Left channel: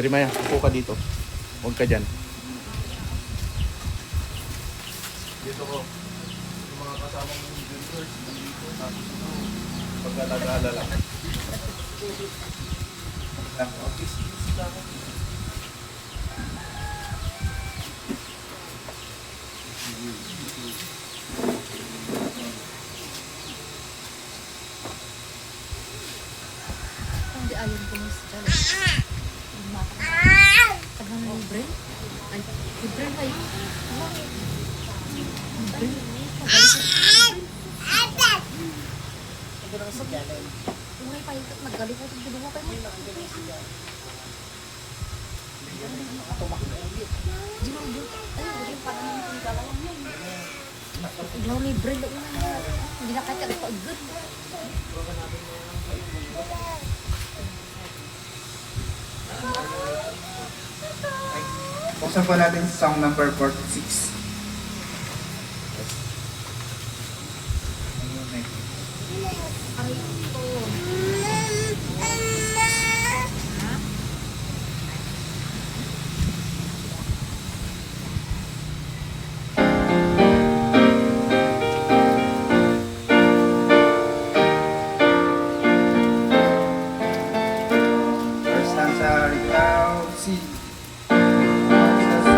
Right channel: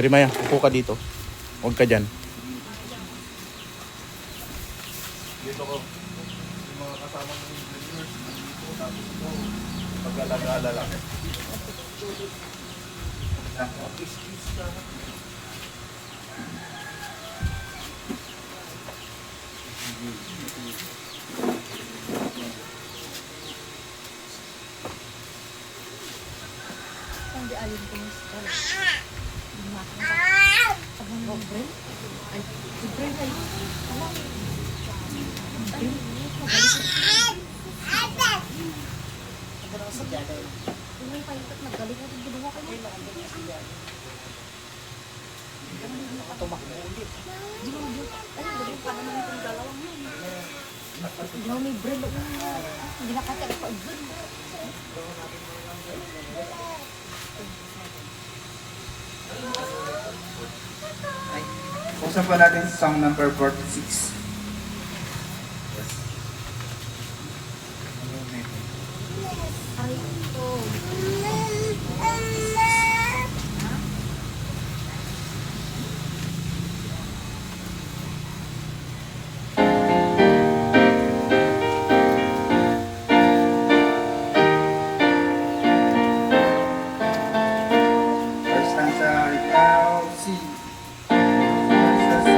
Jeremiah, upo ka dito. Huwag ka dyan. Dito ko. Yung mga kasama mo yung juniors, dito, tapos ito, paglalagala lang. Excuse ka. Hindi ayon ko mas dyan. Sabi na yung brain? Ay, yung brain kayo? Yung brain? Kung may pahintot, nagaling ko yung ginawa kayo. Ginugyo. Ay, gawin pa naman itong dalawang yun. Yung may brain, hindi na kaya pag-good. Buksan po natin song number 46. Yes. Ay, ito. First stanza, ikaw, si. First stanza,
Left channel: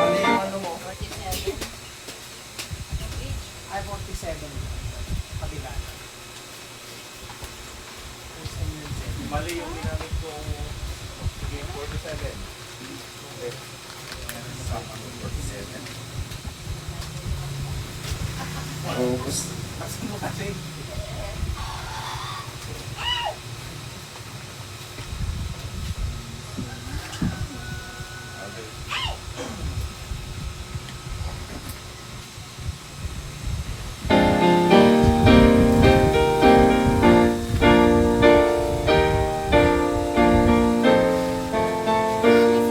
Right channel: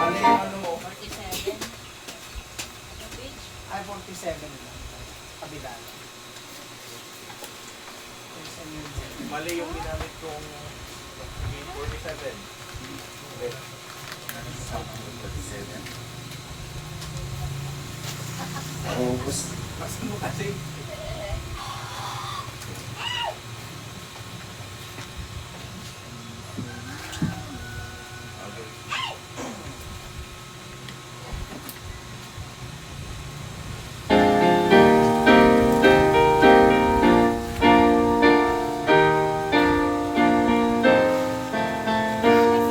Mali yung ano mo. 47. Ay, 47 lang. Kabila. Mali yung ginamit kong game 47. Okay. song number 47. Focus. Asan mo kasi? Okay.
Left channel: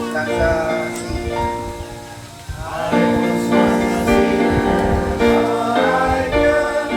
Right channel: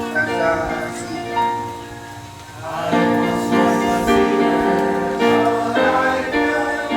Stanza, si. I was once a sinner, but I am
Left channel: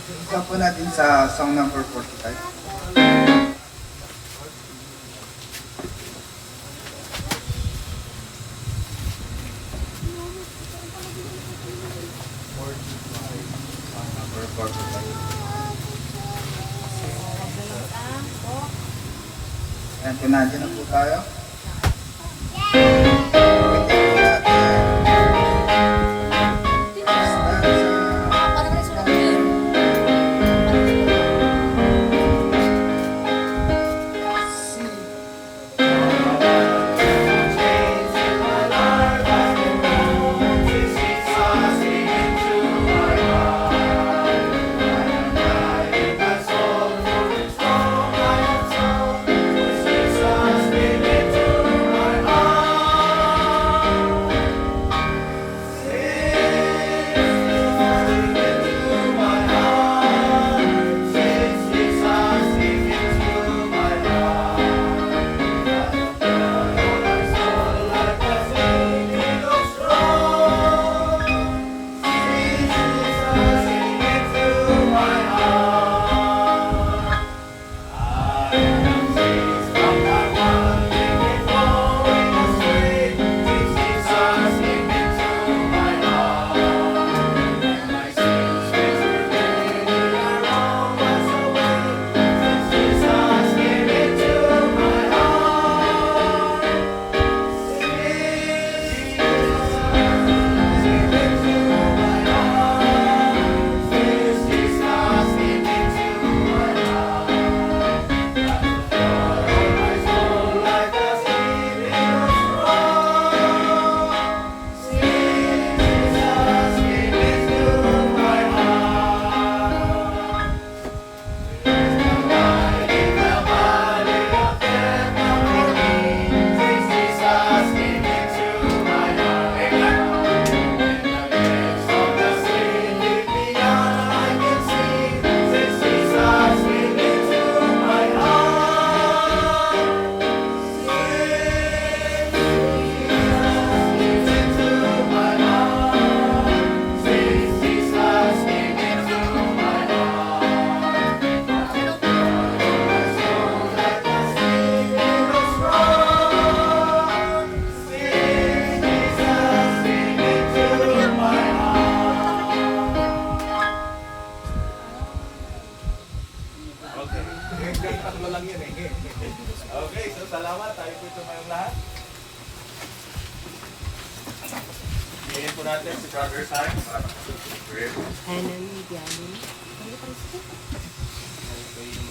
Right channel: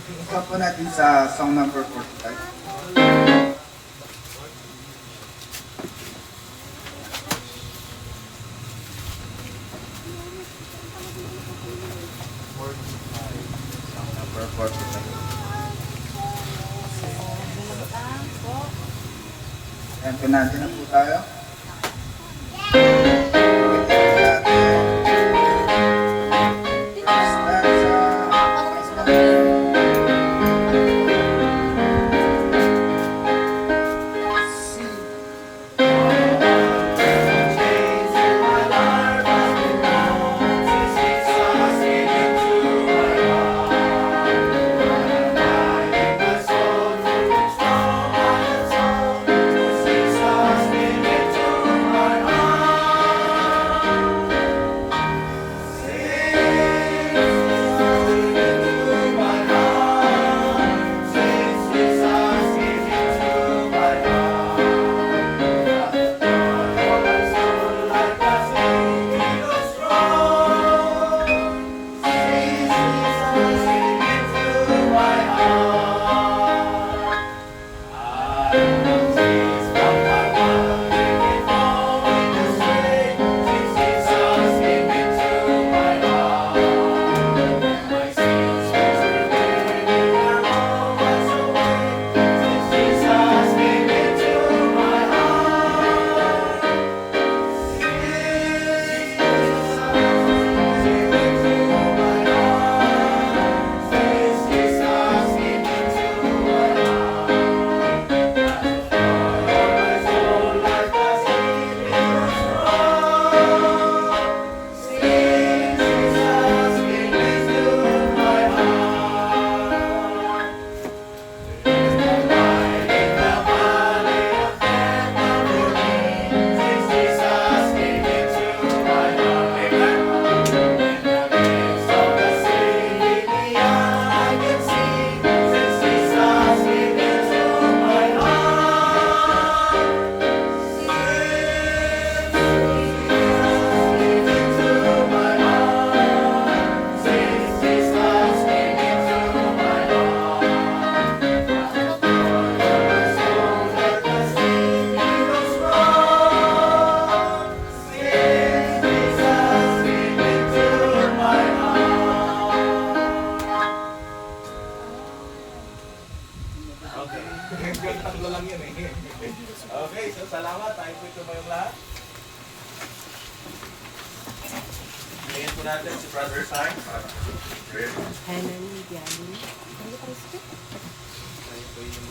Stop po natin sa song number 45. Number 45. Ayan, pinanti na po tayo. Tatlo lang yun eh. Okay, so salamat. Tayo po tumayong lahat. Ngayon po natin si Brother Simon para prayer. Tayo po yung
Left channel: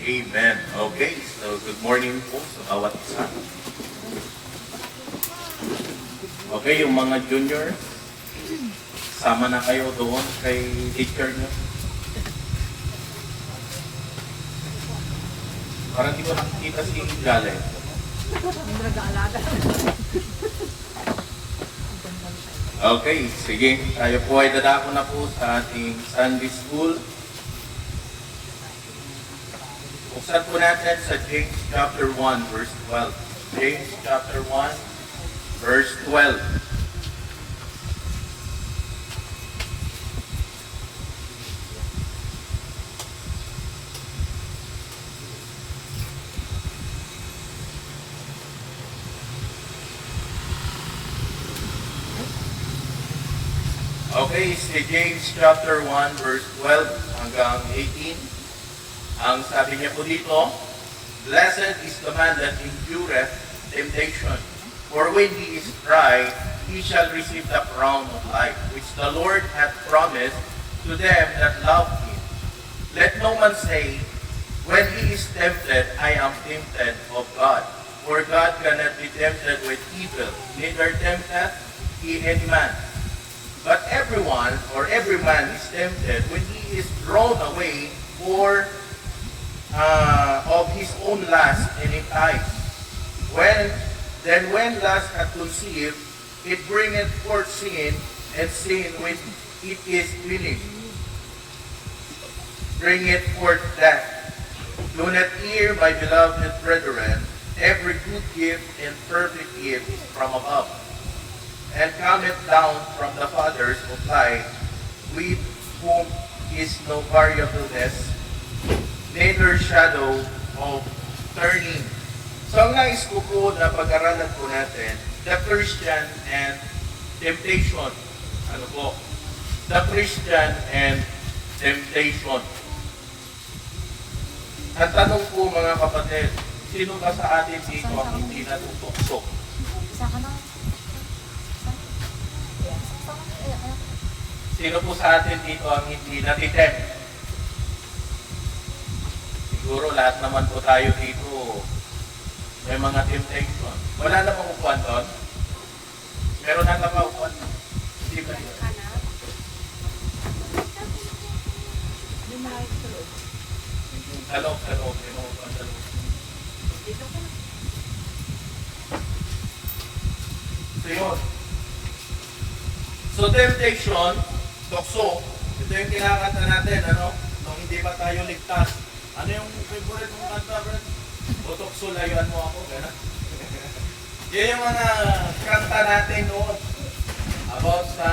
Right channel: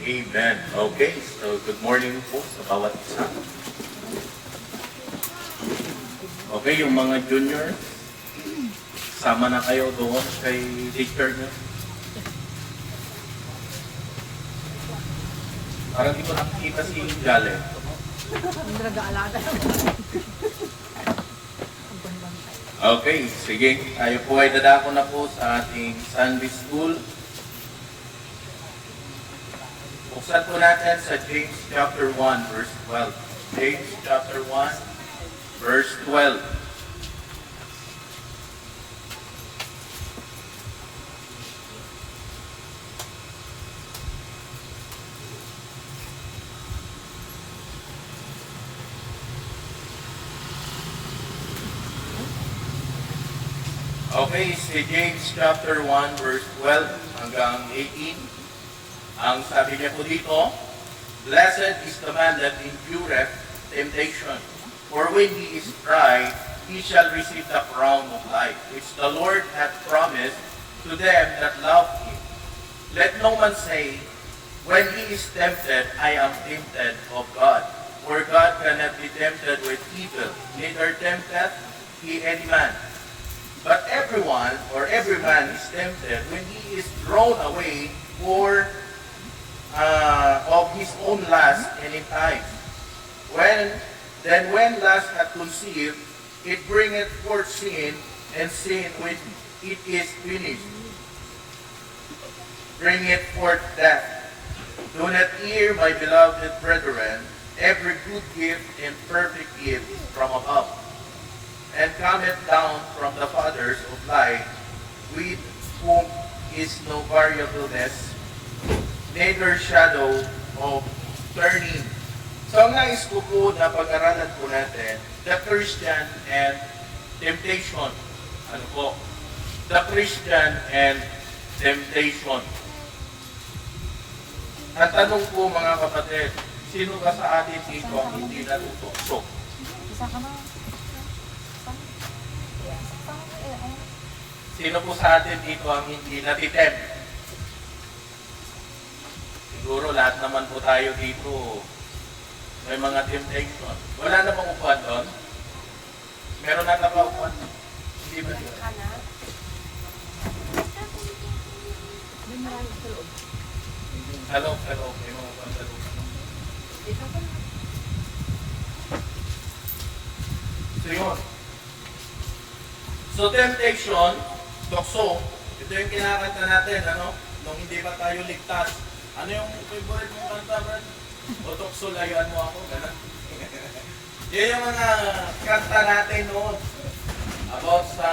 Amen. Okay, so good morning po sa bawat isa. Okay, yung mga juniors, sama na kayo doon kay teacher nyo. Parang di ko nakikita si Jale. Okay, sige. Tayo po ay dadako na po sa ating Sunday School. Buksan po natin sa James chapter 1, verse 12. James chapter 1, verse 12. Okay, si James chapter 1 verse 12 hanggang 18. Ang sabi niya po dito, "Blessed is the man that endureth temptation, for when he is tried, he shall receive the crown of life, which the Lord hath promised to them that love him. Let no man say, when he is tempted, I am tempted of God. For God cannot be tempted with evil, neither tempteth he any man. But everyone, or every man is tempted when he is drawn away of his own lust and enticed. When lust hath conceived, it bringeth forth sin, and sin, when it is finished, bringeth forth death. Do not hear, my beloved brethren, every good gift and perfect gift is from above, and cometh down from the fathers of light, with whom is no variableness, neither shadow of turning." So ang nais ko po na pag-aralan po natin, the Christian and temptation. Ano po? The Christian and temptation. Ang tanong po mga kapatid, sino ba sa atin dito ang hindi natutukso? Isa ka na. Sino po sa atin dito ang hindi natitem? Siguro lahat naman po tayo dito may mga temptation. Wala na bang upuan doon? Meron na ba upuan? Hindi ba dito? Hindi mo rin sa loob. Sa loob. May mga upuan sa loob. So yun. So temptation, tukso. Ito yung kinakanta natin, ano? Nung hindi pa tayo ligtas. Ano yung favorite mong kanta, Brad? O tukso, layuan mo ako, gano'n. Yan yung mga kanta natin noon. About sa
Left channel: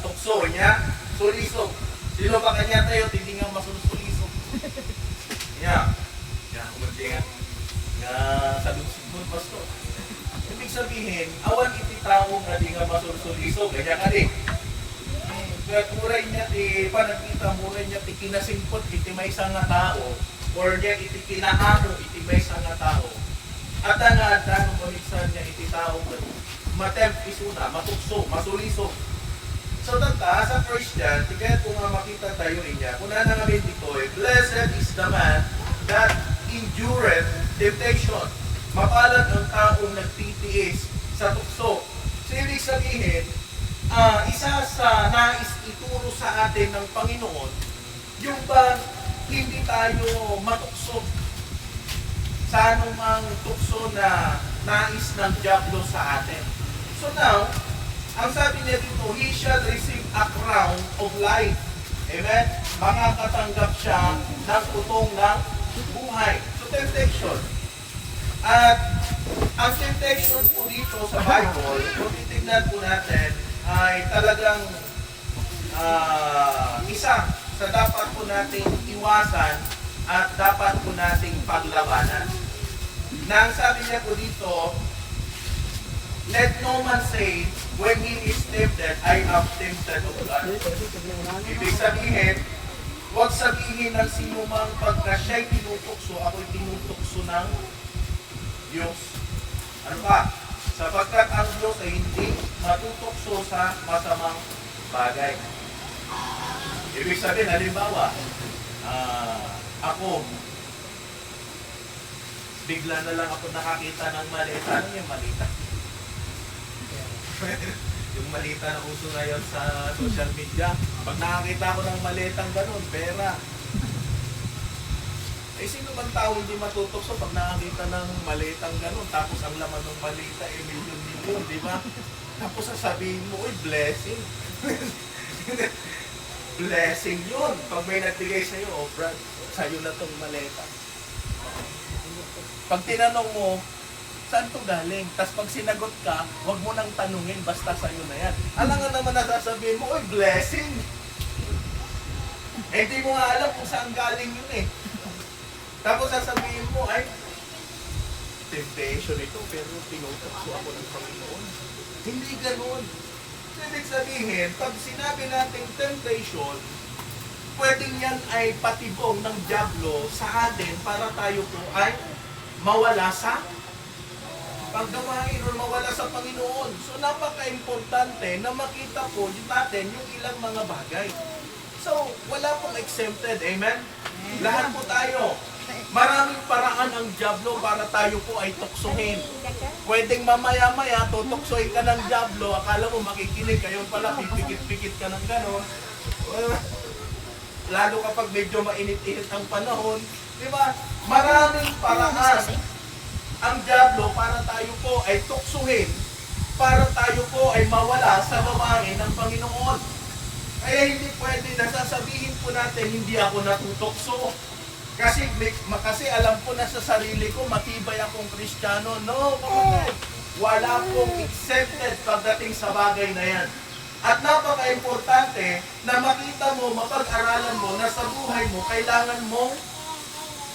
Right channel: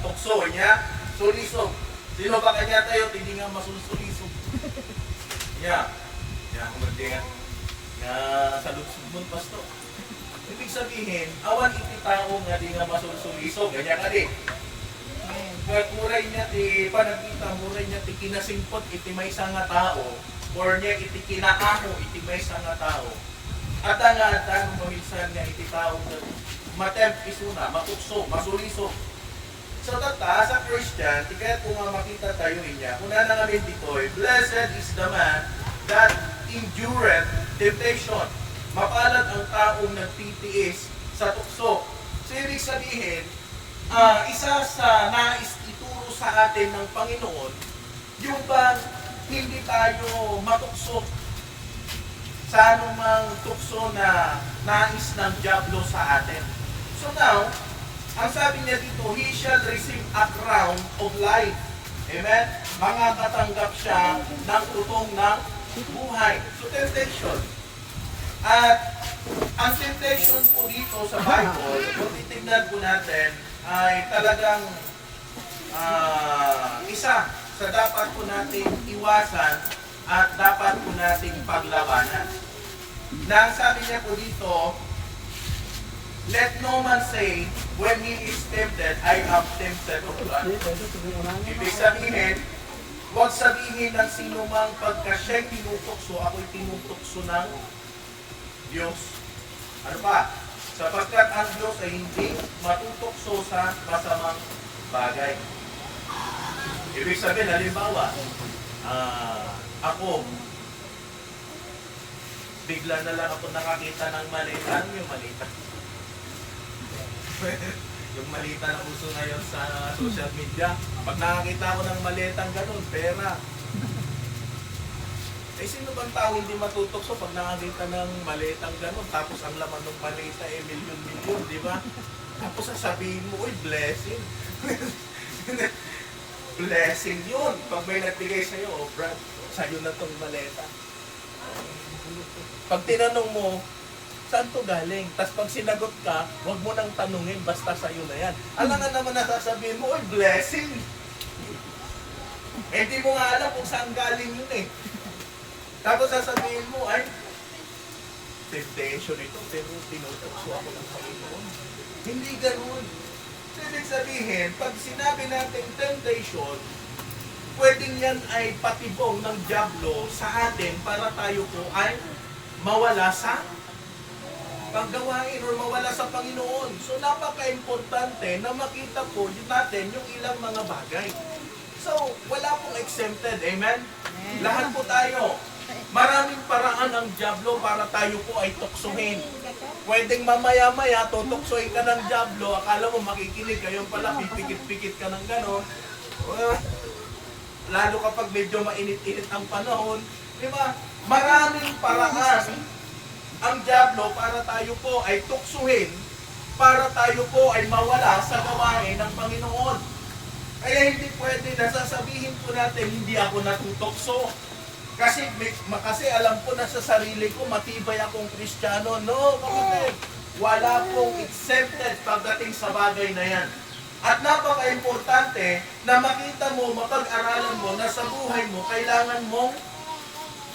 tukso niya, sulisog. Sino ba kanya tayo, hindi nga masulisulisog. Yan. Yan, kumandi nga. Nga sa lugsig mo, pastor. Ibig sabihin, awan iti tao nga di nga masulsulisog. Ganyan ka di. Kaya kuray niya ti panagkita, muray niya ti kinasingpot iti may isang nga tao, or niya iti kinaamo iti may isang nga tao. At nga tanong paminsan nga iti tao matempt isuna, matukso, masulisog. So tata, sa Christian, tigat kung nga makita tayo niya, kung na namin dito blessed is the man that endureth temptation. Mapalad ang taong nagtitiis sa tukso. So ibig sabihin, isa sa nais ituro sa atin ng Panginoon, yung bang hindi tayo matukso sa anumang tukso na nais ng Diablo sa atin. So now, ang sabi niya dito, he shall receive a crown of life. Amen? Makakatanggap siya ng tutong ng buhay. So temptation. At ang temptation po dito sa Bible, kung titignan po natin, ay talagang isa sa dapat po nating iwasan at dapat po nating paglabanan. Na ang sabi niya po dito, let no man say, when he is tempted, I am tempted of God. Ibig sabihin, huwag sabihin ng sino mang pagka siya'y tinutukso, ako'y tinutukso ng Diyos. Ano pa? Sapagkat ang Diyos ay hindi matutukso sa masamang bagay. Ibig sabihin, halimbawa, ako, bigla na lang ako nakakita ng malita. Ano yung malita? Yung malita na uso ngayon sa social media. Pag nakakita ko ng malitang ganun, pera. Eh, sino bang tao hindi matutukso pag nakakita ng malitang ganun? Tapos ang laman ng malita eh, milyon-milyon, di ba? Tapos sasabihin mo, uy, blessing. Blessing yun. Pag may nagbigay sa'yo, oh Brad, sa'yo na tong maleta. Pag tinanong mo, saan to galing? Tapos pag sinagot ka, huwag mo nang tanungin, basta sa'yo na yan. Alam nga naman na sasabihin mo, uy, blessing. Eh, di mo nga alam kung saan galing yun eh. Tapos sasabihin mo, ay, temptation ito, pero tinutukso ako ng Panginoon. Hindi ganoon. Ibig sabihin, pag sinabi natin temptation, pwedeng yan ay patibong ng dyablo sa atin para tayo po ay mawala sa paggawain or mawala sa Panginoon. So napaka-importante na makita po natin yung ilang mga bagay. So wala pong exempted, amen? Lahat po tayo. Maraming paraan ang dyablo para tayo po ay tuksohin. Pwedeng mamaya-maya, tutuksohin ka ng dyablo, akala mo makikinig, kayo pala pipikit-pikit ka ng gano'n. Lalo kapag medyo mainit-init ang panahon, di ba? Maraming paraan ang dyablo para tayo po ay tuksuhin, para tayo po ay mawala sa gawain ng Panginoon. Kaya hindi pwede na sasabihin po natin, hindi ako natutokso. Kasi alam ko na sa sarili ko, matibay akong Kristiyano. No, kapatid. Wala pong exempted pagdating sa bagay na yan. At napaka-importante na makita mo, mapag-aralan mo na sa buhay mo, kailangan mong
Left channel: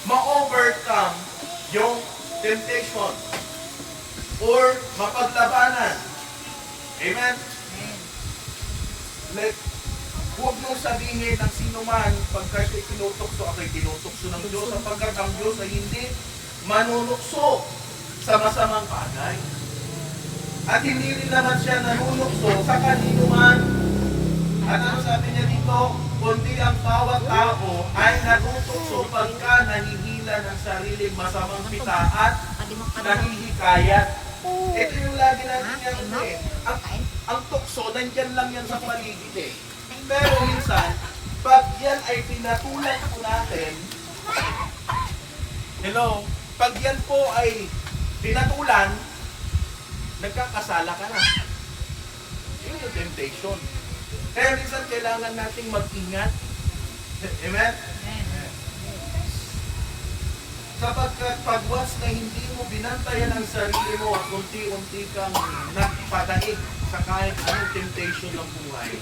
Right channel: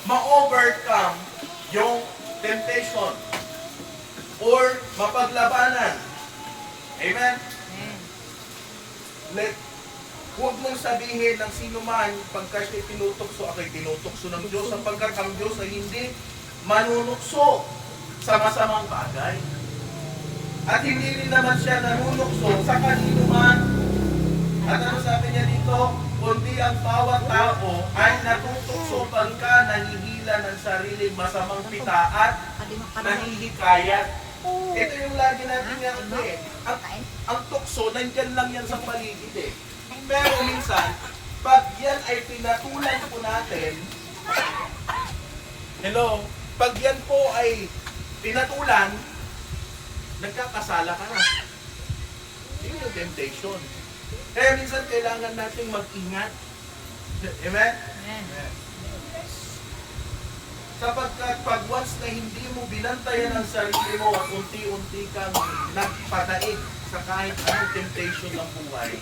ma-overcome yung temptation or mapaglabanan. Amen? Huwag mong sabihin ng sino man pagka siya tinutokso, ako'y tinutokso ng Diyos, sapagkat ang Diyos ay hindi manunukso sa masamang bagay. At hindi rin naman siya nanunukso sa kanino man. At ano sabi niya dito? Kundi ang bawat tao ay natutokso pagka nanihila ng sariling masamang pita at nahihikayat. Ito yung lagi natin yung ang tukso, nandyan lang yan sa paligid eh. Pero minsan, pag yan ay pinatulan po natin, pag yan po ay pinatulan, nagkakasala ka na. Yun yung temptation. Kaya minsan kailangan nating mag-ingat. Amen? Sapagkat pag once na hindi mo binantayan ang sarili mo at unti-unti kang nagpadaig sa kahit anong temptation ng buhay,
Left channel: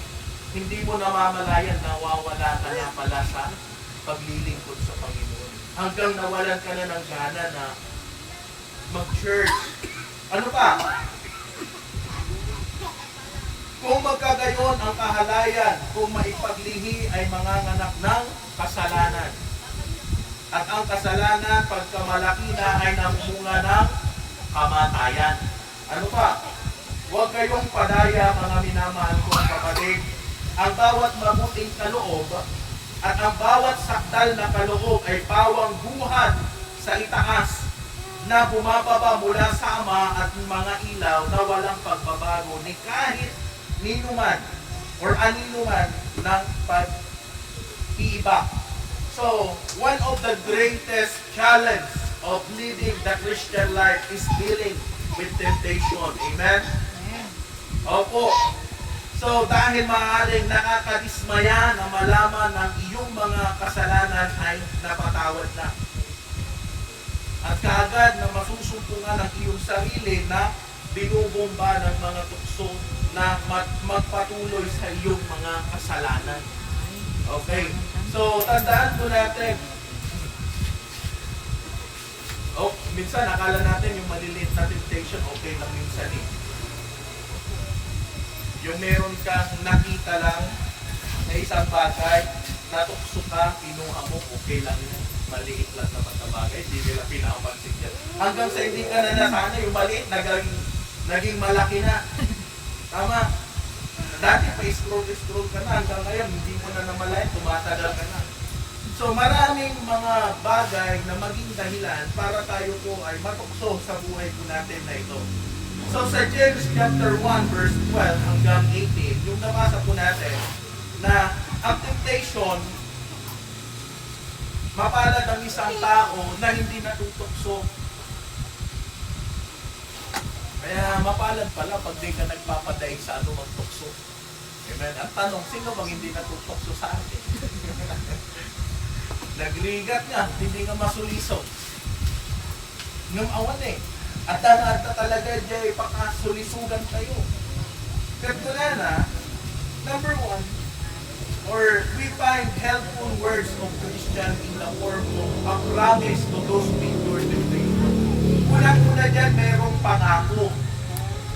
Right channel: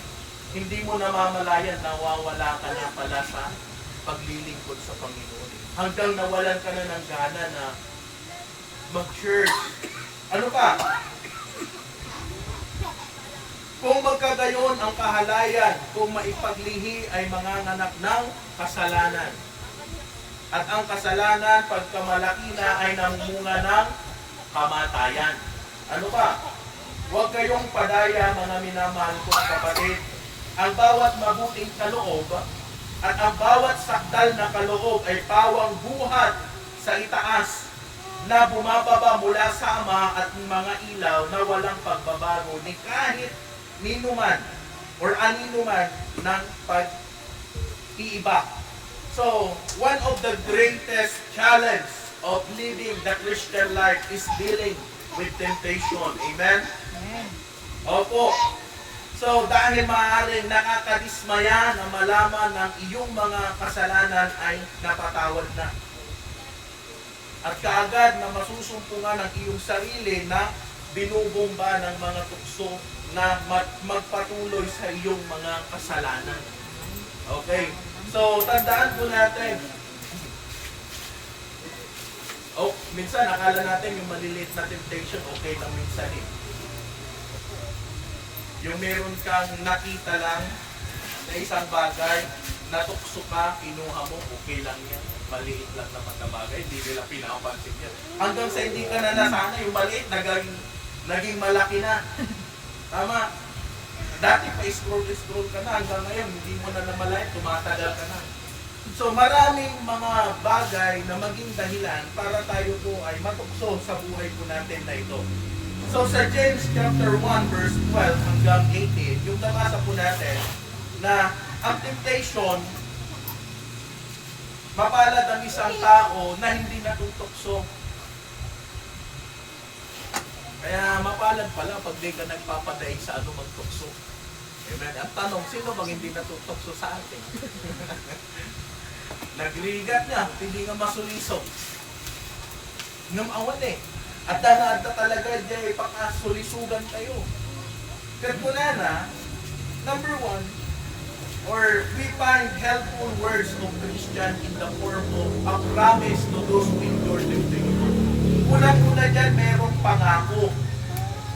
hindi mo namamalayan, nawawala ka na pala sa paglilingkod sa Panginoon. Hanggang nawalan ka na ng gana na mag-church. Ano pa? Kung magkagayon ang kahalayan, kung maipaglihi ay manganganak ng kasalanan. At ang kasalanan, pagkamalaki na ay namunga ng kamatayan. Ano pa? Huwag kayong padaya, mga minamahal kong kapatid. Ang bawat mabuting kaloob at ang bawat sakdal na kaloob ay pawang buhat sa itaas na bumababa mula sa Ama at mga ilaw na walang pagbabago ni kahit ninuman or aninuman ng pag-iiba. So, one of the greatest challenge of living the Christian life is dealing with temptation. Amen? Opo. So, dahil maaaring nakakadismaya na malaman ng iyong mga kasalanan ay napatawad na. At kaagad na masusumpungan ng iyong sarili na binubomba ng mga tukso na magpatuloy sa iyong mga kasalanan. Okay. So, tandaan po natin. Minsan akala natin yung maliliit na temptation okay lang minsan eh. Yung meron kang nakita lang na isang bagay, natukso ka, pinuha mo, okay lang yan. Maliit lang naman na bagay, hindi nila pinapansin yan. Hanggang sa hindi ka na nasanay, yung maliit, naging malaki na. Tama. Dati pa scroll ka na, hanggang ngayon, hindi mo na namalayan, tumatagal ka na. So maraming mga bagay na maging dahilan para tayo po ay matukso sa buhay po natin na ito. So sa James chapter 1 verse 12 hanggang 18, yung nabasa po natin na ang temptation, mapalad ang isang tao na hindi natutokso. Kaya mapalad pala pag di ka nagpapadaig sa anumang tukso. Amen. Ang tanong, sino bang hindi natutokso sa atin? Nagligat niya, hindi nga masuliso. Nung awan eh. At dana talaga dyan, pakasulisugan kayo. Katulad number 1, or we find helpful words of Christian in the form of a promise to those who endure temptation. Unang-una dyan, mayroong pangako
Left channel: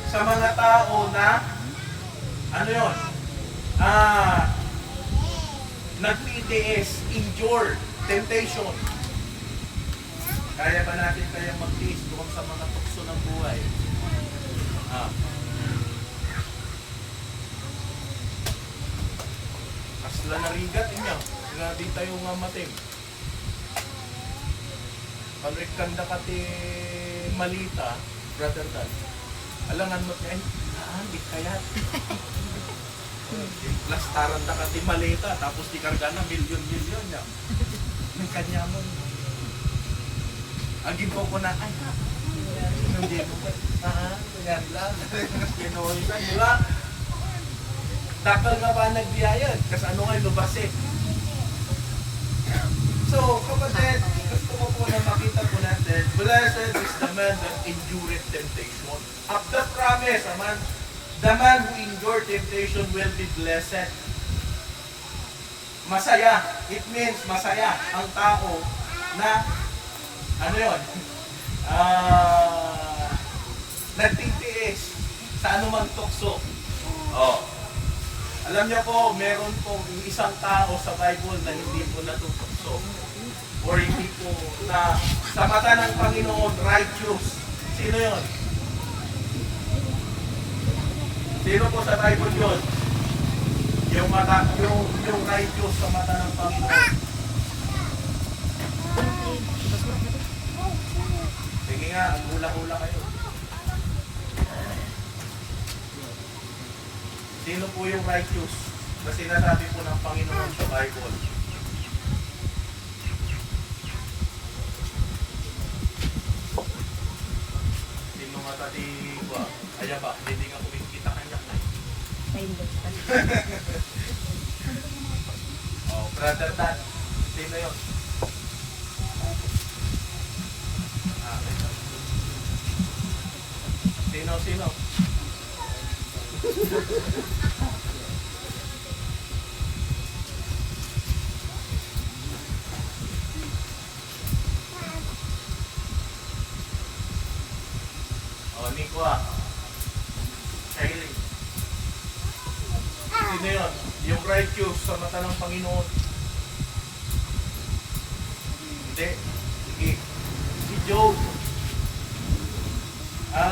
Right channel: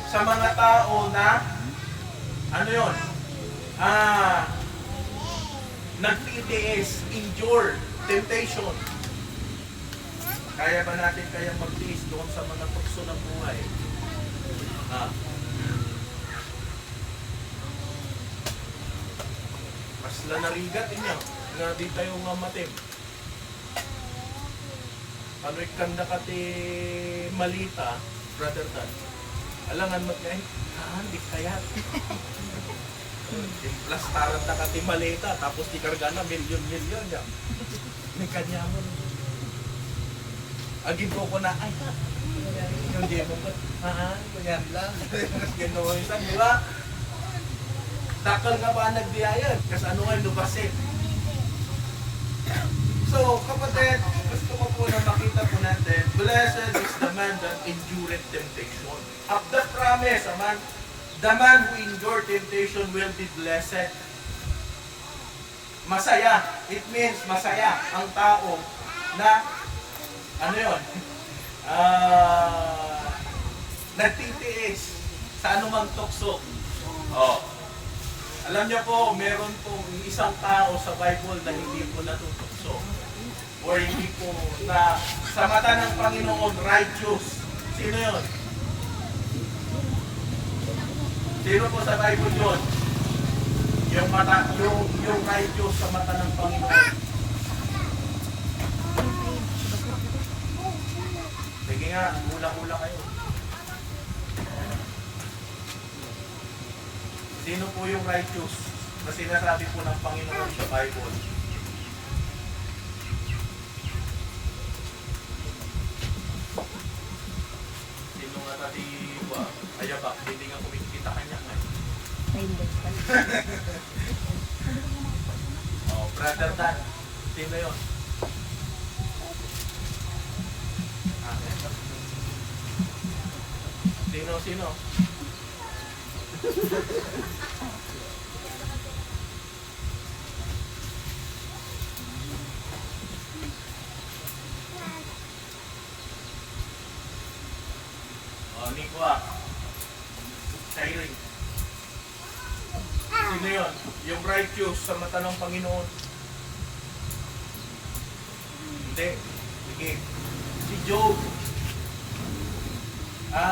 sa mga tao na Ano yun? Nagtitiis, endure, temptation. Kaya ba natin kayang magtiis doon sa mga tukso ng buhay? Masla narigat niya. Nga di tayo nga matim. Panrikanda ka ti malita, brother Dan. Alangan mo kaya, di kayat. Yung plastaran na ka ti malita, tapos di karga na milyon-milyon niya. May kanya mo. Agin po ko na, ay ha, yung di mo ba, kunyari lang. Gano'n yun, di ba? Takal nga ba nagbiyayan? Kasi ano nga yung lubasin? So, kapatid, gusto ko po na makita po natin, blessed is the man that endured temptation. At the promise, the man who endured temptation will be blessed. Masaya. It means masaya ang tao na, ano yun? Nagtitiis sa anumang tukso. Oh. Alam niyo po, meron pong isang tao sa Bible na hindi po natutokso. Or hindi po na sa mata ng Panginoon, righteous. Sino yun? Sino po sa Bible yun? Yung righteous sa mata ng Panginoon. Sige nga, hula-hula kayo. Sino po yung righteous na sinasabi po ng Panginoon sa Bible? Sino nga tadi ba? Aya ba? Hindi nga kumikita kanya na eh. Oh, brother Dan. Sino yun? Sino? Nico Shailing. Sino yun? Yung righteous sa mata ng Panginoon. Hindi. Sige. Si Job.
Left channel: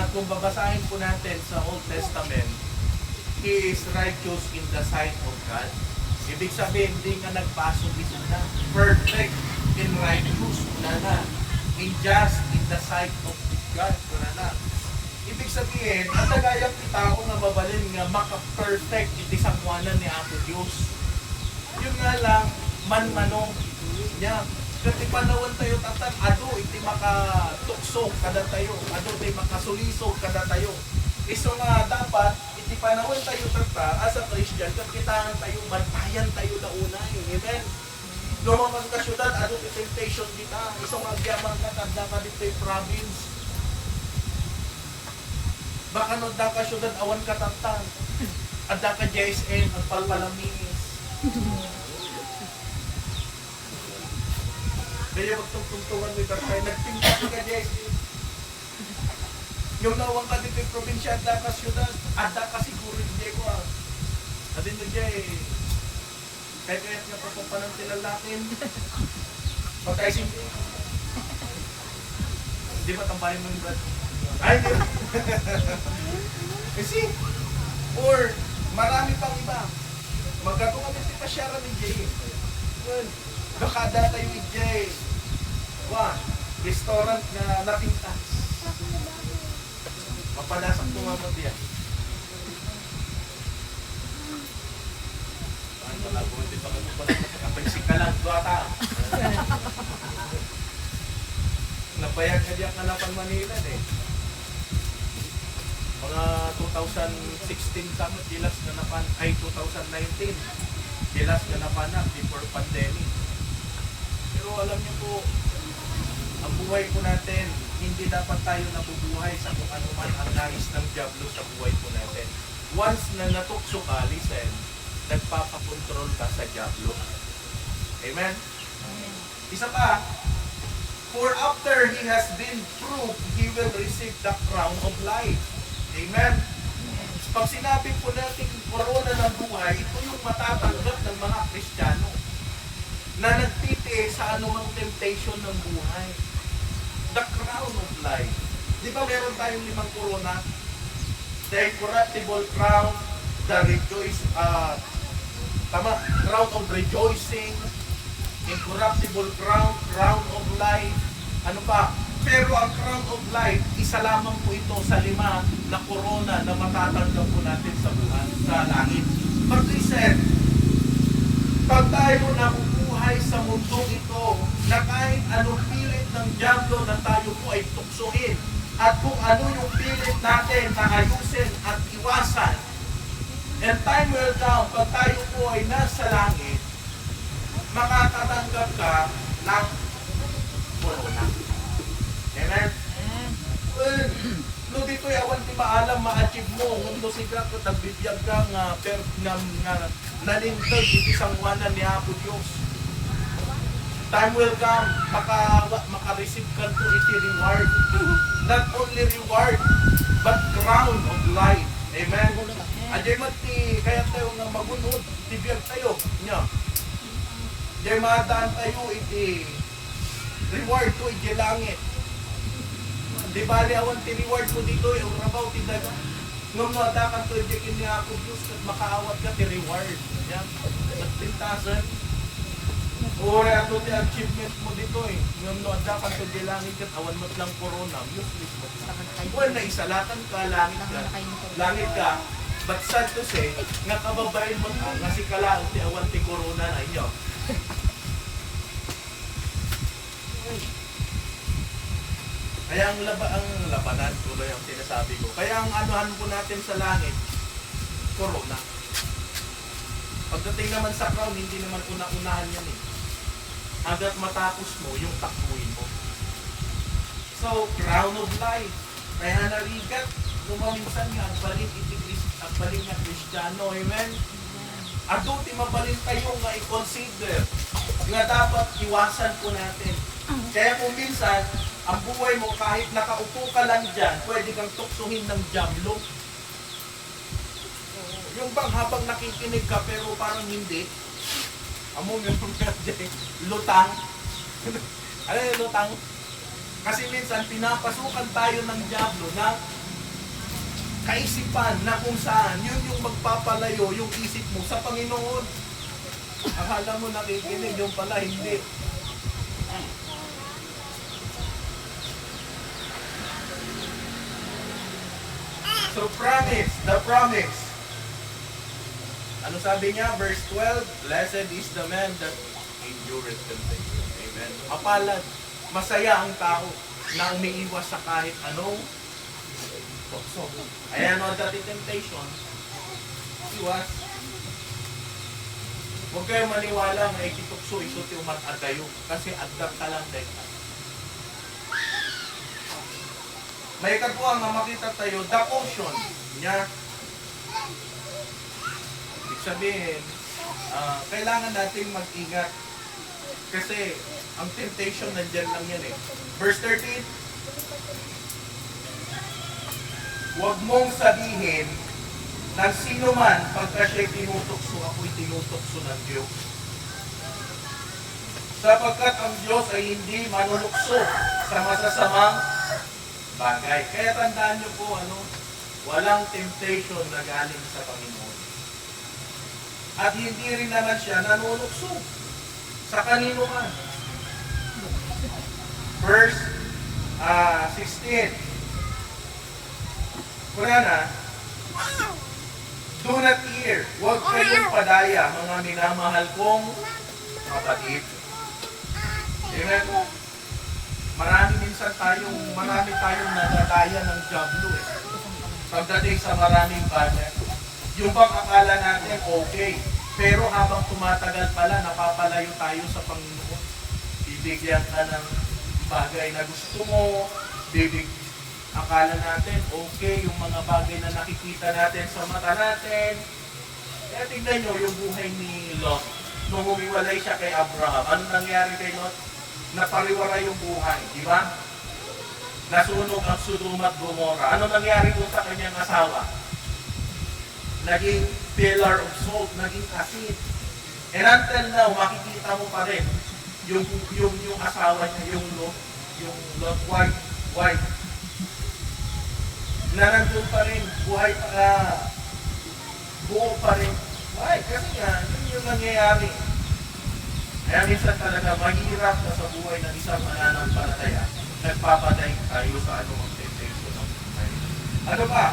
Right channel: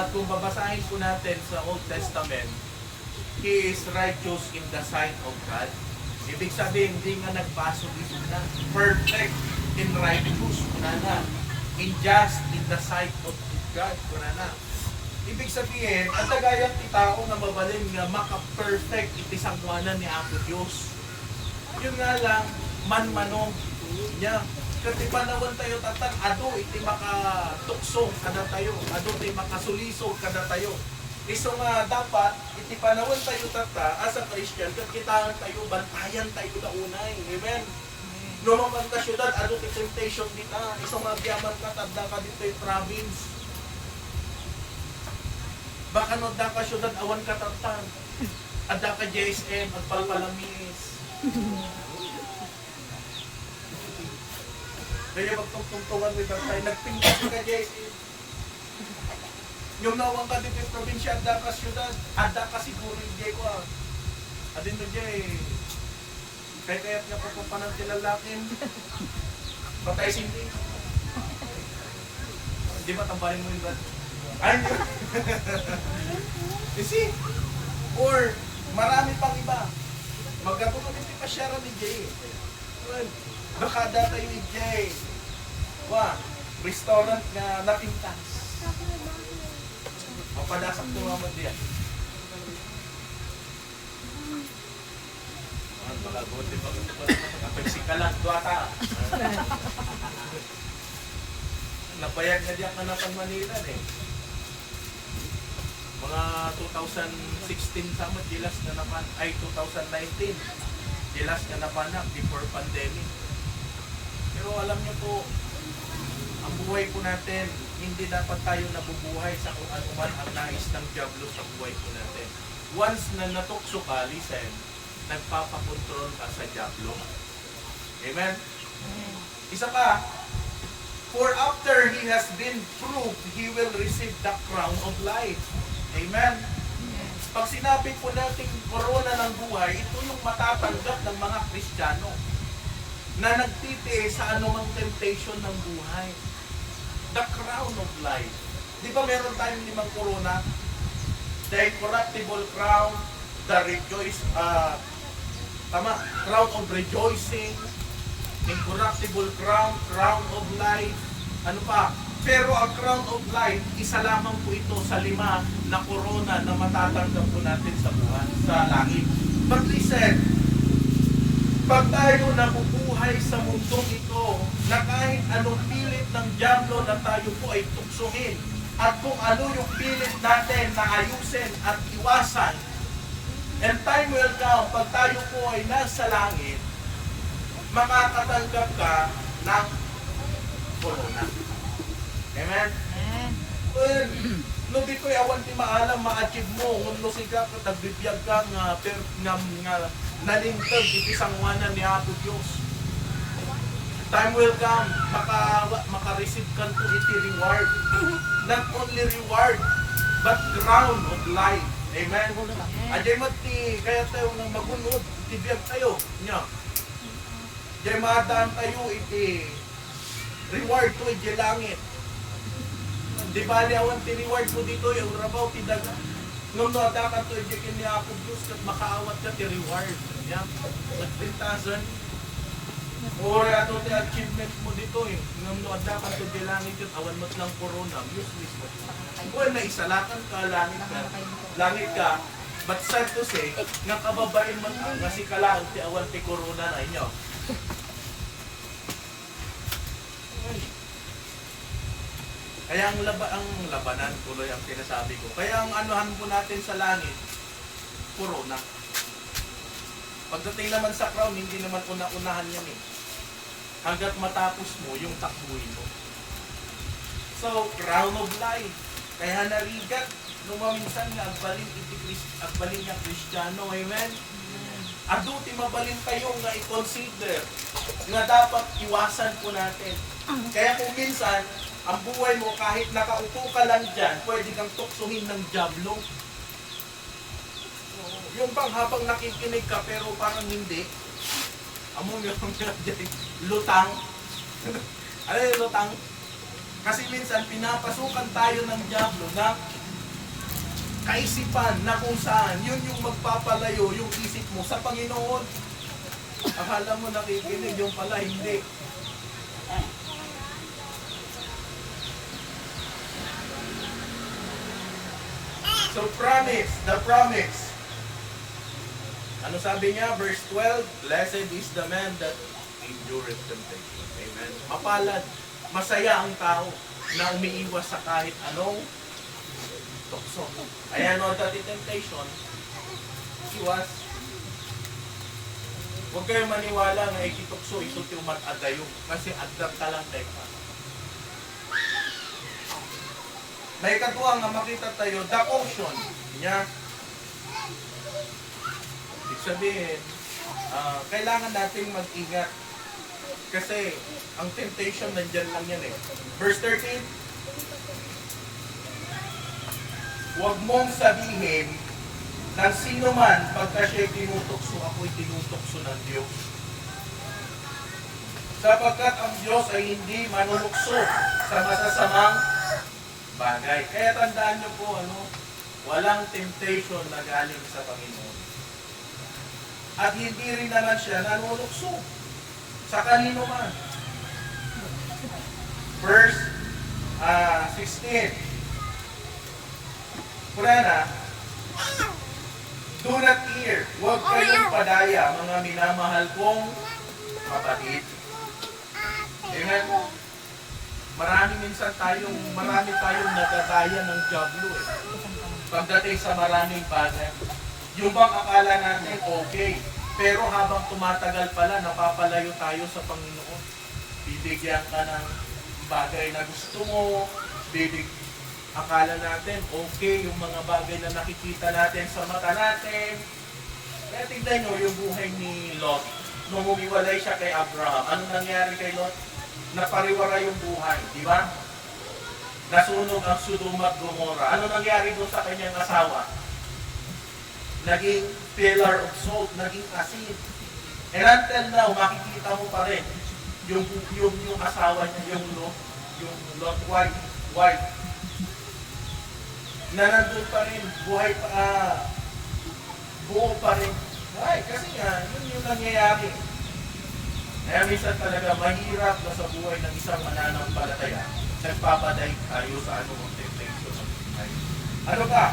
Kung babasahin po natin sa Old Testament, he is righteous in the sight of God. Ibig sabihin, hindi nga nagpasok ito na. Perfect in righteous na. In just in the sight of God na. Ibig sabihin, ang nagayang tao nga mabalin nga maka-perfect iti sangwanan ni Apo Diyos. Yun nga lang, man-manong niya. Kasi panawan tayo tatan, ado iti makatukso kada tayo, ado iti makasulisog kada tayo. Iso nga dapat, iti panawan tayo tata, as a Christian, kakitaan tayo, bantayan tayo na unay. Amen? Lumang ka syudad, ado iti temptation dita, iso nga gyamang katadla ka dito yung province. Baka no da ka syudad, awan katatan. Adda ka JSM, agpalpalamis. Kaya magtungtungan mo ibang tayo, nagpintas ka, JSM. Yung nawang ka dito yung probinsya, adda ka syudad, adda ka siguro hindi ko Adin na Jay, kaya niya po kung panang tilalakin. Patay hindi. Hindi ba tambahin mo yung brad? Ay, hindi. Kasi, or marami pang iba. Magkatulong ito pa siya ni Jay. Baka data yung Jay. Restaurant na napintas. Mapadasak ko nga mo diyan. Baka buti pa ko kapag ka lang duwata. Napayag na diyak na napan Manila eh. Mga 2016 sama dilas na napan, ay 2019 dilas na napanak before pandemic. Pero alam niyo po, ang buhay po natin, hindi dapat tayo nabubuhay sa kung ano man ang nais ng diablo sa buhay po natin. Once na natukso ka, listen, nagpapakontrol ka sa diablo. Amen? Isa pa, for after he has been proved, he will receive the crown of life. Amen? Pag sinabi po natin korona ng buhay, ito yung matatanggap ng mga Kristiyano na nagtitiis sa anumang temptation ng buhay. The crown of life. Di ba meron tayong 5 korona? The incorruptible crown, the crown of rejoicing, incorruptible crown, crown of life, ano pa? Pero ang crown of life, isa lamang po ito sa 5 na korona na matatanggap po natin sa buhay, sa langit. But listen, pag tayo nabubuhay sa mundong ito, na kahit anong pilit ng dyablo na tayo po ay tuksohin, at kung ano yung pilit natin na ayusin at iwasan, and time will come, pag tayo po ay nasa langit, makakatanggap ka ng corona. Amen? No dito'y awan ti maalam ma-achieve mo, ngam no siga ko nagbibiyag ka nga nalingtag iti sangwanan ni Apo Diyos. Time will come, maka-receive ka to iti reward. Not only reward, but crown of life. Amen? Ajay mati, kaya tayo nang magunod, tibiyag tayo. Nya. Ajay maadaan tayo iti reward to iti langit. Di bali awan ti reward mo dito, yung rabaw ti daga. Ngam no adakan to iti kini Apo Diyos, kat makaawat ka ti reward. Nya. Nagpintasan. O ato ti achievement mo dito eh. Ngam no adakan to iti langit, kat awan mat lang corona, useless mo. Well, naisalatan ka, langit ka. But sad to say, nga kababain mo nga si kalaan ti awan ti corona na inyo. Kaya ang labanan, tuloy ang sinasabi ko. Kaya ang anuhan po natin sa langit, corona. Pagdating naman sa crown, hindi naman una-unahan yan eh. Hanggat matapos mo, yung takbuhin mo. So, crown of life. Kaya narigat, numaminsan nga, agbalin nga Kristiyano, amen? Ado, ti mabalin kayo nga i-consider nga dapat iwasan po natin. Kaya kung minsan, ang buhay mo kahit nakaupo ka lang dyan, pwede kang tuksuhin ng dyablo. Yung bang habang nakikinig ka pero parang hindi, amo meron nga dyan, lutang. Ano yung lutang? Kasi minsan pinapasukan tayo ng dyablo ng kaisipan na kung saan yun yung magpapalayo yung isip mo sa Panginoon. Akala mo nakikinig, yung pala hindi. So promise, the promise. Ano sabi niya? Verse 12, blessed is the man that endureth temptation. Amen. Mapalad, masaya ang tao na umiiwas sa kahit anong tukso. Ayan o, dati temptation, iwas. Huwag kayong maniwala nga ikitukso ito ti umat-adayo kasi agdap ka lang teka. May katuwa nga makita tayo, the ocean niya. Ibig sabihin, kailangan nating mag-ingat kasi ang temptation nandyan lang yan eh. Verse 13, huwag mong sabihin ng sino man pagka siya'y tinutokso, ako'y tinutokso ng Diyos. Sapagkat ang Diyos ay hindi manulukso sa masasamang bagay. Kaya tandaan nyo po, walang temptation na galing sa Panginoon. At hindi rin naman siya nanulukso sa kanino man. Verse 16. Kurana, do not fear, huwag kayong padaya, mga minamahal kong kapatid. Amen? Marami tayong nadadaya ng dyablo eh. Pagdating sa maraming bagay. Yung bang akala natin okay, pero habang tumatagal pala, napapalayo tayo sa Panginoon. Bibigyan ka ng bagay na gusto mo, akala natin okay, yung mga bagay na nakikita natin sa mata natin. Kaya tignan nyo yung buhay ni Lot. Nung humiwalay siya kay Abraham, ano nangyari kay Lot? Napariwara yung buhay, di ba? Nasunog ang Sodom at Gomorrah. Ano nangyari doon sa kanyang asawa? naging pillar of salt, naging asin. And until now, makikita mo pa rin yung asawa niya, yung Lot wife, na nandun pa rin, buhay pa, buo pa rin. Why? Kasi nga, yun yung nangyayari. Kaya minsan talaga mahirap na sa buhay ng isang mananampalataya. Nagpapaday tayo sa anumang temptation ng buhay. Ano ba?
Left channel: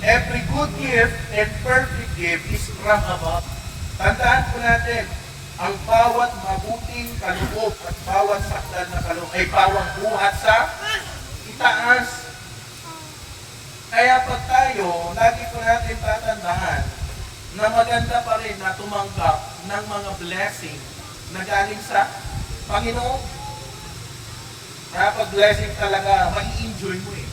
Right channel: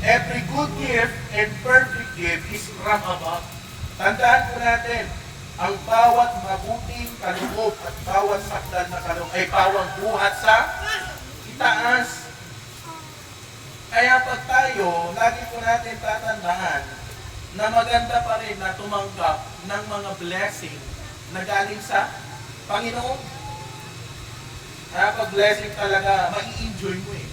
Every good gift and perfect gift is from above. Tandaan po natin, ang bawat mabuting kaloob at bawat sakdal na kaloob ay bawang buhat sa itaas. Kaya pag tayo, lagi po natin tatandaan na maganda pa rin na tumanggap ng mga blessing na galing sa Panginoon. Kaya pag blessing talaga, mai-enjoy mo eh.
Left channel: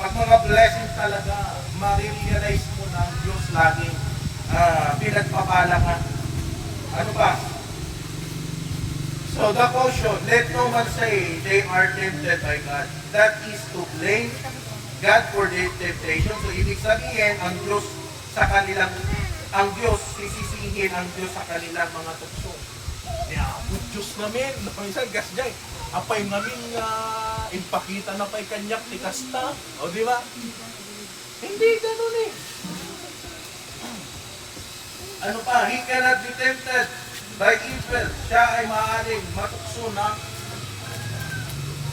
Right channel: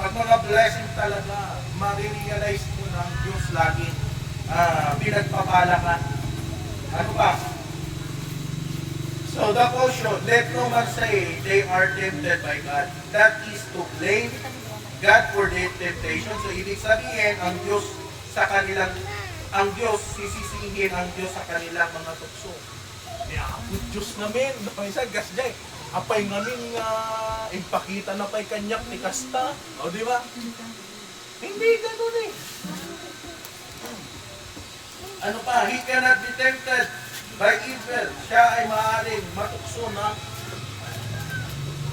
Pag mga blessing talaga, marirealize mo na ang Diyos laging pinagpapala ka. Ano ba? So the quotient, let no man say they are tempted by God. That is to blame God for their temptation. So ibig sabihin, ang Diyos sisisihin ang Diyos sa kanilang mga tukso. Kaya, Diyos namin, isa gasjay. Apay namin ipakita na pa'y kanyak ni Kasta. O di ba? Hindi ganun eh. Ano pa? He cannot be tempted by evil. Siya ay maaaring matukso na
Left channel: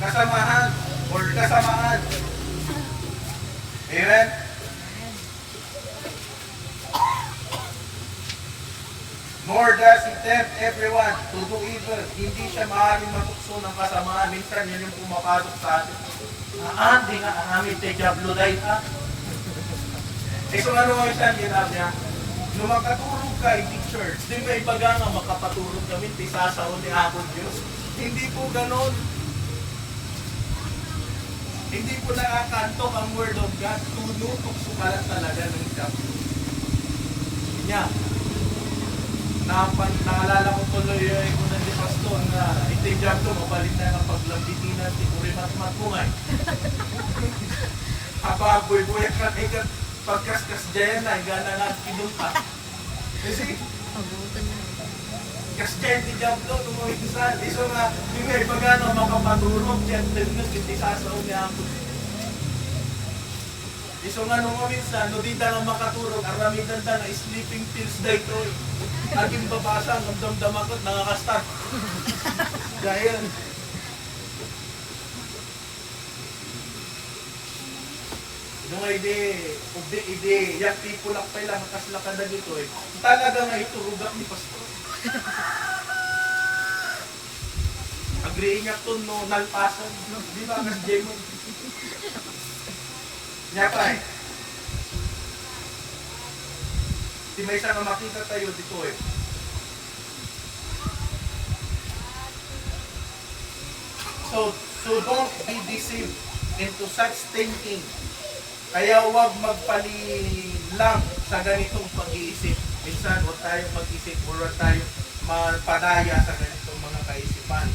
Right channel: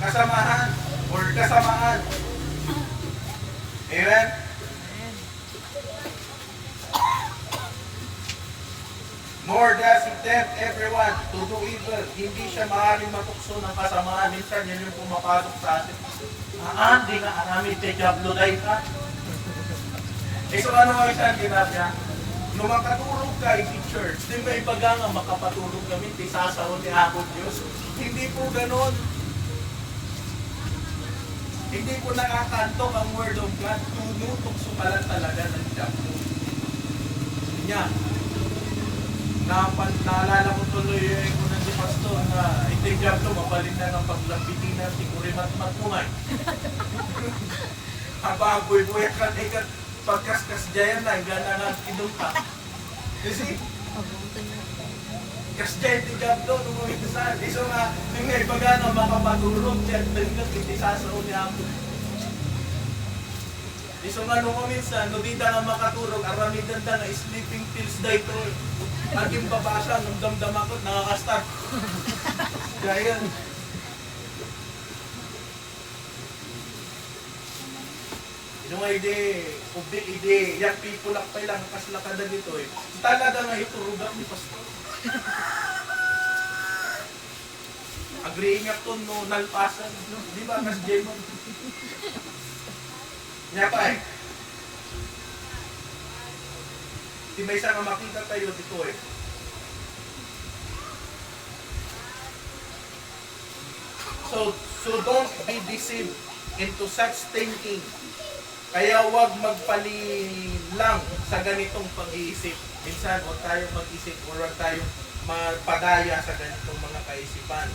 kasamaan or kasamaan. Amen? Nor does he tempt everyone to do evil. Hindi siya maaaring matukso ng kasamaan. Minsan yun yung pumapasok sa atin. Hindi nga amin te Diablo dahil ha. So ano nga minsan ginagawa niya? Nung makaturog ka, i-teacher, di mo ibaga nga makapaturog kami, ti sasaw ni ako Diyos. Hindi po ganon. Hindi po nakakantok ang Word of God. Tunutok sukalan talaga ng Diablo. Kanya, naalala ko tuloy ko na si Pastor na iti Diablo, mabalin na nga paglambitin na ti kurimat-mat mo nga. Ababoy-boy ka na ikat pagkaskas dyan na, gana nga kinunta. Kasi, kasdyan ti Diablo, numumikisan. So nga, yung may iba nga makapadurog, dyan tingas, hindi sasaw niya ako. So nga nung minsan, no di nga makaturog, aramidan da nga sleeping pills da ito eh. Aging babasa, namdamdam ako, nangakastar. Dahil, yung ide, yung people lakpay lang, kaslakad na dito eh. Talaga nga iturugat ni Pastor. Agreeing up to no, nalpasan. Di ba, kas Jemon? Nya pa eh. Di may isa nga makita tayo dito eh. So don't be deceived into such thinking. Kaya huwag magpalilang sa ganitong pag-iisip. Minsan, huwag tayong mag-isip o huwag tayong mapadaya sa ganitong mga kaisipan.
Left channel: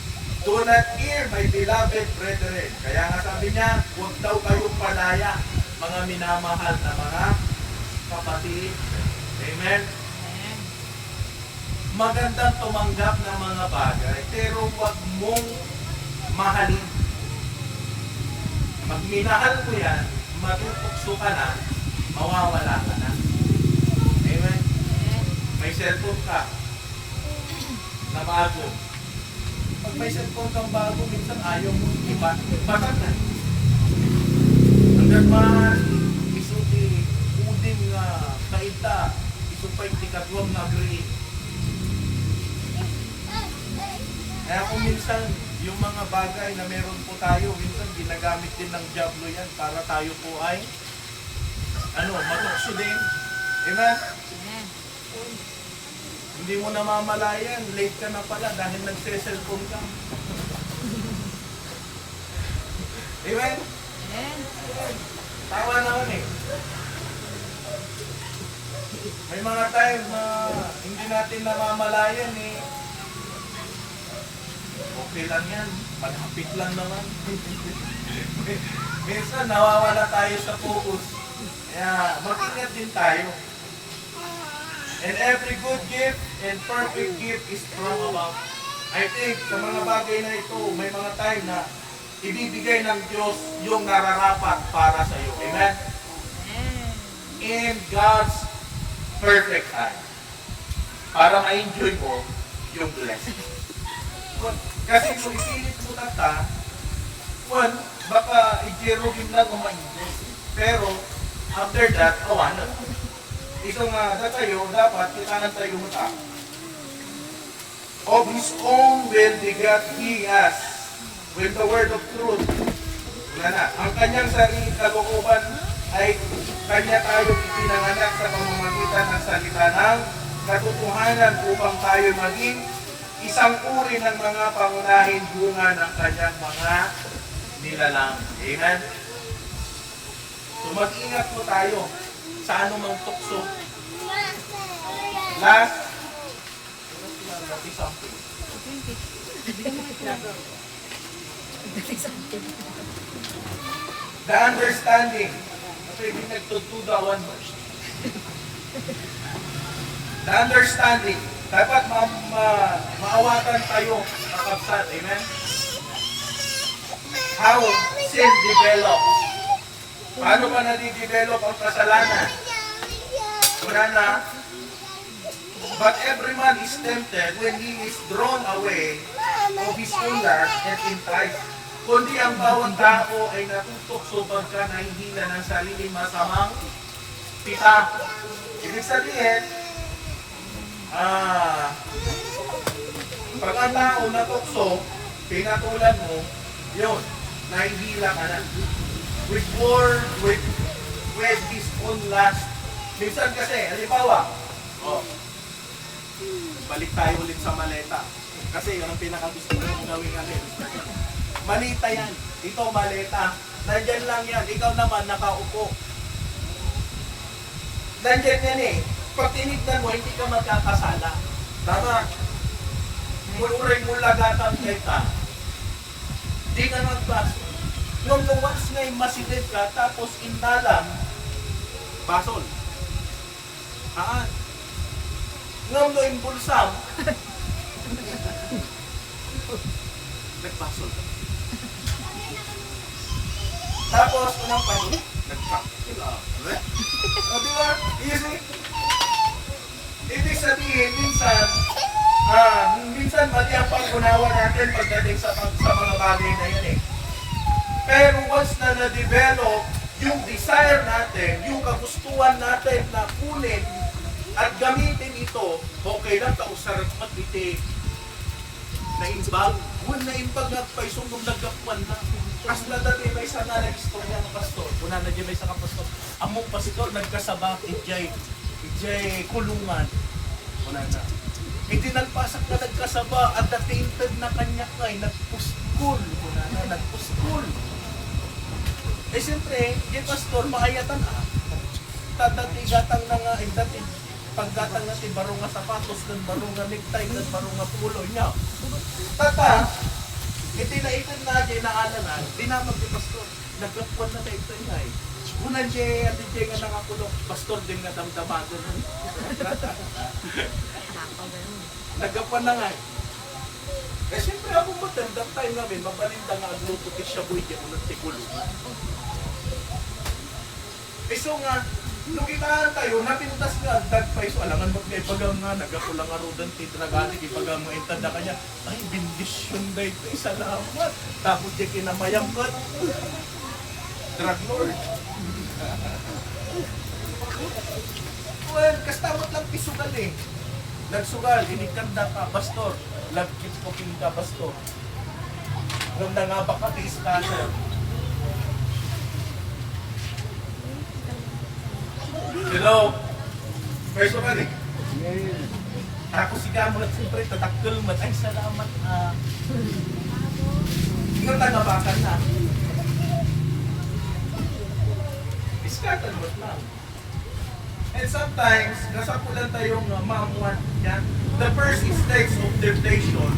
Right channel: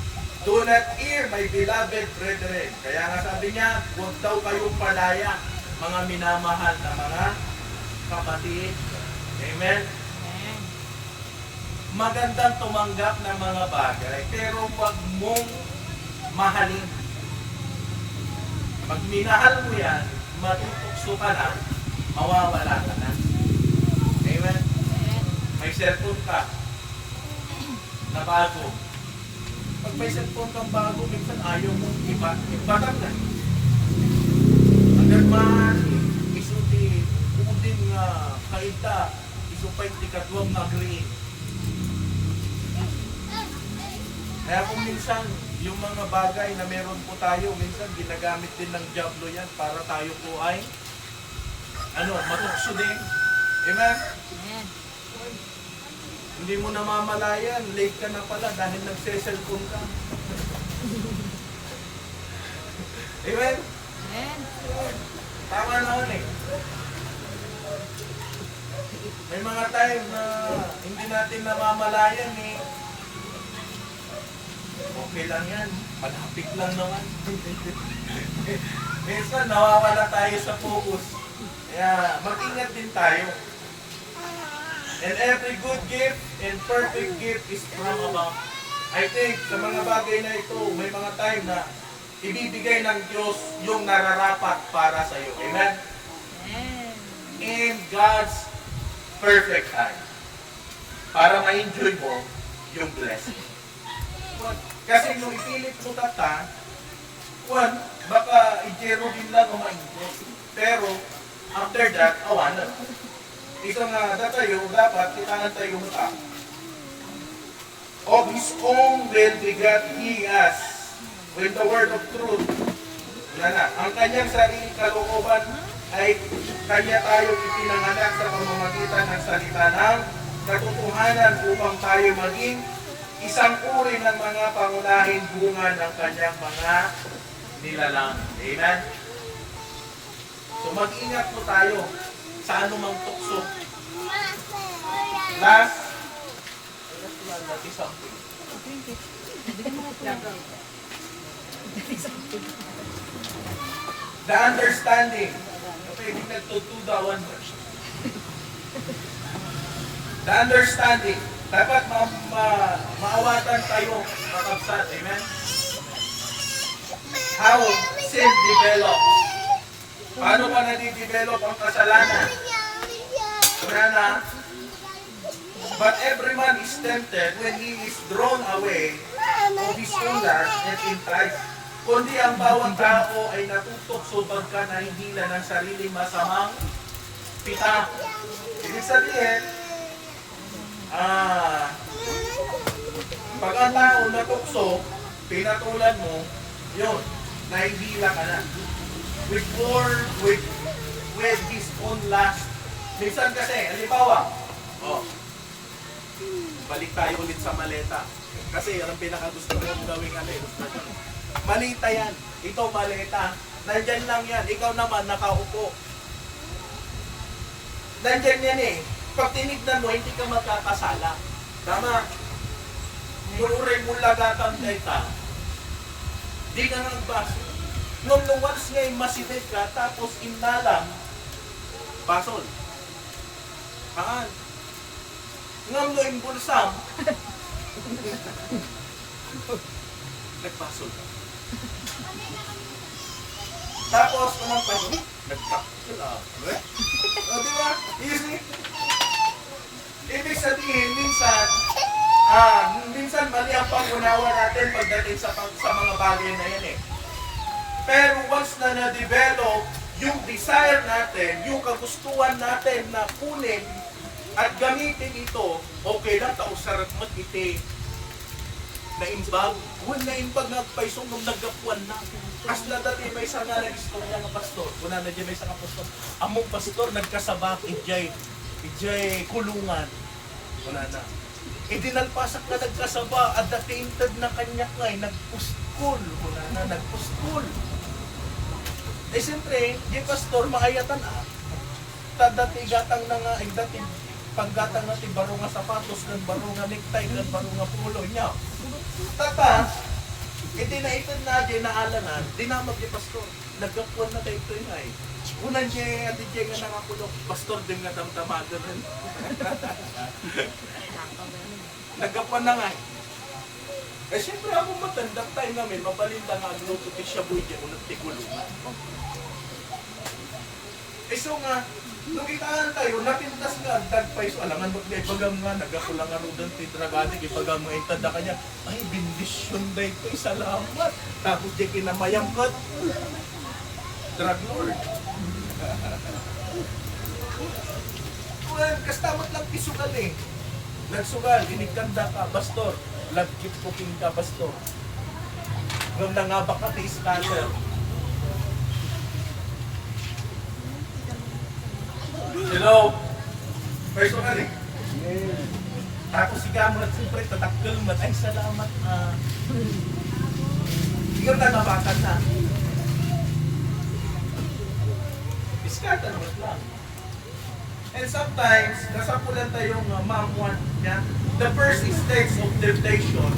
Do not err, my beloved brethren. Kaya nga sabi niya, huwag daw kayong padaya, mga minamahal na mga kapatid. Amen? Magandang tumanggap ng mga bagay, pero huwag mong mahalin. Pag minahal mo yan, matutokso ka na, mawawala ka na. Amen? May cellphone ka na bago. Pag may cellphone kang bago, minsan ayaw mo ibatag na. Hanggang isuti, uding kaita, isupay tikatwang na green. Kaya kung minsan, yung mga bagay na meron po tayo, minsan ginagamit din ng Diablo yan para tayo po ay matukso din. Amen? Hindi mo namamalayan, late ka na pala dahil nagse-cellphone ka. Amen? Tama naman eh. May mga time na hindi natin namamalayan eh. Okay lang yan. Malapit lang naman. Minsan nawawala tayo sa focus. Kaya mag-ingat din tayo. And every good gift and perfect gift is from above. I think sa mga bagay na ito, may mga time na ibibigay ng Diyos yung nararapat para sa iyo. Amen? In God's perfect time. Para ma-enjoy mo yung blessing. Kasi kung ipilit mo ka, baka i-jerogin lang o ma-enjoy. Pero, after that, awan na. Isang tayo, dapat kitaan tayo mo ta. Of His own will begat He us with the word of truth. Ang kanyang sariling kalooban ay kanya tayo ipinanganak sa pamamagitan ng salita ng katotohanan upang tayo maging isang uri ng mga pangunahing bunga ng kanyang mga nilalang. Amen? So mag-ingat po tayo sa anumang tukso. Last, something. The understanding. Okay, hindi nagtutudawan mo. The understanding. Dapat maawatan tayo, kakabsat. Amen? How sin develops. Paano pa nadidevelop ang kasalanan? Una na, but every man is tempted when he is drawn away of his own lust and enticed. Kundi ang bawat tao ay natutokso pagka nahihila ng sarili masamang pita. Ibig sabihin, pag ang tao natukso, pinatulan mo, yun, nahihila ka na. With his own lust. Minsan kasi, halimbawa, balik tayo ulit sa maleta. Kasi yan ang pinakagusto ko gawin natin. Malita yan. Ito maleta. Nandyan lang yan. Ikaw naman nakaupo. Nandyan yan eh. Pag tinignan mo, hindi ka magkakasala. Tama. Mururay mo lagatang leta. Di ka nagbaso. Nung once ngayon masilip ka, tapos inalam, basol. Ngam no impulsam, nagbasol. Tapos, unang paano? Nagtakil up. O, diba? Easy. Ibig sabihin, minsan mali ang pag-unawa natin pagdating sa mga bagay na yan eh. Pero once na na-develop yung desire natin, yung kagustuhan natin na kunin at gamitin ito, okay lang, kausarap mag-iti. Naimbag, naimbag nagpaisong nung nagkapuan na. As na dati may isa nga nag-istorya ng pastor. Una na dyan may isa ka pastor. Among pastor nagkasabak, ijay kulungan. Una na. Dinalpasak na nagkasaba at natinted na kanya ngay, nagpuskul. Una na, nagpuskul. Siyempre, yung pastor, maayatan Tadati gatang na nga, dati paggatang na ti baro nga sapatos, kan baro nga necktie, kan baro nga pulo niya. Tata, naitid na dyan na alanan, dinamag ni pastor. Nagkapuan na tayo ito nga eh. Unan siya, at dyan nga nakakulok, pastor din nga damdamagan nun. Nagkapuan na nga eh. Siyempre ako matandang tayo namin, mabalinda nga agluto ti siya buhay dyan, unang tikulong. So nga, nung itaan tayo, napintas nga, dagpay, so alangan mo may pagam nga, nagakulang nga rodan ti dragadik, ipagam nga itada kanya, ay, bindisyon da ito, salamat. Tapos di kinamayam ka, drug lord. Well, kastamot lang pisugal eh. Nagsugal, inikanda ka, pastor. Lagkit ko ka, pastor. Ngam na nga baka ti scatter. Hello? First one eh. Tapos si Gamot, siyempre, tatakil mat. Ay, salamat. Ikaw tagabakan na. Iskatan mo lang. And sometimes, nasapulan tayong mamuan niya. The first stage of temptation,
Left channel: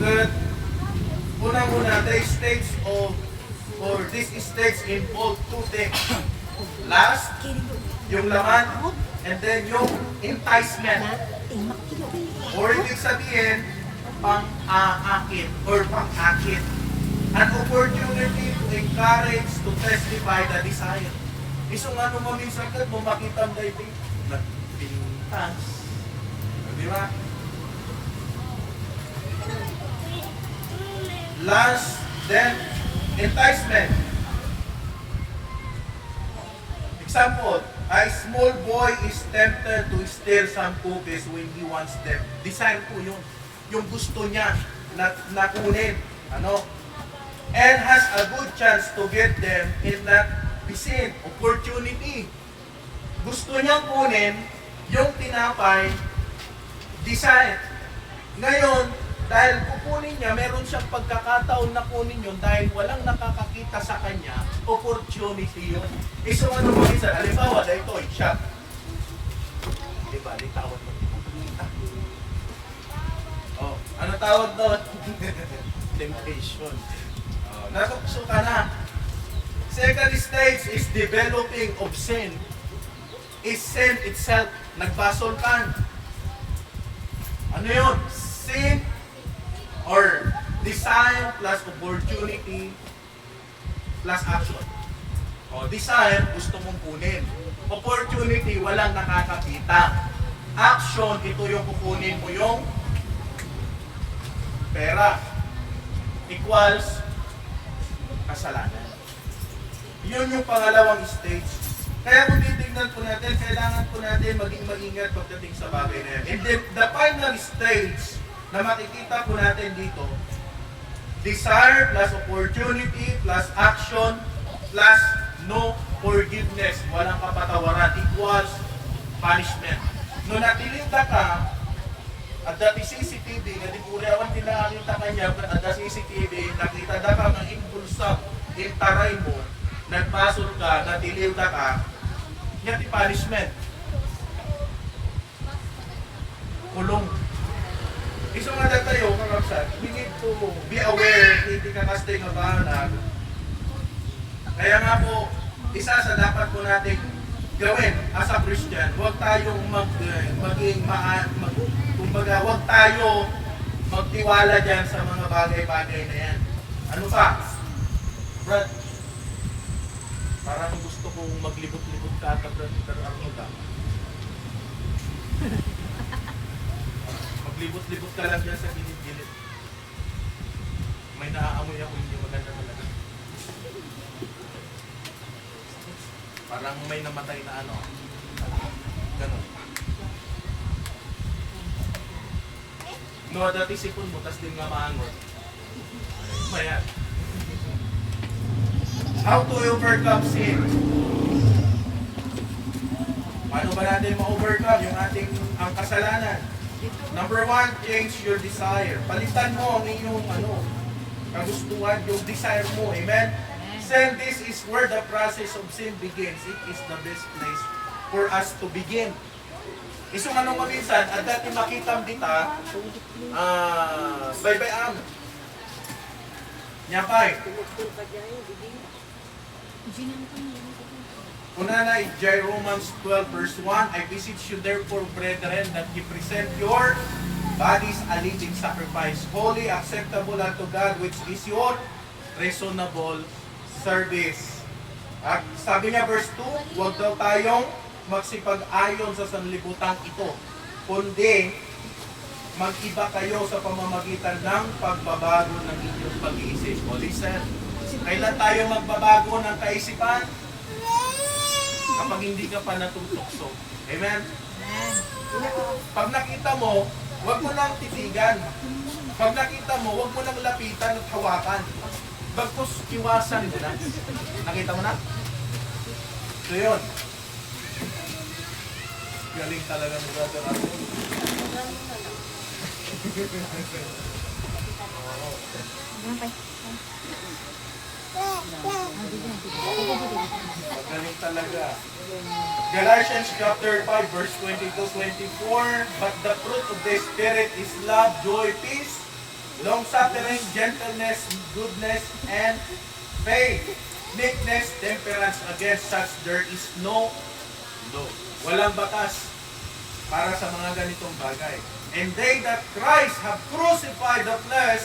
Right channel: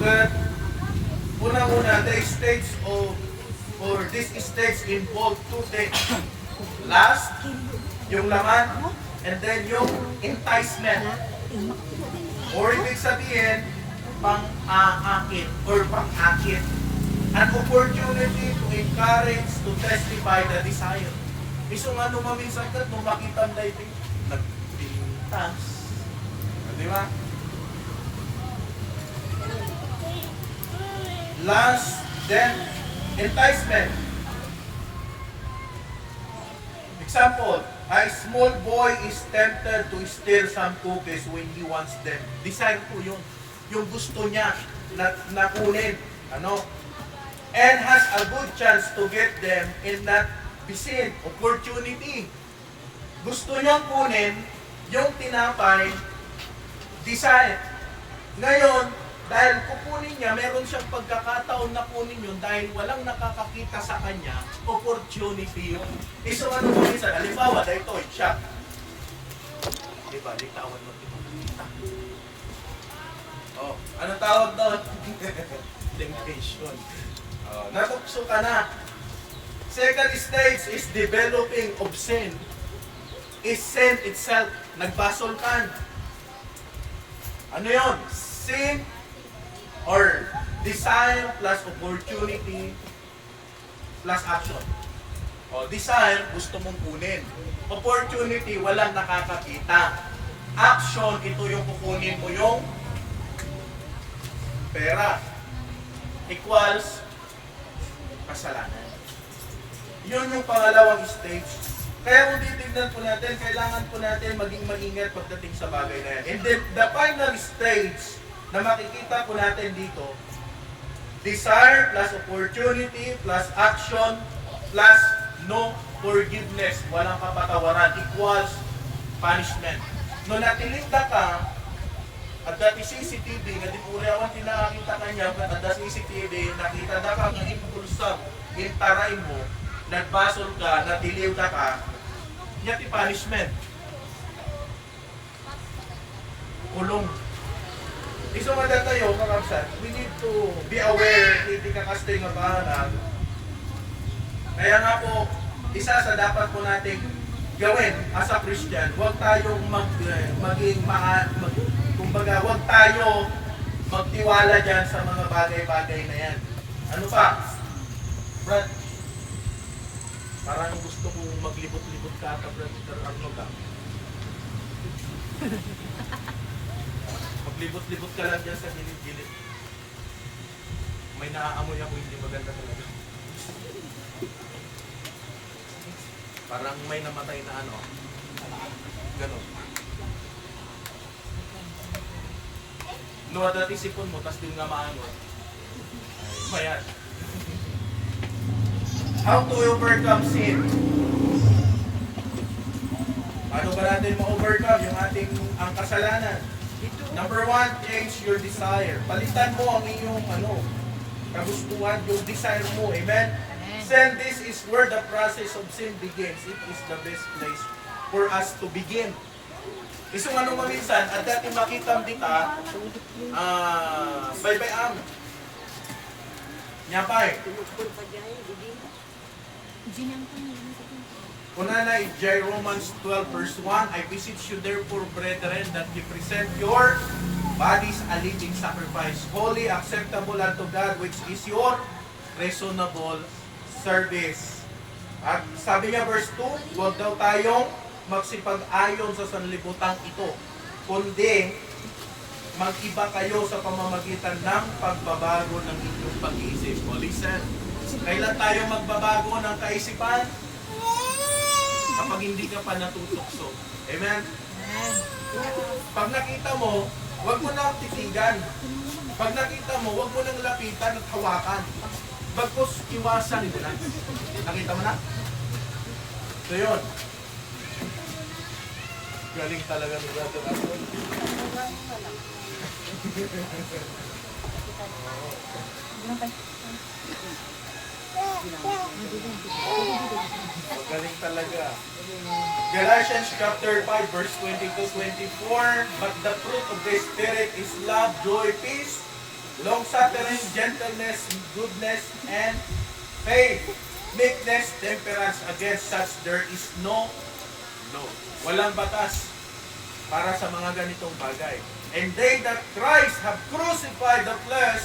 that unang-una, this stage involve two things. Last, yung laman. And then yung enticement. Or ibig sabihin, pang-aakit or pang-akit. An opportunity to encourage, to testify the desire. Isang ano maminsan ka, kung makita ang dating, nagpintas. Di ba? Last, then, enticement. Example, a small boy is tempted to steal some cookies when he wants them. Desire po yun. Yung gusto niya na kunin. Ano? And has a good chance to get them in that vicinity. Opportunity. Gusto niyang kunin yung tinapay, desire. Ngayon, dahil kukunin niya, meron siyang pagkakataon na kunin yun dahil walang nakakakita sa kanya, opportunity yun. So ano mo minsan, halimbawa, dahil ito, shot. Diba, litawan mo. Oh, ano tawag doon? Temptation. Oh, natukso ka na. Second stage is developing obscene. Is sin itself. Nagbasolkan. Ano yun? Sin or desire plus opportunity plus action. O, desire, gusto mong kunin. Opportunity, walang nakakakita. Action, ito yung kukunin mo yung pera. Equals kasalanan. Yun yung pangalawang stage. Kaya kung titignan po natin, kailangan po natin maging maingat pagdating sa bagay na yan. And then, the final stage na makikita po natin dito, desire plus opportunity plus action plus no forgiveness, walang kapatawaran, equals punishment. No natilinda ka, at dati CCTV, nga di puliawan din nakakita kanya, at dati CCTV, nakita na ka ng impulsang, intaray mo, nagpasol ka, natilinda ka, yati punishment. Kulong. Isumada tayo, kakapsat, we need to be aware, hindi kakastay nga bahalag. Kaya nga po, isa sa dapat po nating gawin as a Christian, huwag tayong kumbaga, huwag tayo magtiwala dyan sa mga bagay-bagay na yan. Ano pa? Brad, parang gusto kong maglibot-libot ka ata, Brad, pero ano ka? Maglibot-libot ka lang dyan sa gilid-gilid. May naaamoy ako, hindi maganda talaga. Parang may namatay na ano. Ganon. No, dati sipon mo, tas di nga maangot. Bayan. How to overcome sin? Paano ba natin ma-overcome yung ating ang kasalanan? Number 1, change your desire. Palitan mo ang iyong kagustuhan, yung desire mo. Amen? Then this is where the process of sin begins. It is the best place for us to begin. Isang maminsan, at dati makita dita, bye-bye am. Nyapay. Una na, Romans 12 verse 1, I beseech you therefore, brethren, that you present your bodies a living sacrifice, holy, acceptable unto God, which is your reasonable service. At sabi niya verse 2, huwag daw tayong magsipag-ayon sa sanlibutan ito, kundi mag-iba kayo sa pamamagitan ng pagbabago ng inyong pag-iisip. O listen, kailan tayo magbabago ng kaisipan? Kapag hindi ka pa natutukso. Amen? Pag nakita mo, huwag mo nang titigan. Pag nakita mo, huwag mo nang lapitan at hawakan. Bagkus, iwasan mo na. Nakita mo na? So yun. Galing talaga ni Brother Arnold. Galing talaga. Galatians chapter 5 verse 22-24, but the fruit of the Spirit is love, joy, peace, long-suffering, gentleness, goodness, and faith. meekness, temperance, against such there is no law. Walang batas para sa mga ganitong bagay. And they that Christ have crucified the flesh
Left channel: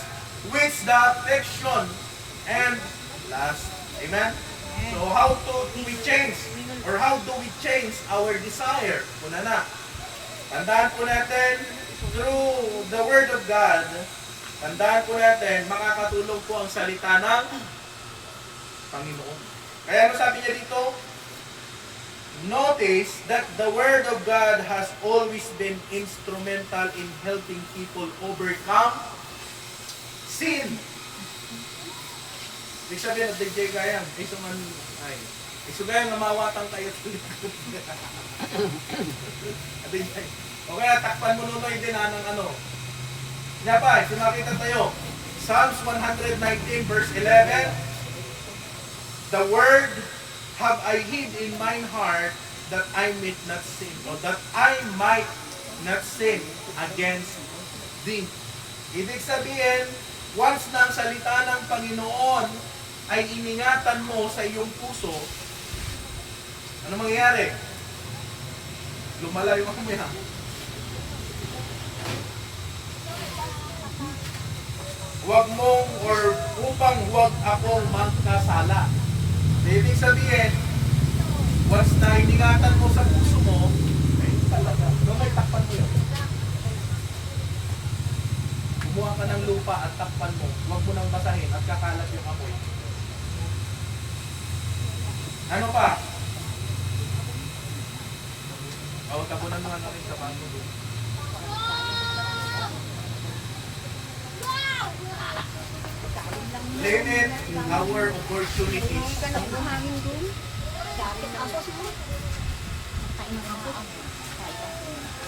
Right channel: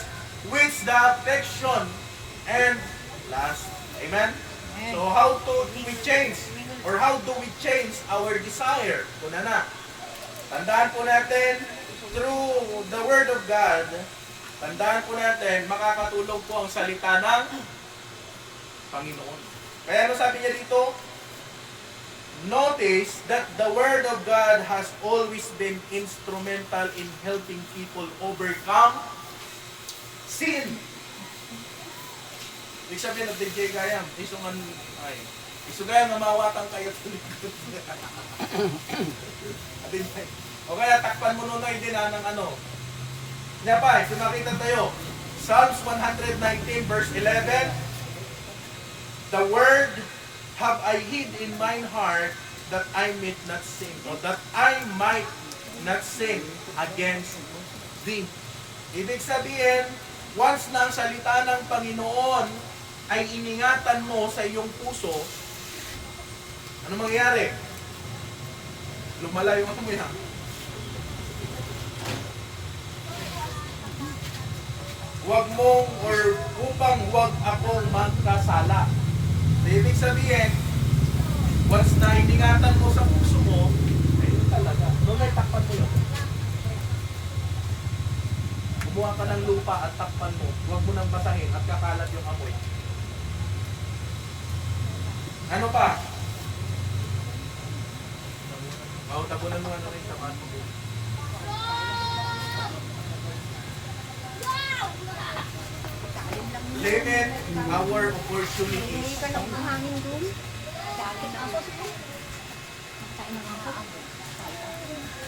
with the affection and lust. Amen? So how do we change? Or how do we change our desire? Una na. Tandaan po natin, through the Word of God, tandaan po natin, makakatulong po ang salita ng Panginoon. Kaya ano sabi niya dito? Notice that the Word of God has always been instrumental in helping people overcome sin. Ibig sabihin, DJ Gayam, isugayan na mawatang kayo sa likod. O kaya takpan mo nun din ng ano. Kaya pa, sinakita tayo. Psalms 119 verse 11. The word have I hid in mine heart that I might not sin, or that I might not sin against thee. Ibig sabihin, once na ang salita ng Panginoon ay iningatan mo sa iyong puso, ano mangyayari? Lumala yung amoy ha. Huwag mong, or upang huwag akong magkasala. Ibig sabihin, once na iningatan mo sa puso mo, ayun talaga. Doon ay takpan mo yun. Kumuha ka ng lupa at takpan mo. Huwag mo nang basahin at kakalat yung amoy. Ano pa? Tabunan mo nga na rin sa paano doon. Limit our opportunities.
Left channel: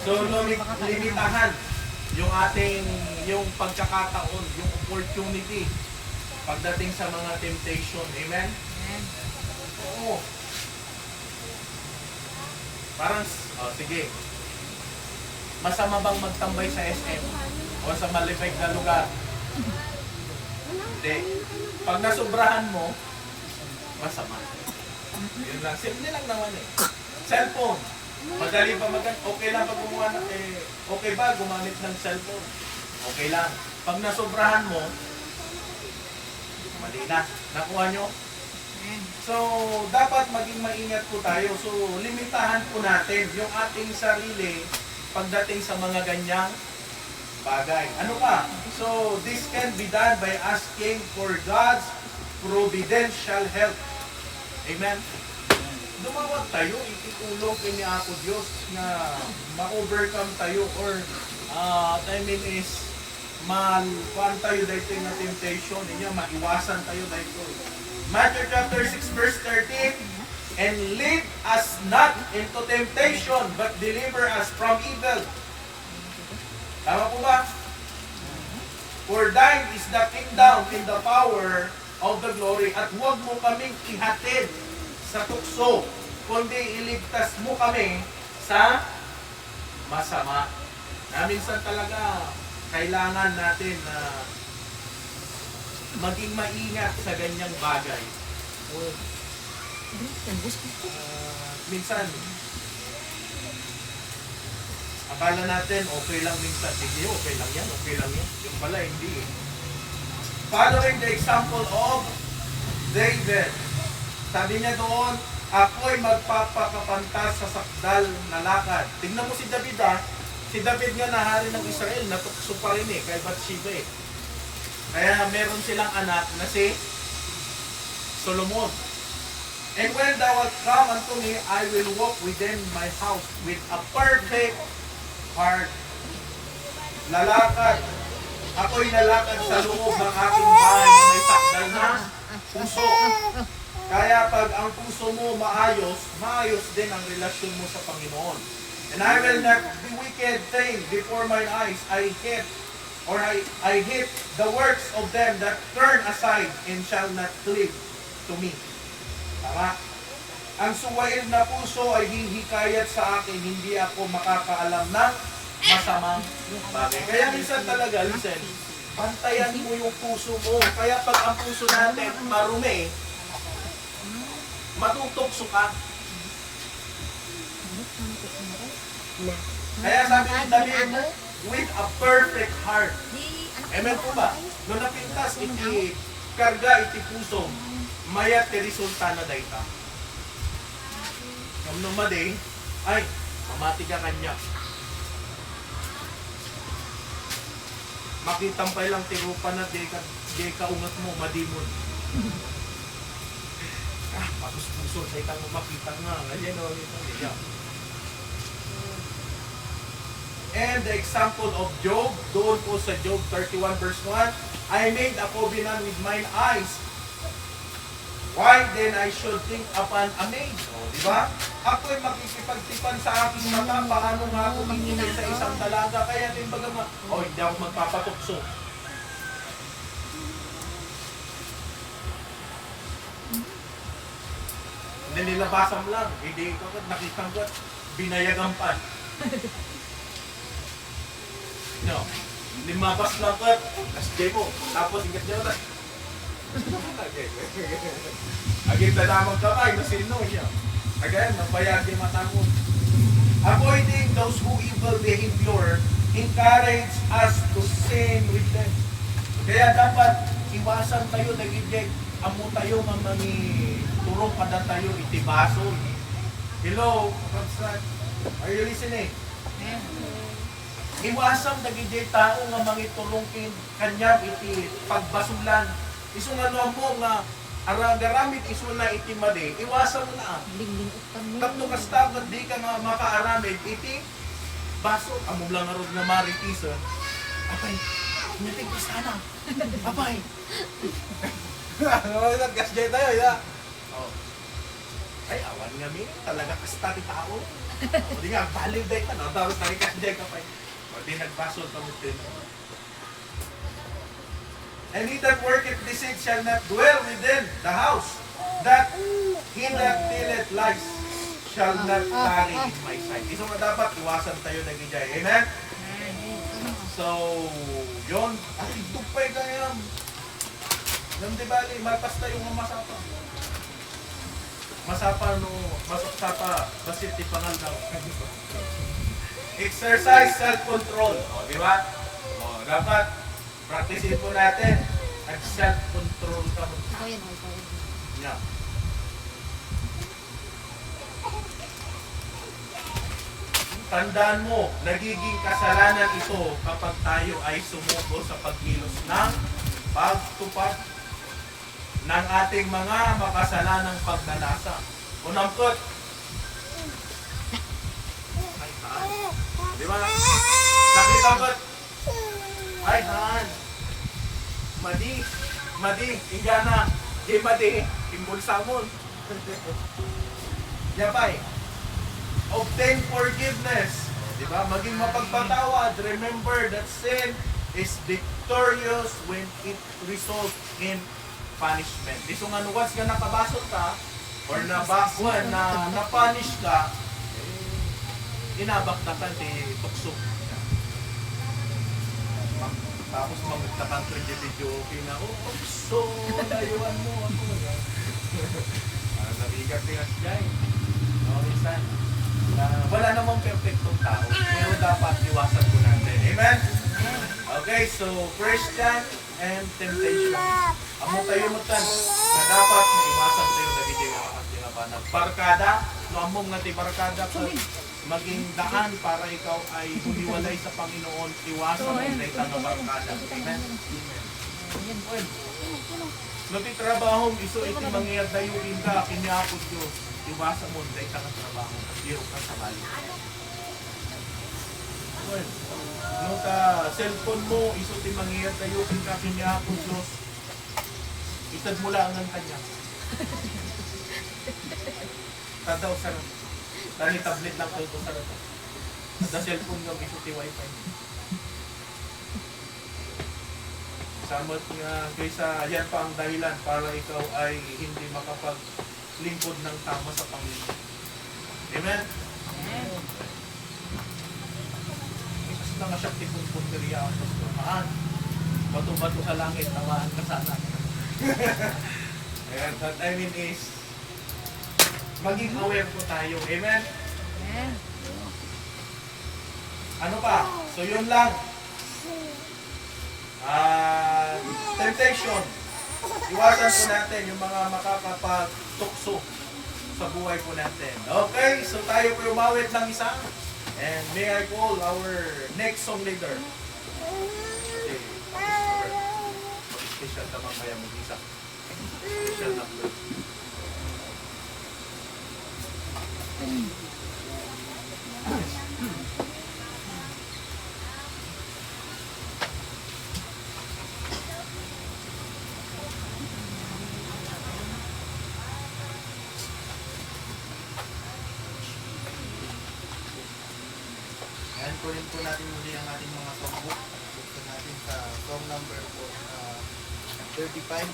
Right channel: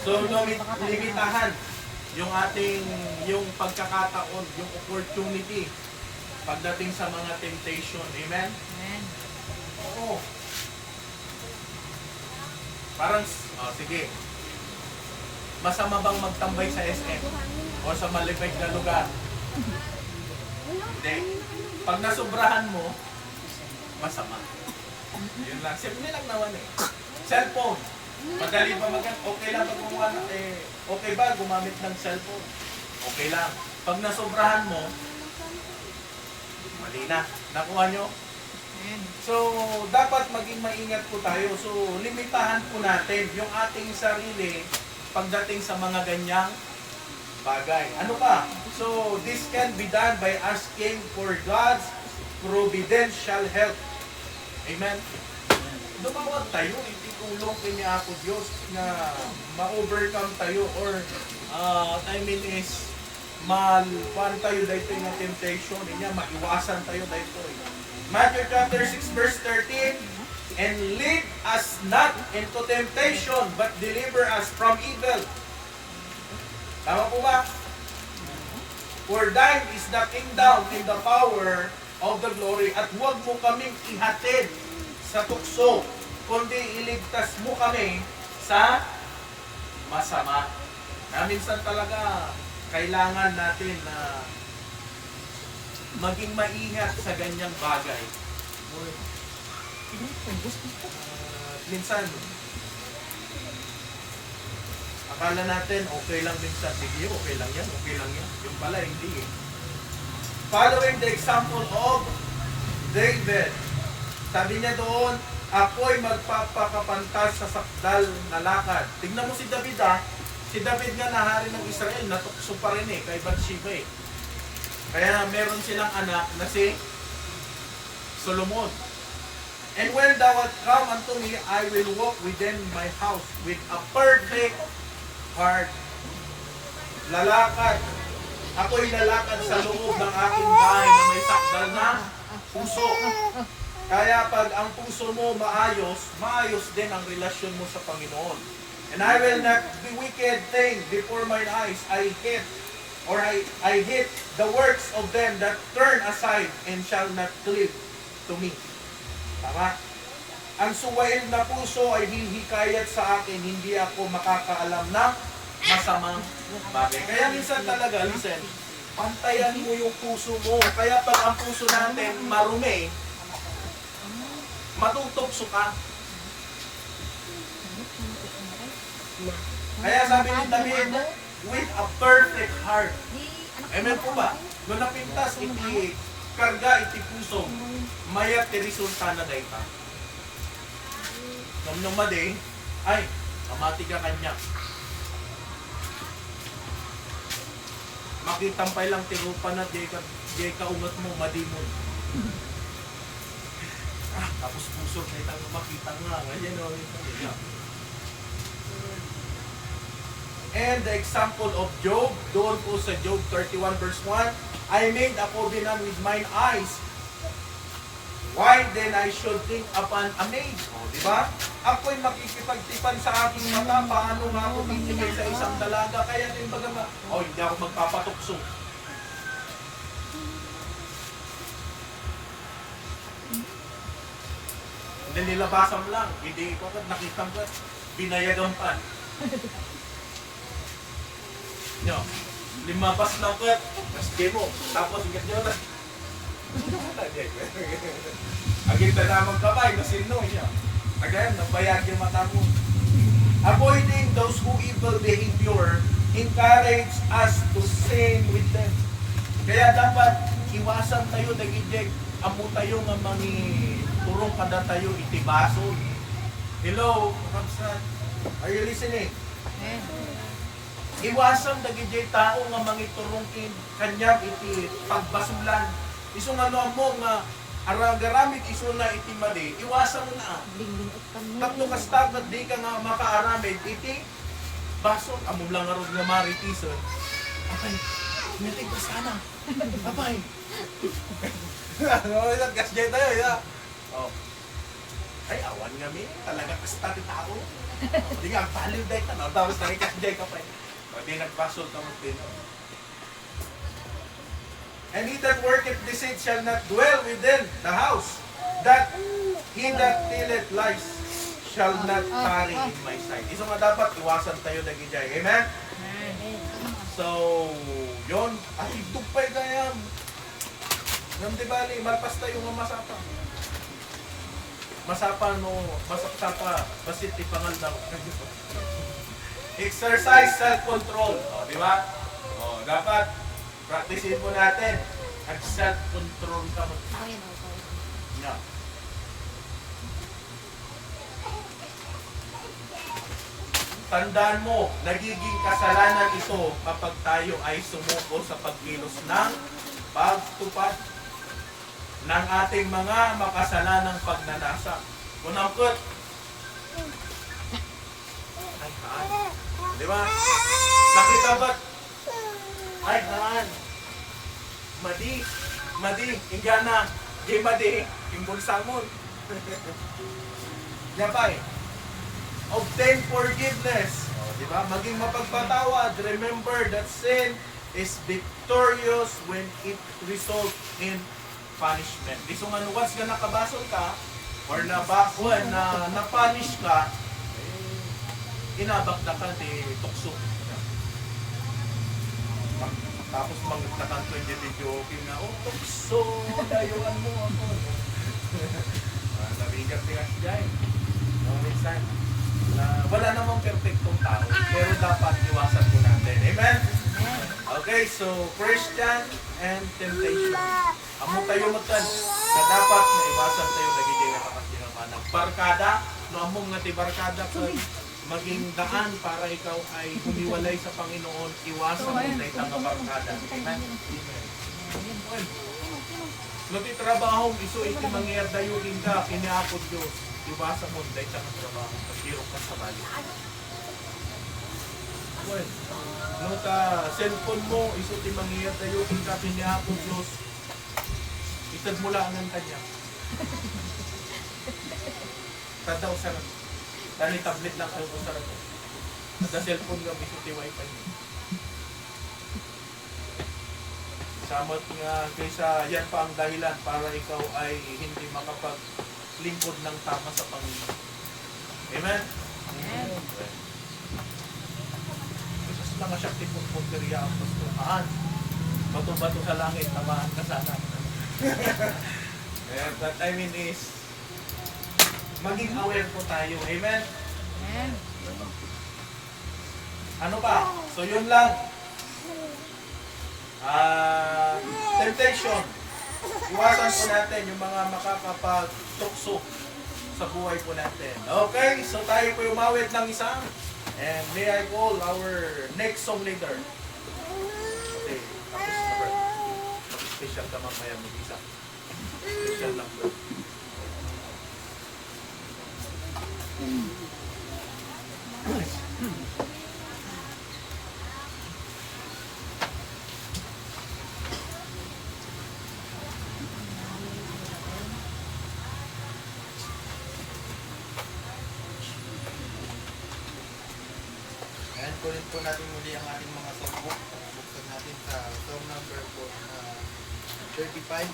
So, limitahan yung pagkakataon, yung opportunity pagdating sa mga temptation. Amen? Oo. Parang, sige. Masama bang magtambay sa SM? O sa malibig na lugar? Hindi. Pag nasubrahan mo, masama. Yun lang. Simple lang naman eh. Cellphone. Madali ba okay lang pag gumawa na, okay ba gumamit ng cellphone? Okay lang. Pag nasubrahan mo, mali na. Nakuha nyo? So, dapat maging maingat po tayo. So, limitahan po natin yung ating sarili pagdating sa mga ganyang bagay. Ano pa? So, this can be done by asking for God's providential help. Amen? Dumawag tayo, itutulong kini ako Diyos na ma-overcome tayo or kuan tayo dito yung temptation niya, maiwasan tayo dito. Matthew chapter 6 verse 13, and lead us not into temptation, but deliver us from evil. Tama po ba? For thine is the kingdom and the power of the glory. At huwag mo kaming ihatid sa tukso, kundi iligtas mo kami sa masama. Na minsan talaga kailangan natin na maging maingat sa ganyang bagay. Minsan, akala natin okay lang minsan. Sige, okay lang yan. Yung pala, hindi eh. Following the example of David, sabi niya doon, ako'y magpapakapantas sa sakdal na lakad. Tignan mo si David ah. Si David nga na hari ng Israel, natukso pa rin eh, kay Bathsheba eh. Kaya meron silang anak na si Solomon. And when thou wilt come unto me, I will walk within my house with a perfect heart. Lalakad. Ako'y lalakad sa loob ng aking bahay na may sakdal na puso. Kaya pag ang puso mo maayos din ang relasyon mo sa Panginoon. And I will not be wicked thing before mine eyes. I hate the works of them that turn aside and shall not cleave to me. Tama? Ang suwail na puso ay hihikayat sa akin, hindi ako makakaalam ng masamang bagay. Kaya minsan talaga, listen, pantayan mo yung puso mo. Kaya pag ang puso natin marumi, Matutokso ka. Kaya sabi ni David, with a perfect heart. Amen po ba? Nung napintas, iti karga, iti puso, mayat ti resulta na dayta. Nung madi, ay, amati ka kanya. Makitampay lang tirupa na di ka ungat mo, madimon. Tapos puso sa itang makita nga. Ganyan o, ito niya. And the example of Job, doon po sa Job 31 verse 1, I made a covenant with mine eyes. Why then I should think upon a maid? O, di ba? Ako'y makikipagtipan sa aking mata, paano nga ako titigay sa isang dalaga? Kaya din baga nga, hindi ako magpapatukso. Nililabasan lang, hindi ko nakitang ka, binayagan pa. No, limabas lang ko, tas mo, tapos ingat nyo na. Agin pa namang kamay, masino siya. Again, nabayag yung mata mo. Avoiding those who evil behavior encourage us to sin with them. Kaya dapat iwasan tayo nagiging amo tayo nga mangi turong kada tayo itibason. Hello, Kapsat. Are you listening? Iwasan nagiging tao nga mangi turong kanyang iti pagbasulan. Iso nga no mo nga garamit iso na iti mali, iwasan mo na. Tapno kastagat di ka nga makaaramid iti baso. Amo lang nga nga maritisan. Apay, natig ko sana. Apay. Gasjay tayo, ya. Oh. Ay, awan nga mi. Talaga kasta ti tao. Di nga, baliw day ka na. Tapos tayo gasjay ka pa. O di nagbasol ka mo din. And he that worketh deceit shall not dwell within the house. That he that tilleth lies shall not tarry in my sight. Iso nga dapat, iwasan tayo nagijay. Amen? So, yon. At itugpay gayam. Nam di bali, malpas tayo nga masapa. Masapa no, masapa, basit ti pangal daw. Exercise self-control. O, di ba? O, dapat, practicein po natin. At self-control ka mo. Yeah. Tandaan mo, nagiging kasalanan ito kapag tayo ay sumuko sa pagkilos ng pagtupad ng ating mga makasalanang pagnanasa. Unangkot. Di ba? Nakita ba't? Ay, haan. Madi, ingana. Di madi, timbol samon. Yapay. Obtain forgiveness. Di ba? Maging mapagpatawad. Remember that sin is victorious when it results in punishment. Di so nga once nga nakabasol ka or nabakwan na na-punish ka, inabak na ka di tukso. Tapos magtakan ko yung video okay na, tukso, dayuan mo ako. Nabigat ni Asjay. No, minsan. Wala namang perfectong tao, pero dapat iwasan po natin. Amen? Okay, so Christian and temptation. Amo tayo magtan na dapat na iwasan tayo nagiging nakapasya pa ng barkada. No, among nga ti barkada ka maging daan para ikaw ay humiwalay sa Panginoon, iwasan mo na itang barkada. Amen? No, ti trabaho, iso iti mangyayad tayo ka, kiniapod Diyos, iwasan mo na itang trabaho, hirap ka sa bali. No, ta cellphone mo, iso ti mangyayad tayo ka, kiniapod Diyos, itad mo lang ang kanya. Tadaw sa tani tablet lang kayo sa rato. Sa cellphone nga bisuti wifi. Samot nga kaysa yan pa ang dahilan para ikaw ay hindi makapaglingkod ng tama sa Panginoon. Amen? Amen. Isas lang nga siya tipong punteriya ang pastormaan. Bato-bato sa langit, tamaan ka sana. And that I mean is, maging aware po tayo. Amen? Amen. Ano pa? So yun lang. Temptation. Iwasan po natin yung mga makakapagtukso sa buhay po natin. Okay, so tayo po umawit ng isa. And may I call our next song leader. Okay, special ka mamaya mag-isa. Special number. Ayan, kunin po natin muli ang ating mga songbook. Buksan natin sa song number po 35.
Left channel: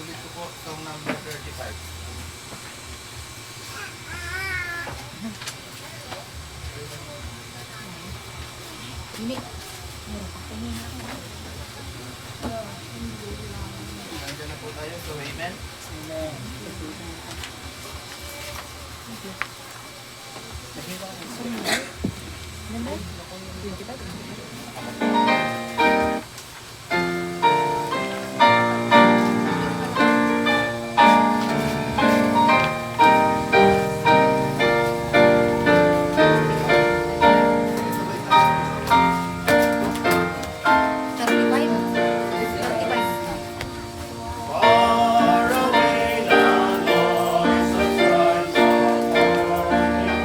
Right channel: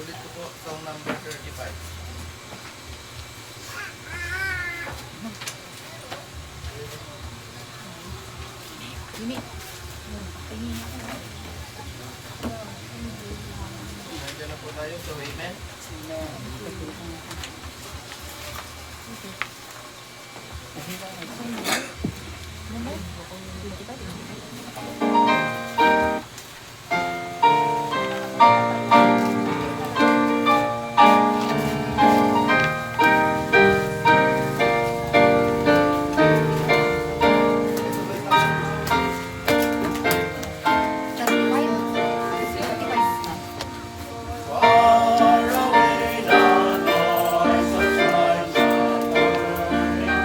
Ulit ko po, song number 35. Ini. Tingin natin. Nandiyan na po tayo, so amen. Number? 25. Sabay tayo. 35. Far away the noise of rise of morning.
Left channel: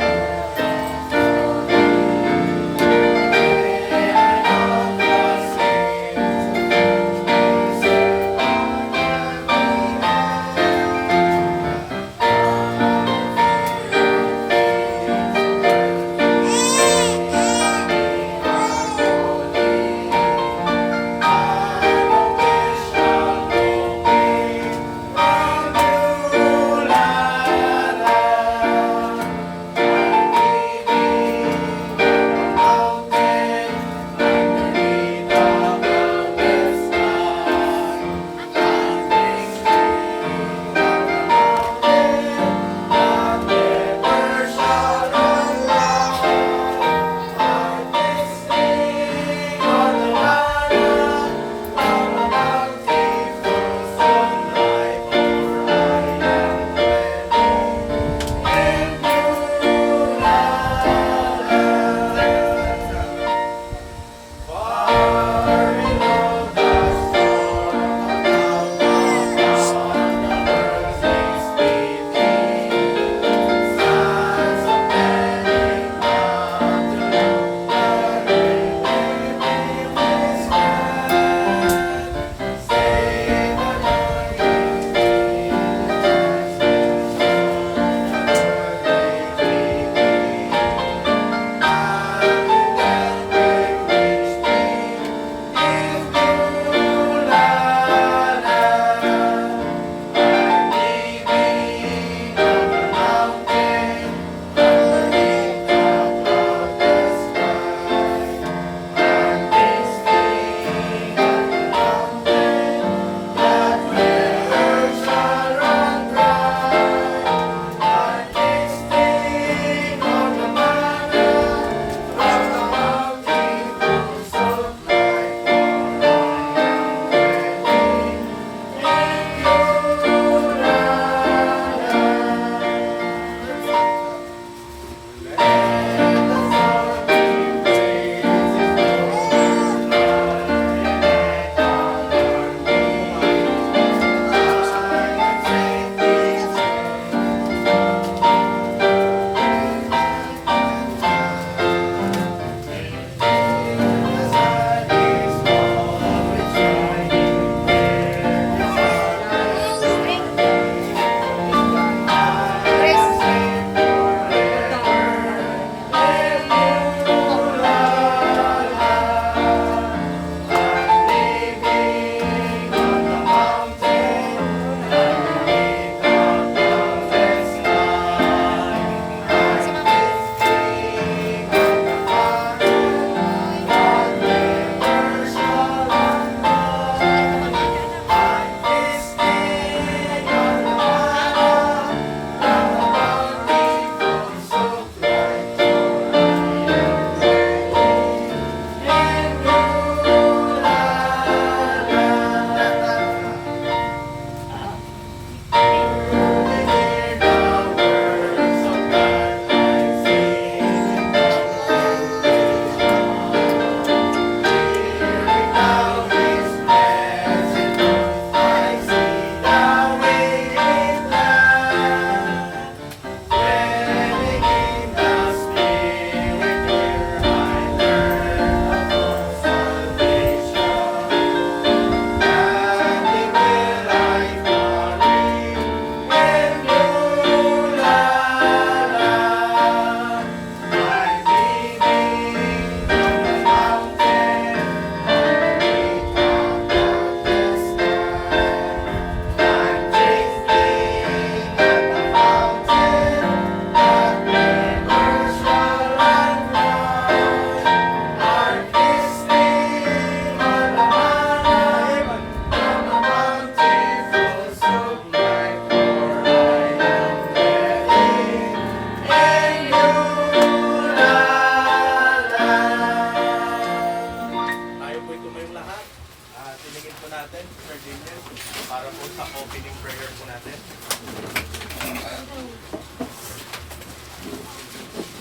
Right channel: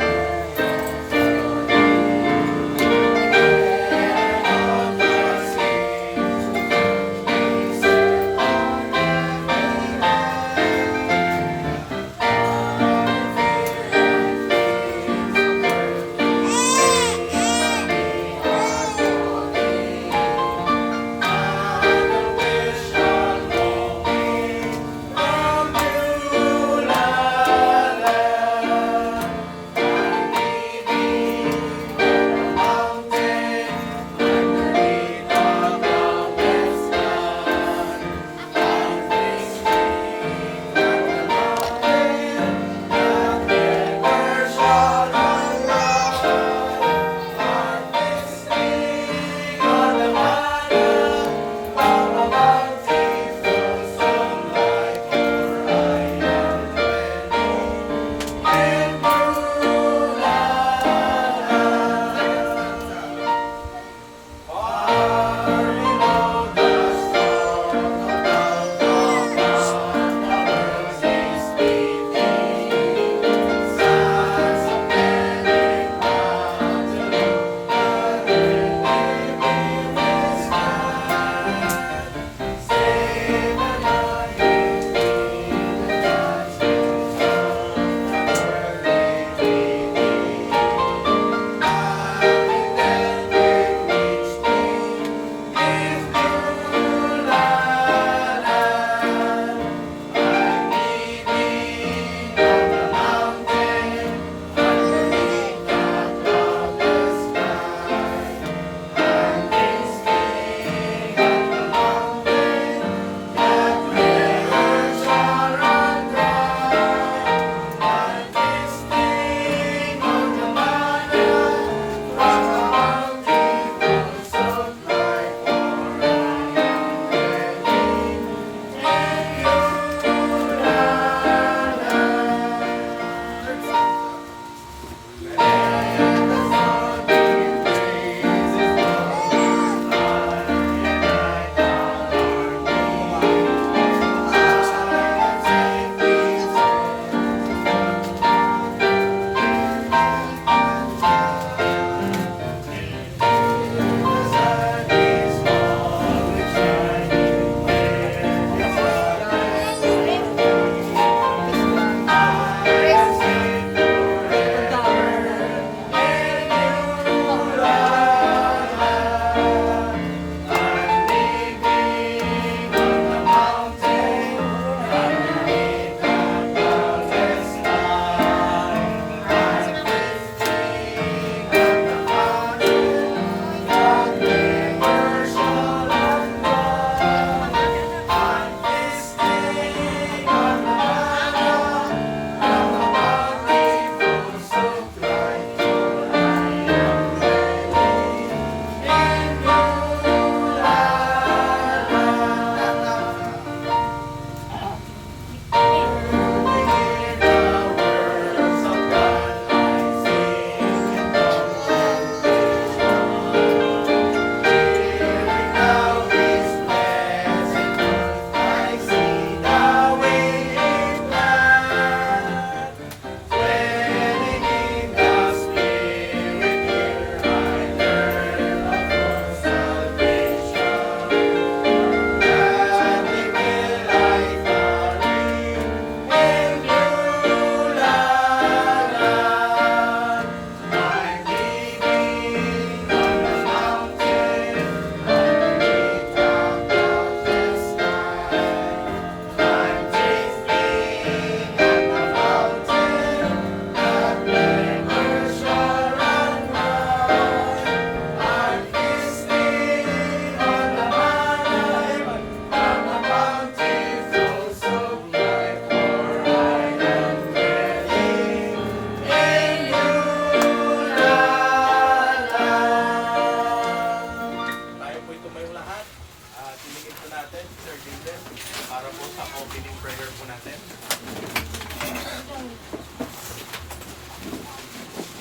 natin.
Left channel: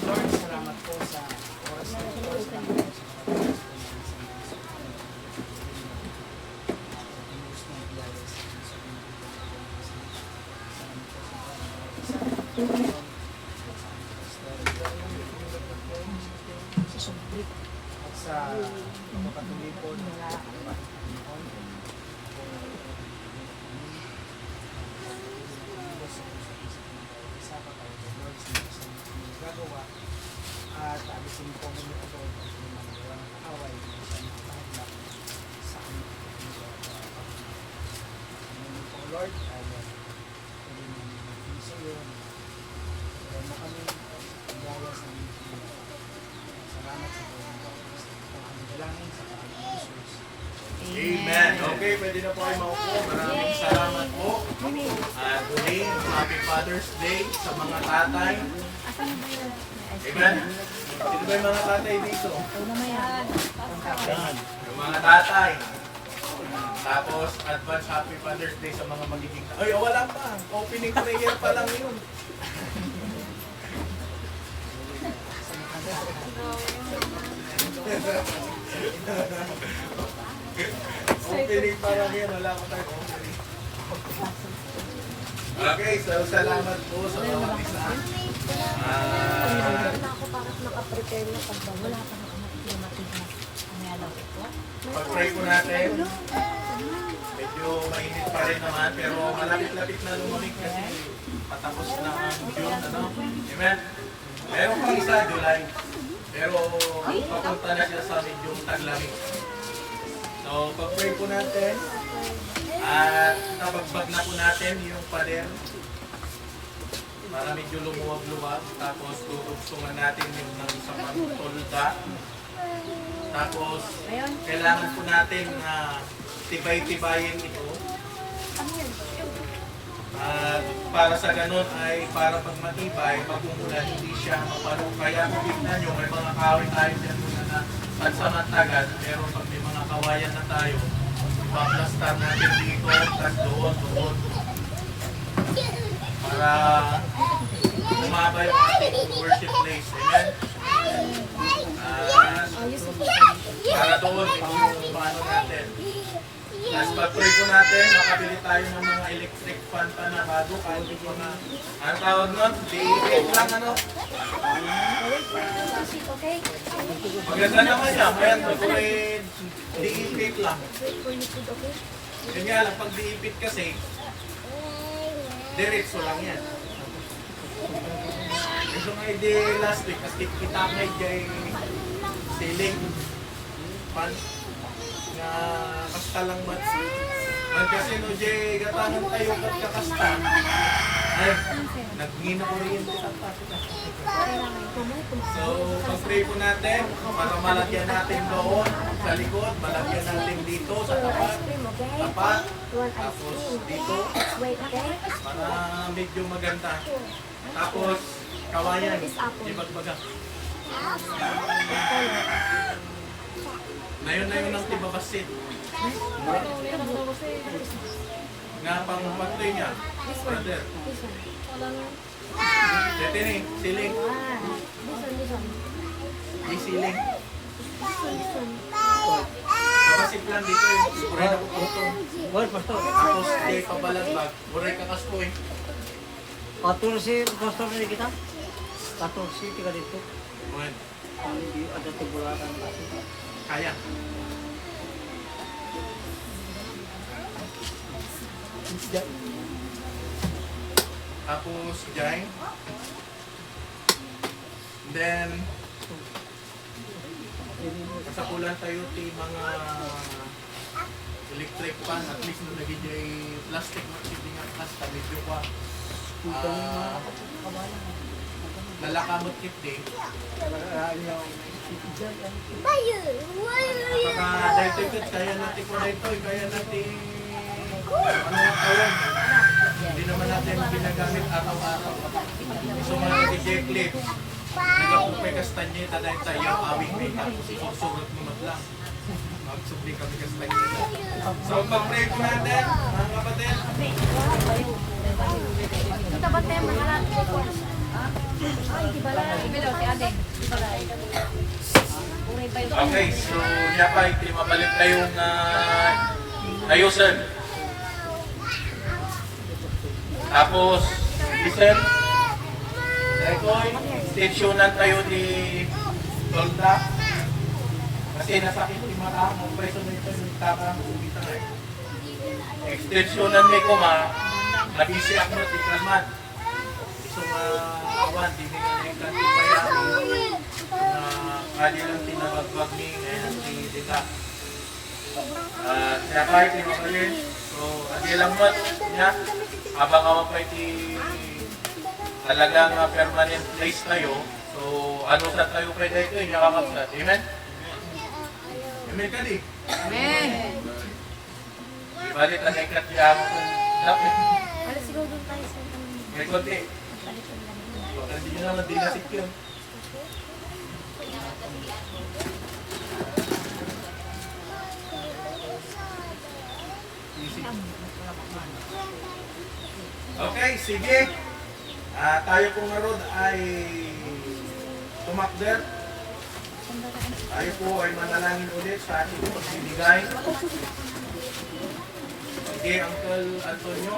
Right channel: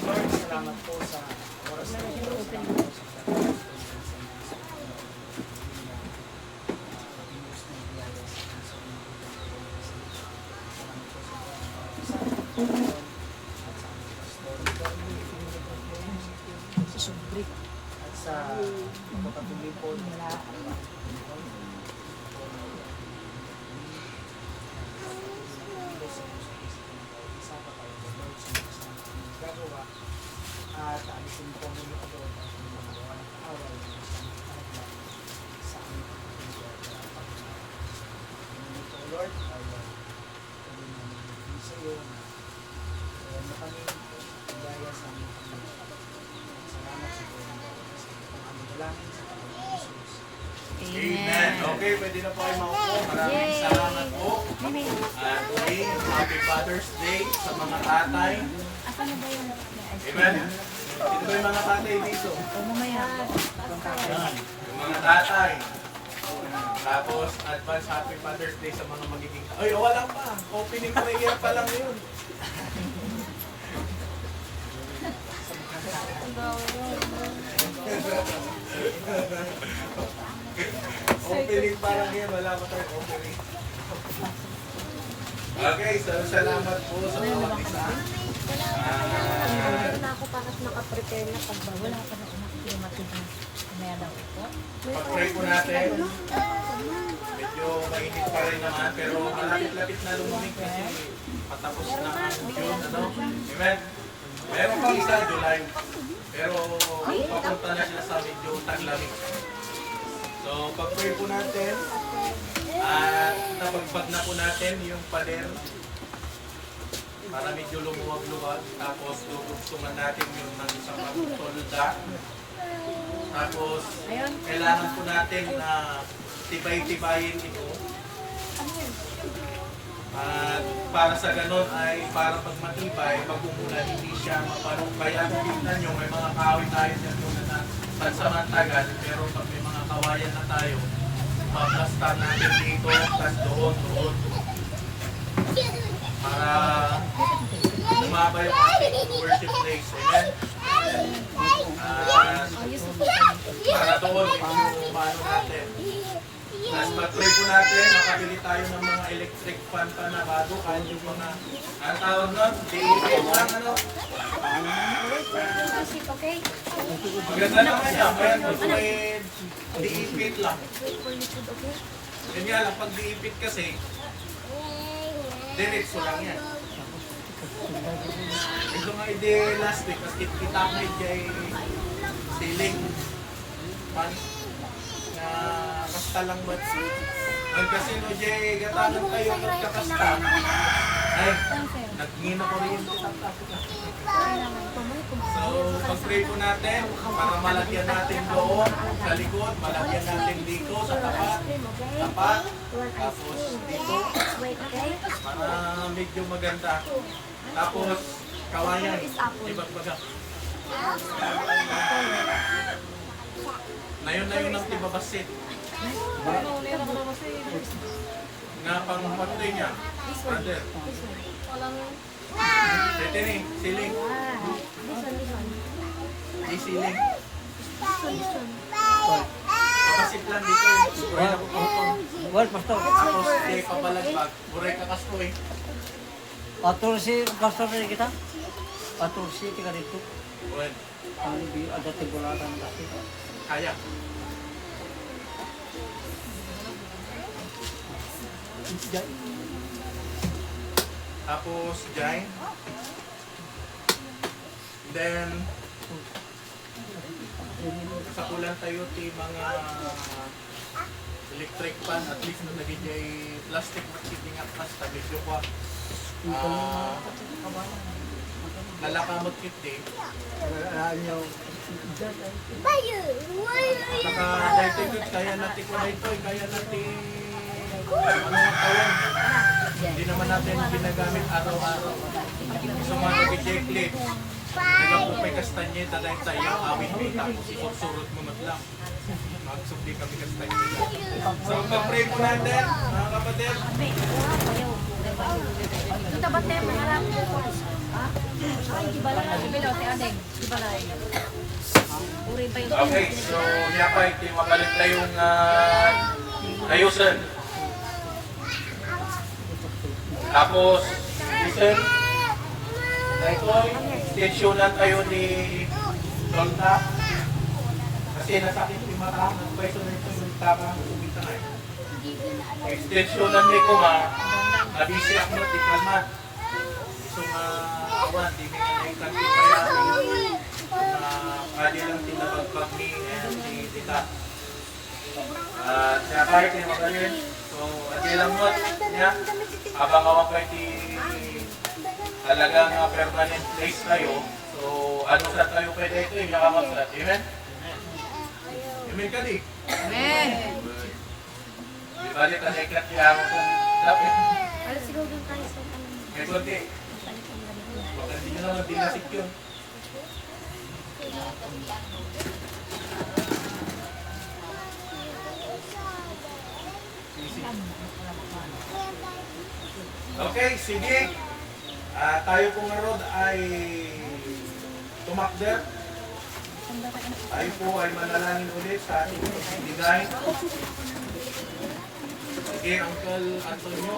Lord, salamat po sa oras na ito. Salamat po sa oras at sa pagpapatuloy po na gagawa at alisin po mo yung abroad at yung mga gawa ng kaaway na sa mga kahaglag sa aming pagkakas. Ngayon po, Lord, ay tuloy na namin sa iyo. Kaya mo kami gaya sa aming pagkakas. Salamat sa buong gawa. Sa aming dalangin sa pangalan ng Jesus. Amen. Okay, pwede na po kayo maupo. Maraming salamat po. At muli, Happy Father's Day sa mga tatay. Amen. Sino ba yung mga tatay dito? Yan. Yung mga tatay. Tapos, advance Happy Father's Day sa mga magiging... Ay, wala pa. Opening prayer pa lang yun. Opening pa lang yan. Wala pa tayong opening. Okay, so salamat po sa mga isa. Na ako para nakaprepare na pagbawa. Wala pa na dumating na. Kumaya lang ito. Pag-pray po natin. Medyo mainit pa rin naman, pero malapit-lapit na lumamig kasi patapos na ang June, ano? Amen? Meron pang isa, July. Pero papunta na siya sa medyo taglamig. So, pag-pray po natin. At nabagbag na po natin yung pader para medyo lumuwag-luwag. Tapos tutugsungan natin yung ng isang tolda. Tapos kailangan po natin na tibay-tibayin ito. At para sa ganon ay para pag matibay, pag umulan hindi siya mapanong. Kaya kung tignan nyo, may mga kahoy tayo dyan muna na pansamantagal. Pero pag may mga kawayan na tayo, maplastar natin dito, tas doon. Para umaba yung ating worship place. Amen? Para doon, medyo paano natin. Tapos pag-pray po natin, makabili tayo ng mga electric fan pa na bago. Kahit yung mga, ang tawag nun, di-event lang, ano? Okay? Maganda naman yan. May di-event lang. Wait for you food, okay? Yun nga lang, pag di-event kasi, diretso lang yan. Ito nga hindi last week, kasi kita nga dyan ceiling fan na kasta lang mat. Ang kasi no dyan gatangan tayo kakasta. Ay, nagngina ko rin yung So, pag-pray po natin para malagyan natin doon sa likod, malagyan natin dito sa tapat, tapos dito, para medyo maganda. Tapos, kawayan, ibagbaga. Na yun ang tibabasit. Na pang patuloy niya, brother. Dito ni, siling. Di siling. Pabasit lang dito eh. Buray na po tungtong. Tapos di pabalagbag. Buray ka kastoy. Patur si pastor ni kita. Patur si tiga dito. Bueno, Ang di ada tiguran pasti. kaya. Tapos dyan. Then, kasakulan tayo ti mga electric fan, at least mo naging dyan plastic makiting at basta medyo kwa. Nalakamot kit di. Baka dahito ikot, kaya natin ko dahito, kaya natin ano nga tawag. Hindi naman natin ginagamit araw-araw. So mga nag-j clip, nagapupay kastanyeta dahil tayo, awing may tapos isursurot mo lang. Magsubli kami kastanyeta. So pag-pray po natin, mga kapatid, bantay mo, harap ko po. Ay, di ba lang? Bilaw, si Adeng. Di ba lang? Uray pa yun. Okay, so niya pa, hindi mabalik na yung ayusan. Tapos, listen, ito ay stensyonan tayo ni Donda. Kasi nasakit yung mata, ang pwesto nito yung tama, ubita na eh. Extensyonan ni ko nga, nabisi ako na tikalman. Gusto nga awan, di nga naikan yung bayan. Kali lang tinabagbag ni si Dita. Siya kahit yung magalin. So, kasi lang mo niya, habang ako pa talagang permanent place tayo. So, ano sa tayo pwede ito, yung nakamasat. Amen? Amen ka di? Amen. Ibalit ang ikat niya ako sa lapit. Alas siguro doon tayo sa ano. May konti. Balikan na rin. Baka hindi nyo naman dinasik yun. Okay, sige. Tayo pong narod ay tumakder. Tayo po ay manalangin ulit sa ating pagbibigay. Sige, Uncle Antonio,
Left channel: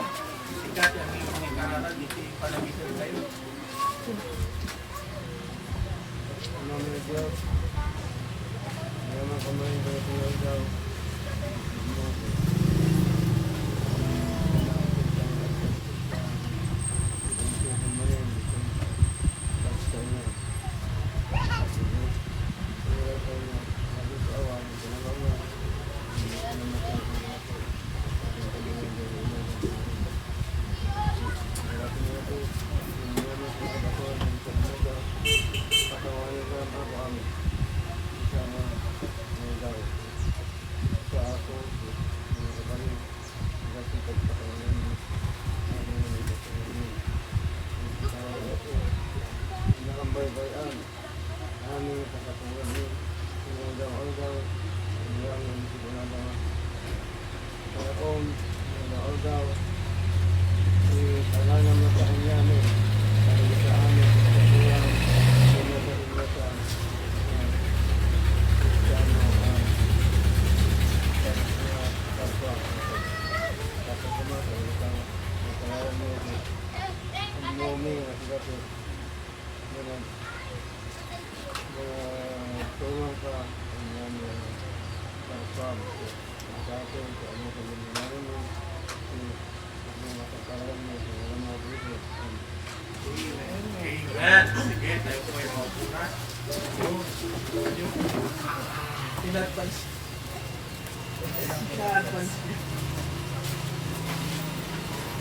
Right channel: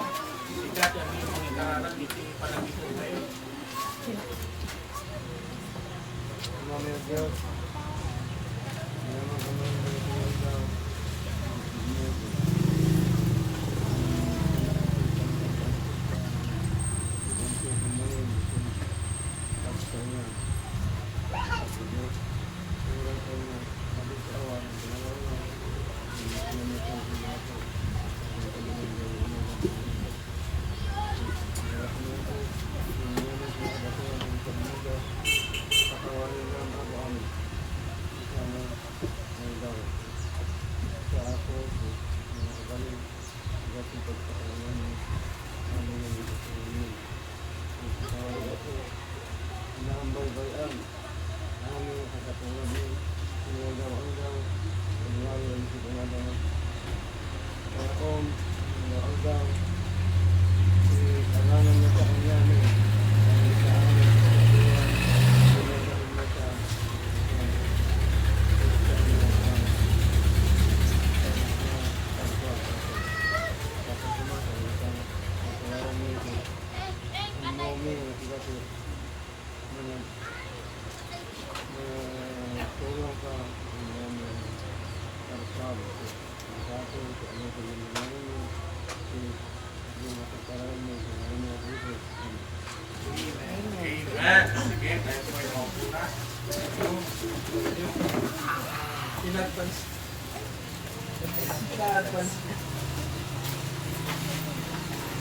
sikat ang inyong ikaranan, iti panagitan tayo. Mga Diyos, mga kamay ng mga daw. Amen. Sige, tayo po ay maupo na. In-advance.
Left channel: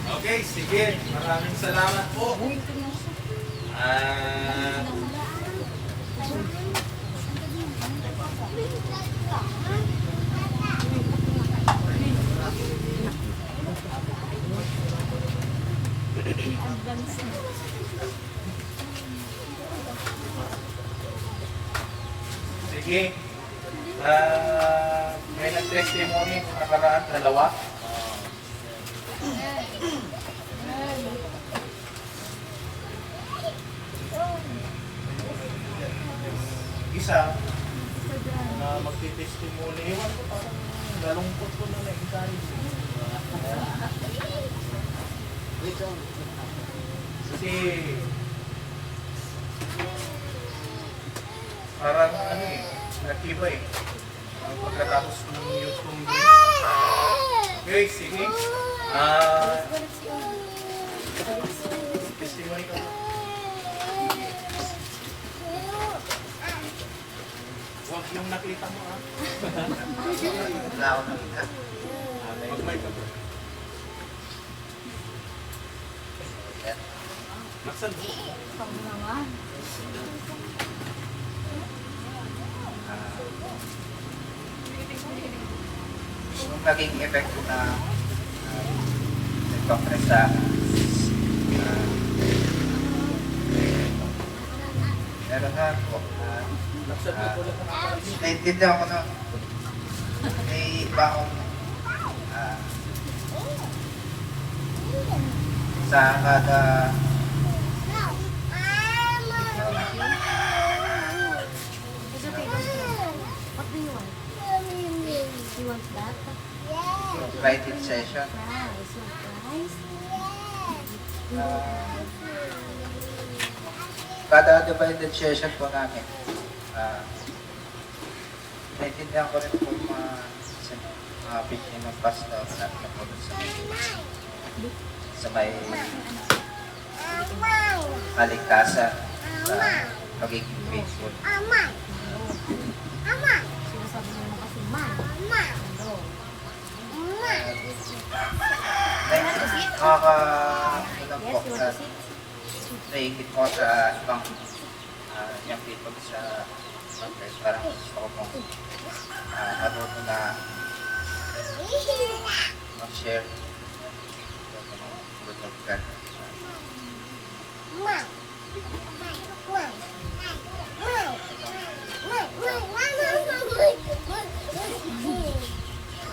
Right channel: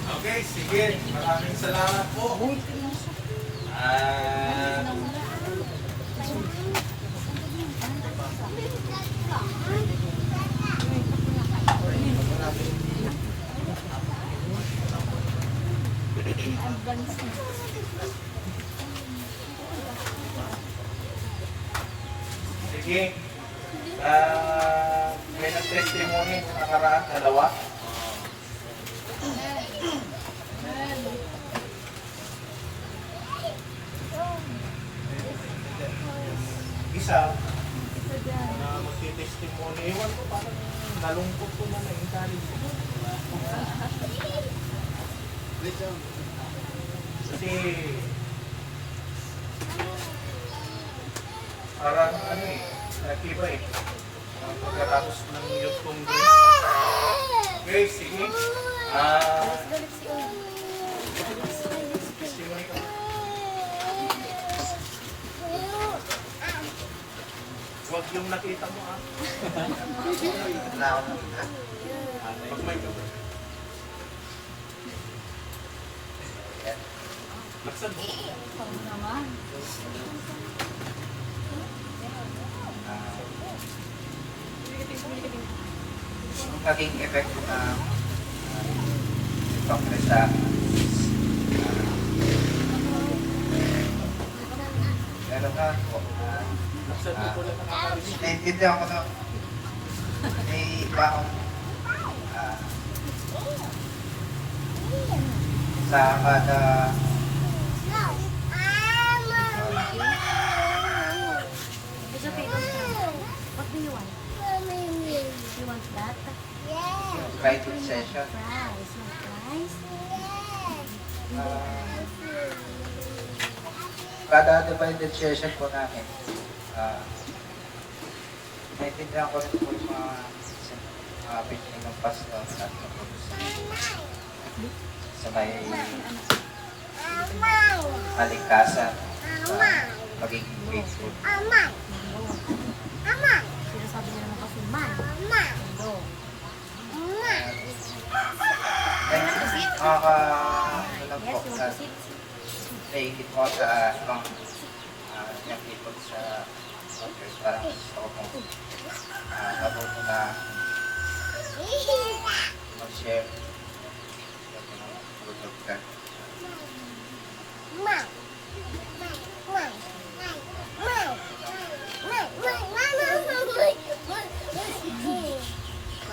Okay, sige. Maraming salamat po. Advance na. Sige. May nag-testimony sa nakaraan, dalawa. Isa, na magti-testimony. Ewan ko, parang nalungkot ko na na-encourage. Kasi, parang ano eh, nakiba eh. Pagkatapos ng youth congress. Okay, sige. Balik si Owen. Testimony ka. Huwag yung nakita mo ah. Wala akong nakita. Pag may Nasaan mo? Pang naman. Yung naging effect ko na congress sa meron nga po Nasaan mo ko lang nakakarinig? naiintindihan ko na may iba akong sa kada It's okay, don't cry. What do you want? You want that? invited session. Fries. Want fries? Kada divided session po namin, naintindihan ko rin po yung mga victim ng past na po sa may kaligtasan sa pagiging faithful. Sinasabi niya naman kasi man. Hello. Nakaka-ilang Yes, po you want na to sit? naingit ko sa ibang yung people sa church. Parang gusto ko pong matuto na mag-share yung good of God.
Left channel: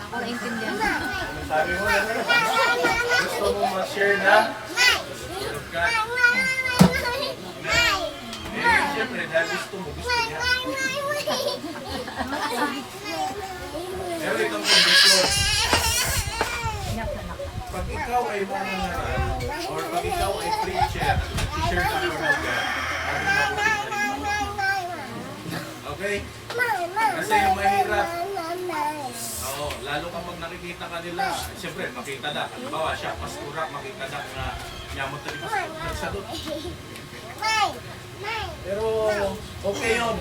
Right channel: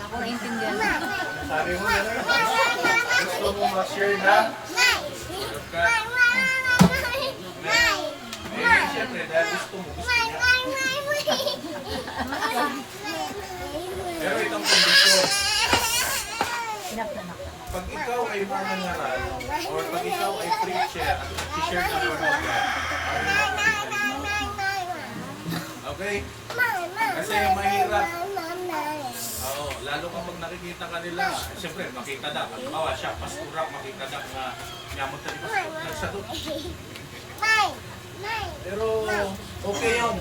Ako naintindihan. Sabi mo na gusto mo ma-share na Word of God. Eh, siyempre, dahil gusto niya. Pero itong kondisyon, pag ikaw ay manangaral, or pag ikaw ay preacher at nag-share ng Word of God, ano na po okay? Kasi mahirap. Oo, lalo kapag nakikita ka nila, siyempre, makita na. Halimbawa, siya, pastura, makita na nga nyamot na nagsadot. Pero, okay yun.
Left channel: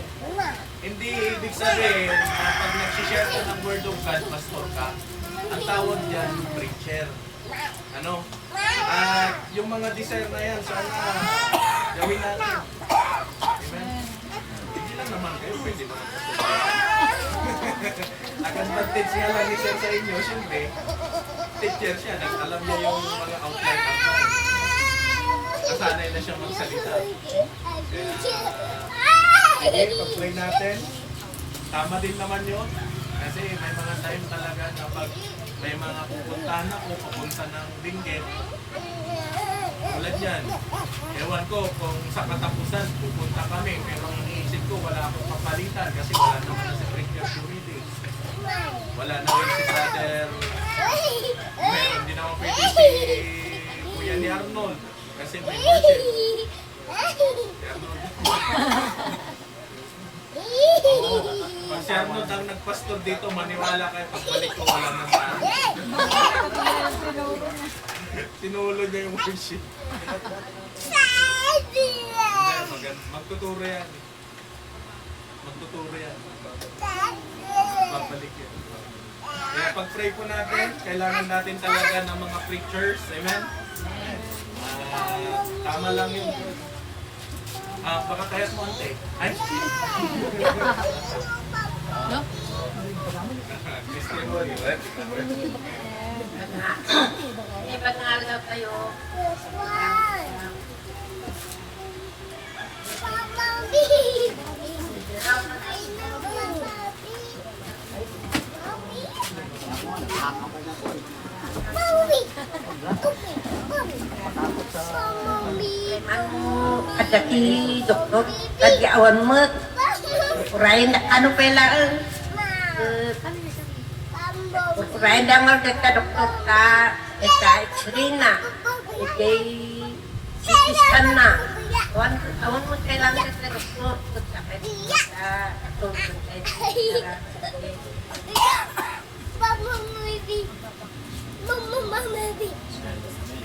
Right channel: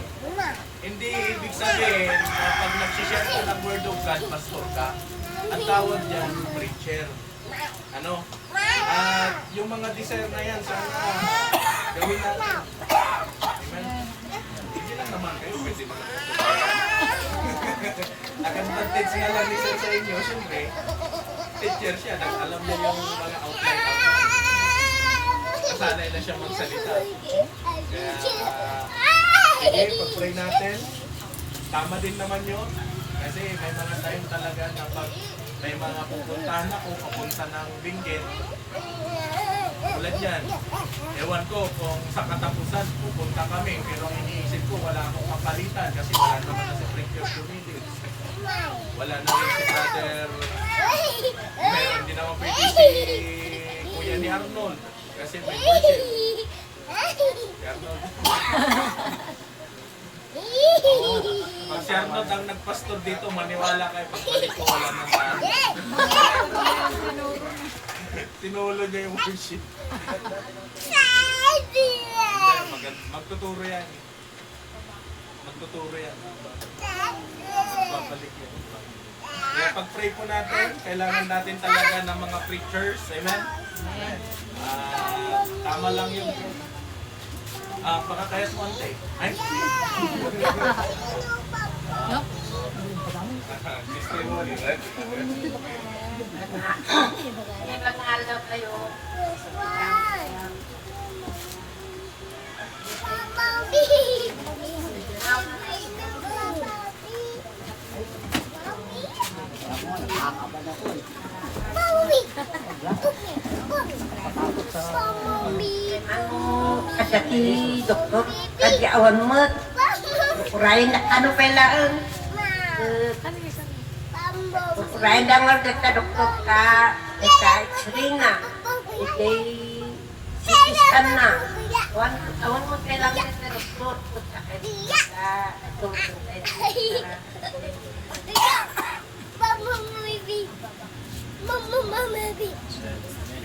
Hindi ibig sabihin, pag nagsishare ka ng Word of God, pastor ka, ang tawag dyan, preacher. Ano? At yung mga desire na yan, sana gawin natin. Amen? Hindi lang naman kayo, pwede naman nag-advantage nga lang ni Sir sa inyo, siyempre, teacher siya, alam niya yung mga outline. Nasanay na siya magsalita. Kaya, sige, pag-pray natin. Tama din naman yun. Kasi may mga time talaga na pag may mga pupuntahan ako, papunta ng Benguet, tulad yan. Ewan ko kung sa katapusan pupunta kami, pero iniisip ko wala akong kapalitan kasi wala naman na si Preacher Dumidi. Wala na rin si Brother, meron din naman pwede si Kuya ni Arnold kasi may worship. Si Arnold. Oo. Pag si Arnold ang nagpastor dito, maniwala kayo pagbalik ko wala nang tao. Tinulo niya yung worship. Hindi, magtuturo yan. Magtuturo yan. Babalik yun. Kaya pag-pray po natin, kailangan natin talaga ng mga preachers. Amen? Tama lang yun. Baka kayat mo ante. Ay? Testimony. Ada ti doktor tadi awan mek urain ano pelaan urain dangar deta doktor ka eta cerina ite sikiskan na awan mek pelang deta doktor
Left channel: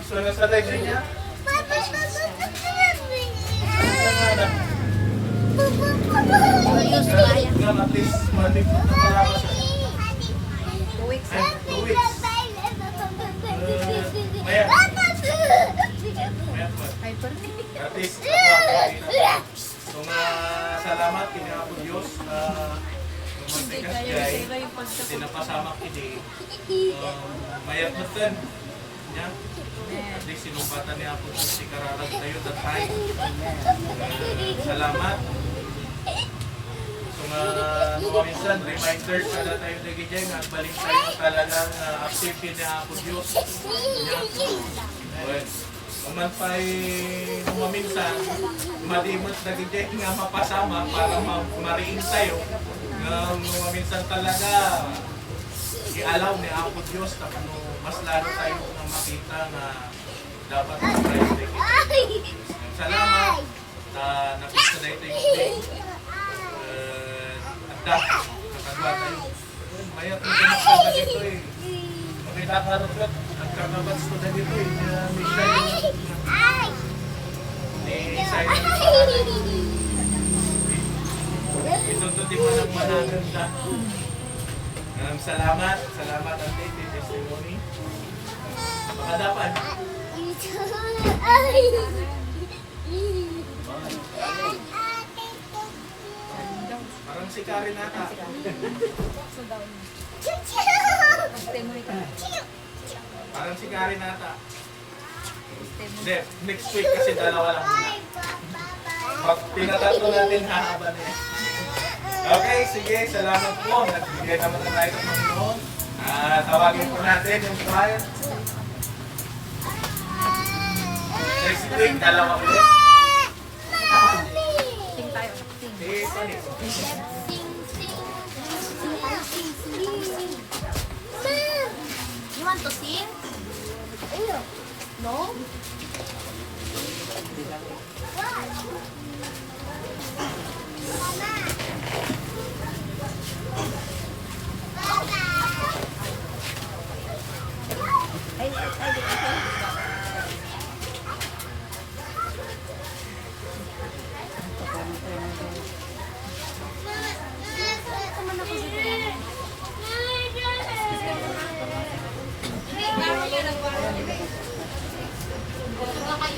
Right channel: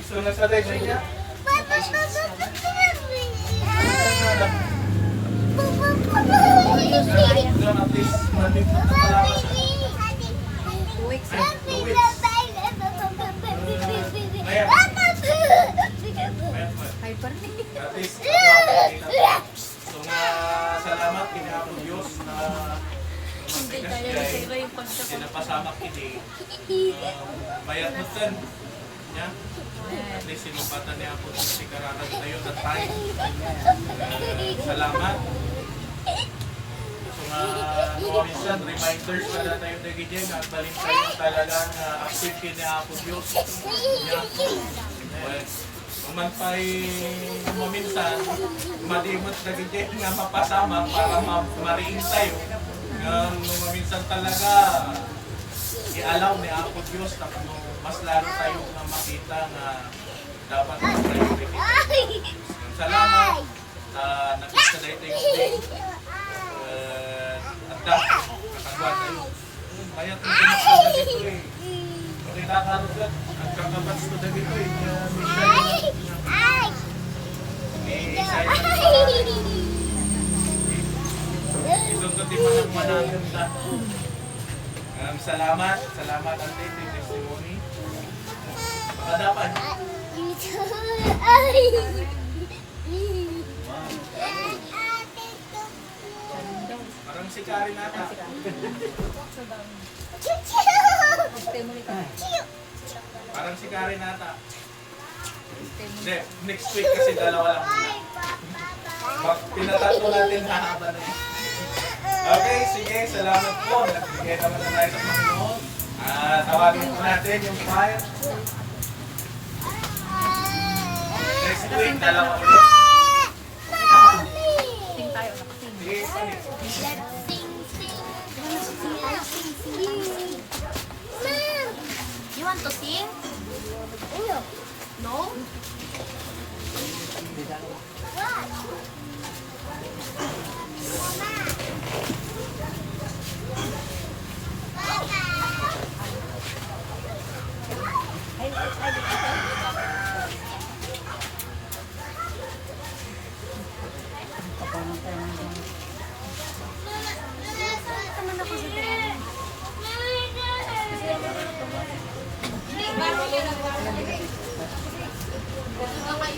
So, nasa tayo niya? At least, malig na nakalakas. 2 weeks. Ay, 2 weeks. Mayat. At least, so nga, salamat kinapo Diyos na magbigas jay, sinapasama kini, mayat natin. Nya? At least sinumpatan niya po si Kararag tayo that time. Salamat. So nga, minsan, reminders ka na tayo na gijeng at balik tayo talagang active niya po Diyos. Nya? Well, Naman pa'y maminsan, madimot na gidya nga mapasama para mariing tayo. Maminsan talaga, i-allow ni Apo Diyos na mas lalo tayo na makita na dapat mag-priority kita. Salamat na napisa na ito yung day. At dahil, nakagawa tayo. Mayat yung ginagawa na dito eh. Makita nagkakabats ko na dito eh. Michelle, ni Isaiah na dito. Isututin mo ng managang na. Salamat ang date testimony. Baka dapat. Parang si Karen ata. Parang si Karen ata. Hindi, next week kasi dalawa lang muna. Pag pinatatlo natin, hahaba na yan. Okay, sige, salamat po. Nagbigay naman na tayo sa Panginoon. Tawagin po natin yung choir. Next week, dalawa ulit. Sing tayo. Sing. Sige, panik. You want to sing? No? Teman aku juga. Huwag kayo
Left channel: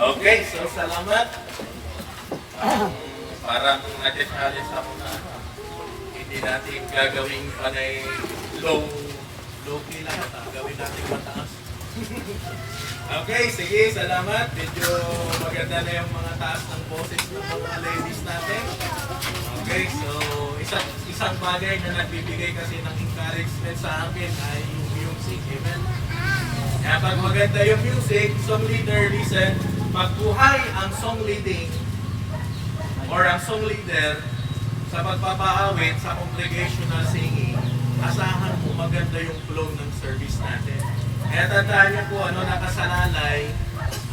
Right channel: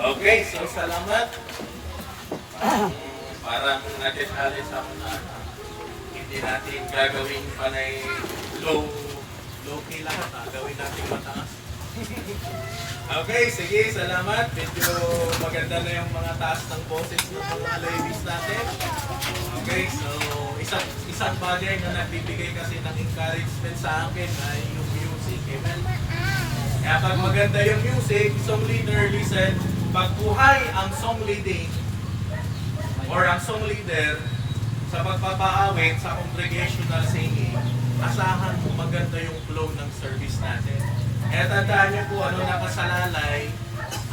Okay, so salamat. Parang nag-challenge ako na hindi natin gagawing panay low key lahat. Gawin natin mataas. Okay, sige, salamat. Medyo maganda na yung mga taas ng boses ng mga ladies natin. Okay, so isang bagay na nagbibigay kasi ng encouragement sa akin ay yung music. Amen? Kaya pag maganda yung music, song leader, listen, pag buhay ang song leading or ang song leader sa pagpapaawit sa congregational singing, asahan mo maganda yung flow ng service natin. Kaya tandaan niyo po ano nakasalalay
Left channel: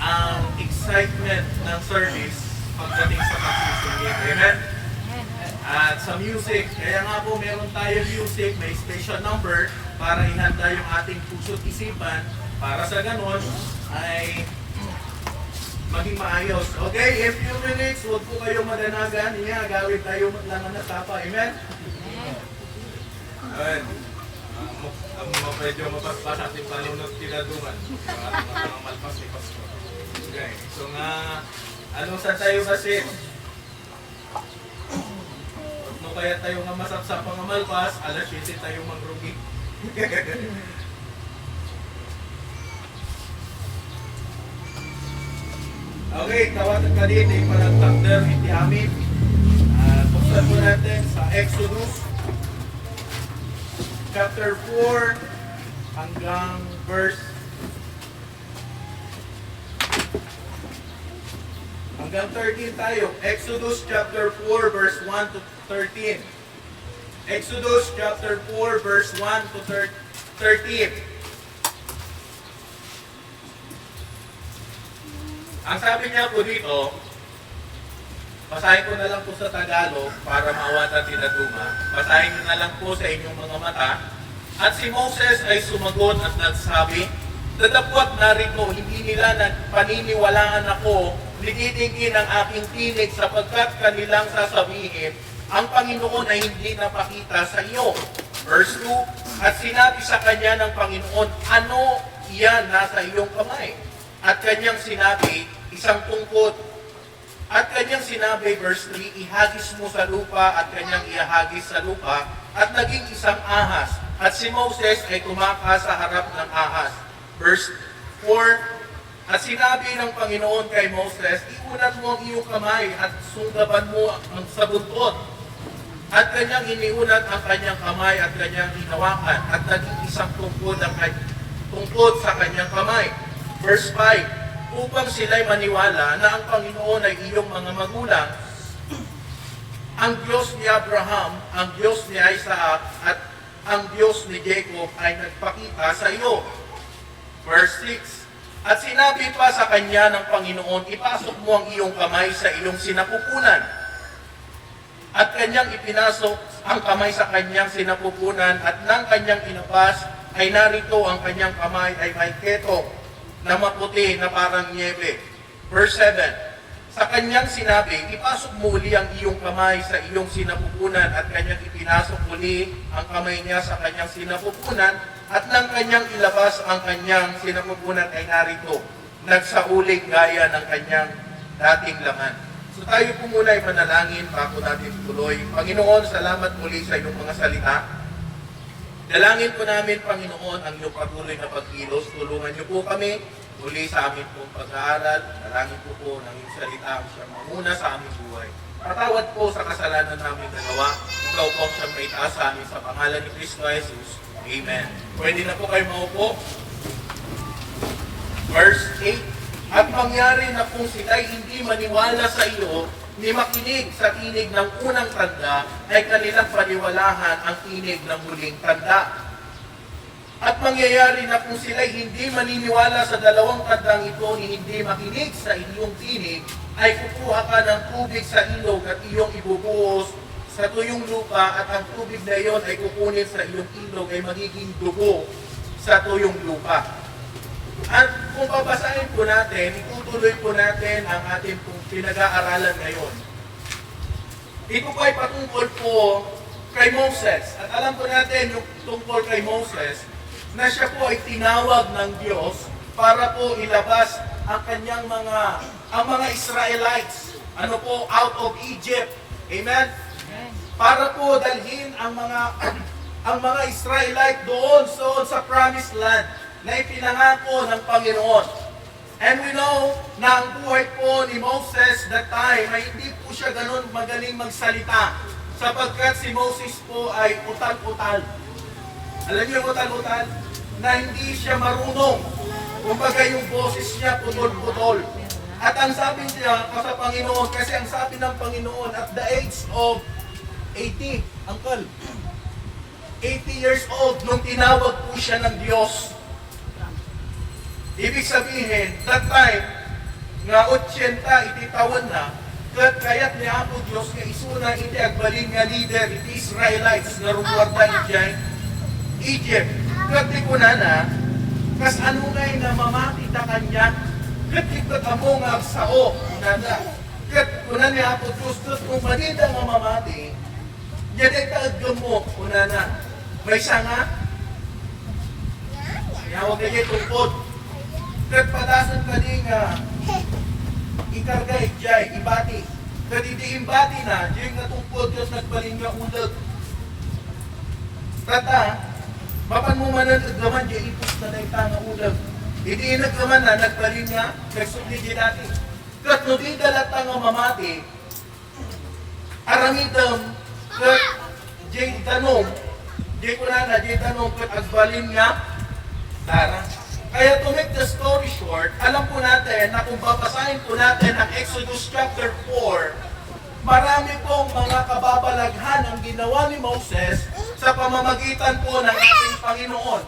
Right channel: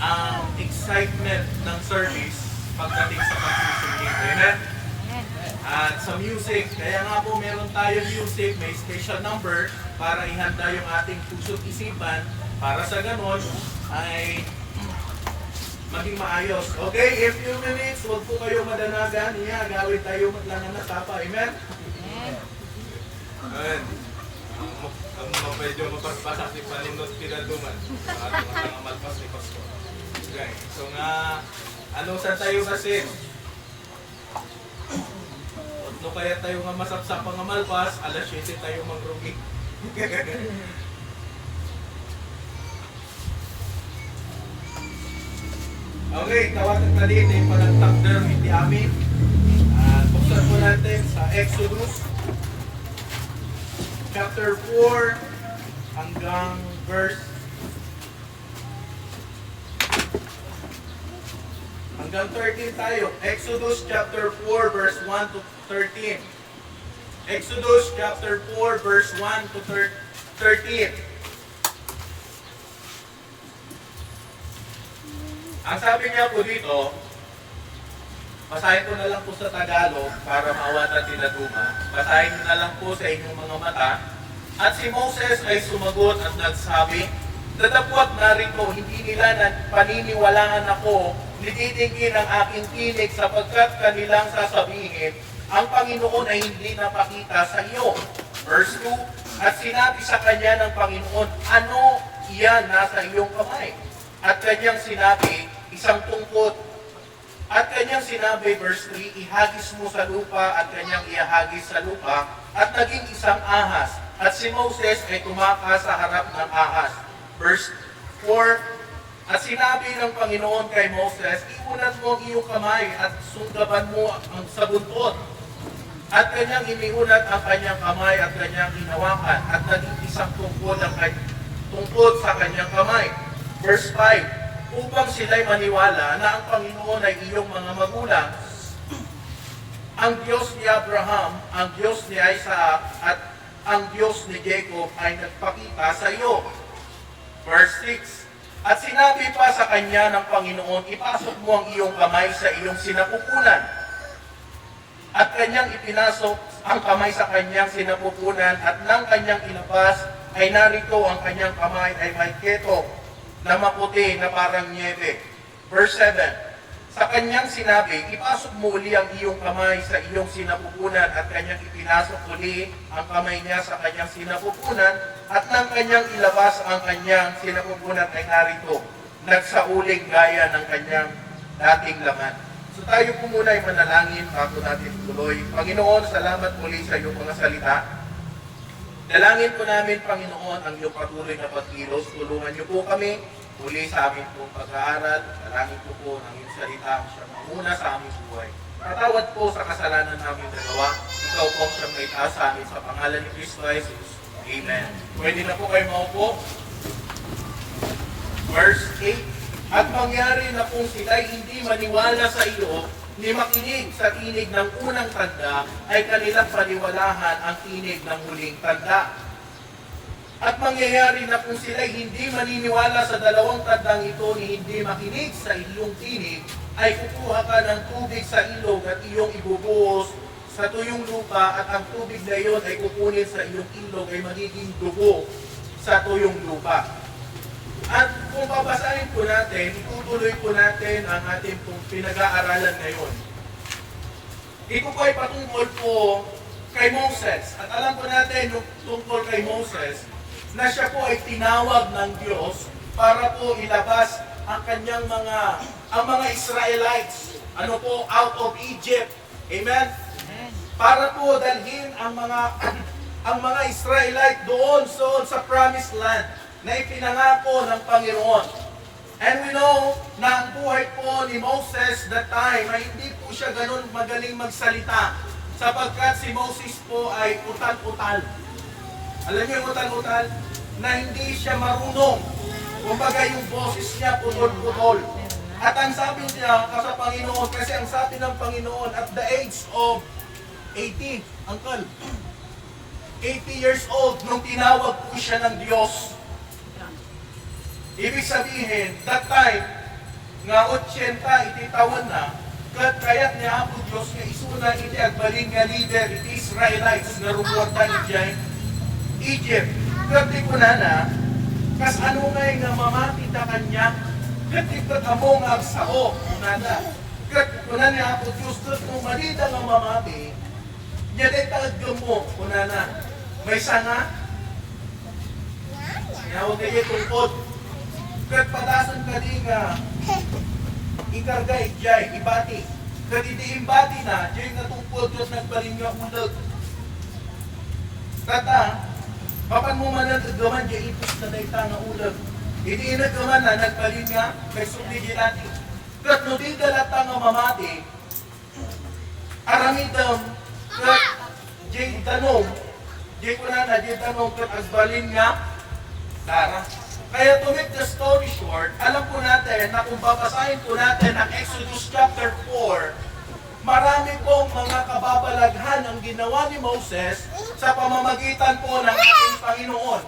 ang excitement ng service pagdating sa pagsusungit. Amen? At sa music, kaya nga po meron tayong music, may special number para ihanda yung ating puso't isipan para sa ganon ay maging maayos. Okay, a few minutes, huwag po kayo madanagan. Gawin tayo lang na tapa. Amen? Amen. Medyo mapagpasak ni Panunod Tinaduman. Mga malpas ni Pastor. Okay, so nga, anong sa tayo kasi? No kaya tayo nga masapsap mga malpas, alas 7 tayo mangrugi. Okay, tawatan ka din yung palagtakder hindi amin. Buksan po natin sa Exodus chapter 4 hanggang verse hanggang 13 tayo. Exodus chapter 4 verse 1 to 13. Exodus chapter 4 verse 1 to 13. Ang sabi niya po dito, basahin ko na lang po sa Tagalog para mawata tinaduma. Basahin ko na lang po sa inyong mga mata. At si Moses ay sumagot at nagsabi, "Datapwat narito, hindi nila paniniwalaan ako, nititingin ang aking tinig sapagkat kanilang sasabihin, ang Panginoon ay hindi napakita sa iyo." Verse 2, at sinabi sa kanya ng Panginoon, "Ano iyan nasa iyong kamay?" At kanyang sinabi, "Isang tungkod." At kanyang sinabi, verse 3, "Ihagis mo sa lupa," at kanyang ihagis sa lupa, at naging isang ahas. At si Moses ay tumakas sa harap ng ahas. Verse 4, at sinabi ng Panginoon kay Moses, "Iunat mo ang iyong kamay at sunggaban mo ang sa buntot." At kanyang iniunat ang kanyang kamay at kanyang hinawakan, at naging isang tungkod sa kanyang kamay. Verse 5, upang sila'y maniwala na ang Panginoon ay iyong mga magulang, ang Diyos ni Abraham, ang Diyos ni Isaac, at ang Diyos ni Jacob ay nagpakita sa iyo. Verse 6, at sinabi pa sa kanya ng Panginoon, "Ipasok mo ang iyong kamay sa iyong sinapupunan." At kanyang ipinasok ang kamay sa kanyang sinapupunan, at nang kanyang ilabas, ay narito ang kanyang kamay ay may keto na maputi na parang niebe. Verse 7, sa kanyang sinabi, "Ipasok mo uli ang iyong kamay sa iyong sinapupunan," at kanyang ipinasok uli ang kamay niya sa kanyang sinapupunan, at nang kanyang ilabas ang kanyang sinapupunan ay narito, nagsaulig gaya ng kanyang dating laman. So tayo po muna ay manalangin bago natin tuloy. Panginoon, salamat muli sa iyong mga salita. Dalangin po namin, Panginoon, ang iyong patuloy na pagkilos. Tulungan niyo po kami muli sa amin pong pag-aaral. Dalangin po po ng iyong salita ang siyang mauna sa aming buhay. Patawad po sa kasalanan namin nagawa. Ikaw po ang siyang may taas sa amin sa pangalan ni Cristo Jesus. Amen. Pwede na po kayo maupo. Verse 8, at mangyari na kung sila'y hindi maniwala sa iyo, ni makinig sa tinig ng unang tanda, ay kanilang paniwalahan ang tinig ng huling tanda. At mangyayari na kung sila'y hindi maniniwala sa dalawang tandang ito ni hindi makinig sa iyong tinig, ay kukuha ka ng tubig sa ilog at iyong ibubuhos sa tuyong lupa, at ang tubig na iyon ay kukunin sa iyong ilog ay magiging dugo sa tuyong lupa. At kung babasahin po natin, itutuloy po natin ang ating pinag-aaralan ngayon. Ito po ay patungkol po kay Moses. At alam po natin yung tungkol kay Moses, na siya po ay tinawag ng Diyos para po ilabas ang mga Israelites, ano po, out of Egypt. Amen? Para po dalhin ang mga Israelite doon sa promised land na ipinangako ng Panginoon. And we know na ang buhay po ni Moses that time ay hindi po siya ganun magaling magsalita sapagkat si Moses po ay utal-utal. Alam niyo yung utal-utal? Na hindi siya marunong. Kumbaga yung boses niya putol-putol. At ang sabi niya sa Panginoon, kasi ang sabi ng Panginoon at the age of 80, Uncle, 80 years old nung tinawag po siya ng Diyos. Ibig sabihin, that time, nga 80, ititawan na, kaya't niya po Diyos nga isuna hindi agbalin nga leader, iti Israelites, nga rumuwagdan dyan, Egypt. Kati ko na, kas ano nga nga mamati ta kanya, kati ko mo nga sao, unana. Kati ko na niya po Diyos, kung malita nga mamati, niya din taagam mo, unana. May sanga, niya huwag niya tungkod. Kat padasan ka di nga ikarga ijay, ibati. Kat iti imbati na, diyan nga tungkod Diyos nagbaling nga ulag. Tata, mapan mo man ang agaman, diyan ipos na daita nga ulag. Iti inagaman na, nagbaling nga, nagsukli dati. Kat no di dalata nga mamati, aramidam, kat diyan tanong, diyan ko na, diyan tanong, kat agbalin nga, Tara. Kaya to make the story short, alam po natin na kung babasahin po natin ang Exodus chapter 4, marami pong mga kababalaghan ang ginawa ni Moses sa pamamagitan po ng ating Panginoon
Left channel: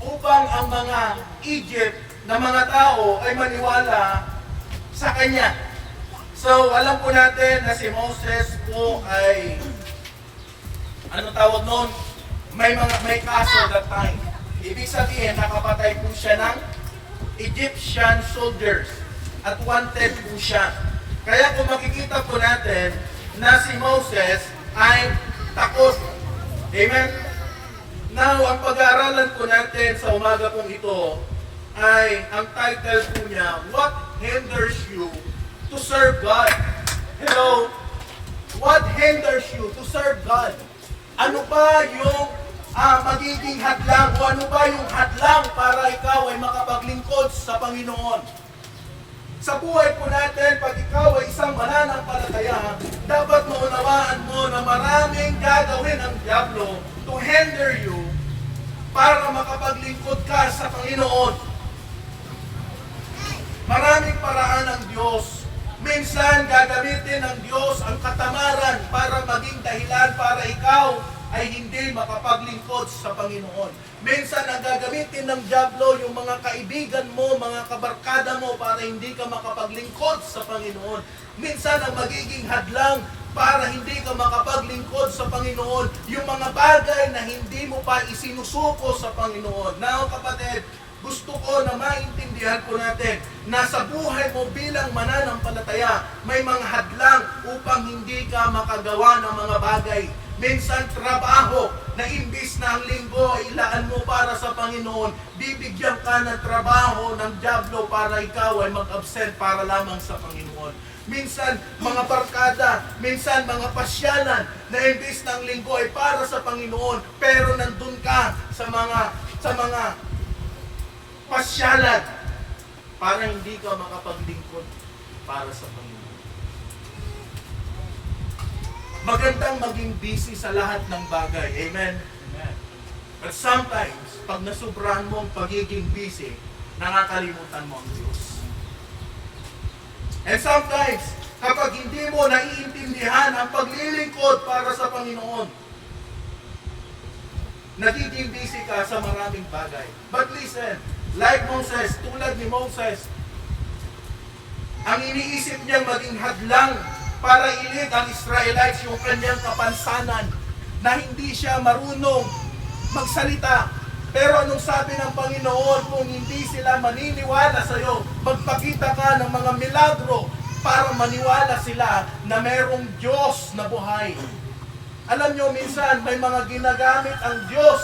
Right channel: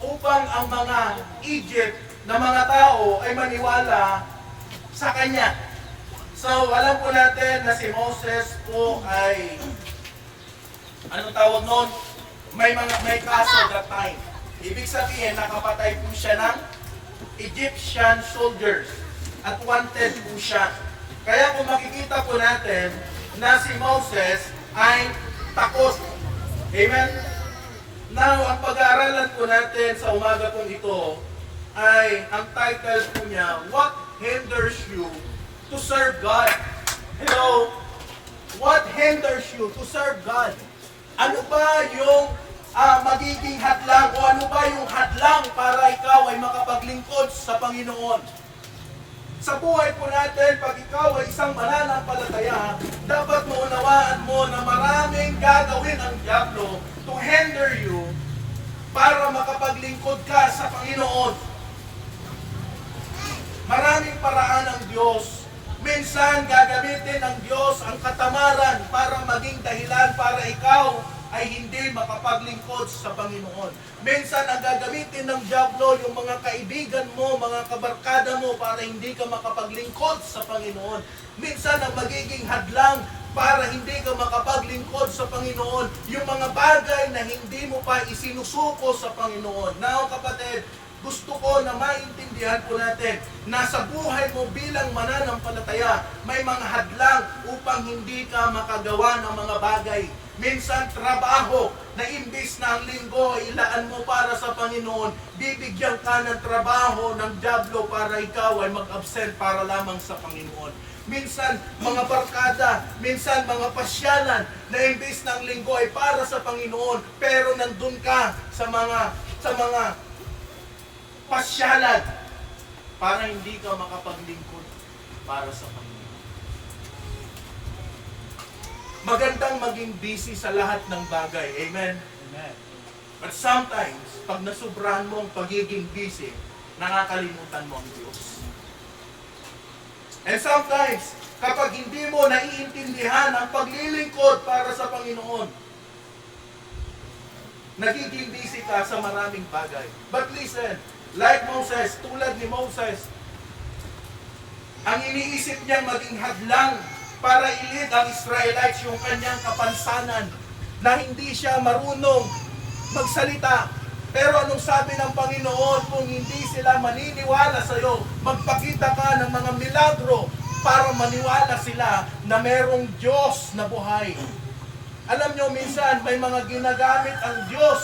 upang ang mga Egypt na mga tao ay maniwala sa Kanya. So, alam po natin na si Moses po ay, anong tawag nun? May kaso that time. Ibig sabihin, nakapatay po siya ng Egyptian soldiers at wanted po siya. Kaya kung makikita po natin na si Moses ay takot. Amen? Now, ang pag-aaralan po natin sa umaga pong ito ay, ang title po niya, What Hinders You to Serve God? Hello? What hinders you to serve God? Ano ba yung magiging hadlang o ano ba yung hadlang para ikaw ay makapaglingkod sa Panginoon? Sa buhay po natin, pag ikaw ay isang mananampalataya, dapat maunawaan mo na maraming gagawin ang diablo to hinder you para makapaglingkod ka sa Panginoon. Maraming paraan ng Diyos. Minsan gagamitin ng Diyos ang katamaran para maging dahilan para ikaw ay hindi makapaglingkod sa Panginoon. Minsan ang gagamitin ng diablo yung mga kaibigan mo, mga kabarkada mo para hindi ka makapaglingkod sa Panginoon. Minsan ang magiging hadlang para hindi ka makapaglingkod sa Panginoon, yung mga bagay na hindi mo pa isinusuko sa Panginoon. Now kapatid, gusto ko na maintindihan po natin na sa buhay mo bilang mananampalataya, may mga hadlang upang hindi ka makagawa ng mga bagay. Minsan trabaho na imbis na ang linggo ay ilaan mo para sa Panginoon, bibigyan ka ng trabaho ng diablo para ikaw ay mag-absent para lamang sa Panginoon. Minsan mga barkada, minsan mga pasyalan na imbis na ang linggo ay para sa Panginoon, pero nandun ka sa mga pasyalan para hindi ka makapaglingkod para sa Panginoon. Magandang maging busy sa lahat ng bagay. Amen? Amen. But sometimes, pag nasubrahan mo ang pagiging busy, nakakalimutan mo ang Diyos. And sometimes, kapag hindi mo naiintindihan ang paglilingkod para sa Panginoon, nagiging busy ka sa maraming bagay. But listen, like Moses, tulad ni Moses, ang iniisip niyang maging hadlang para ilid ang Israelites yung kanyang kapansanan na hindi siya marunong magsalita. Pero anong sabi ng Panginoon, kung hindi sila maniniwala sa iyo, magpakita ka ng mga milagro para maniwala sila na merong Diyos na buhay. Alam nyo, minsan may mga ginagamit ang Diyos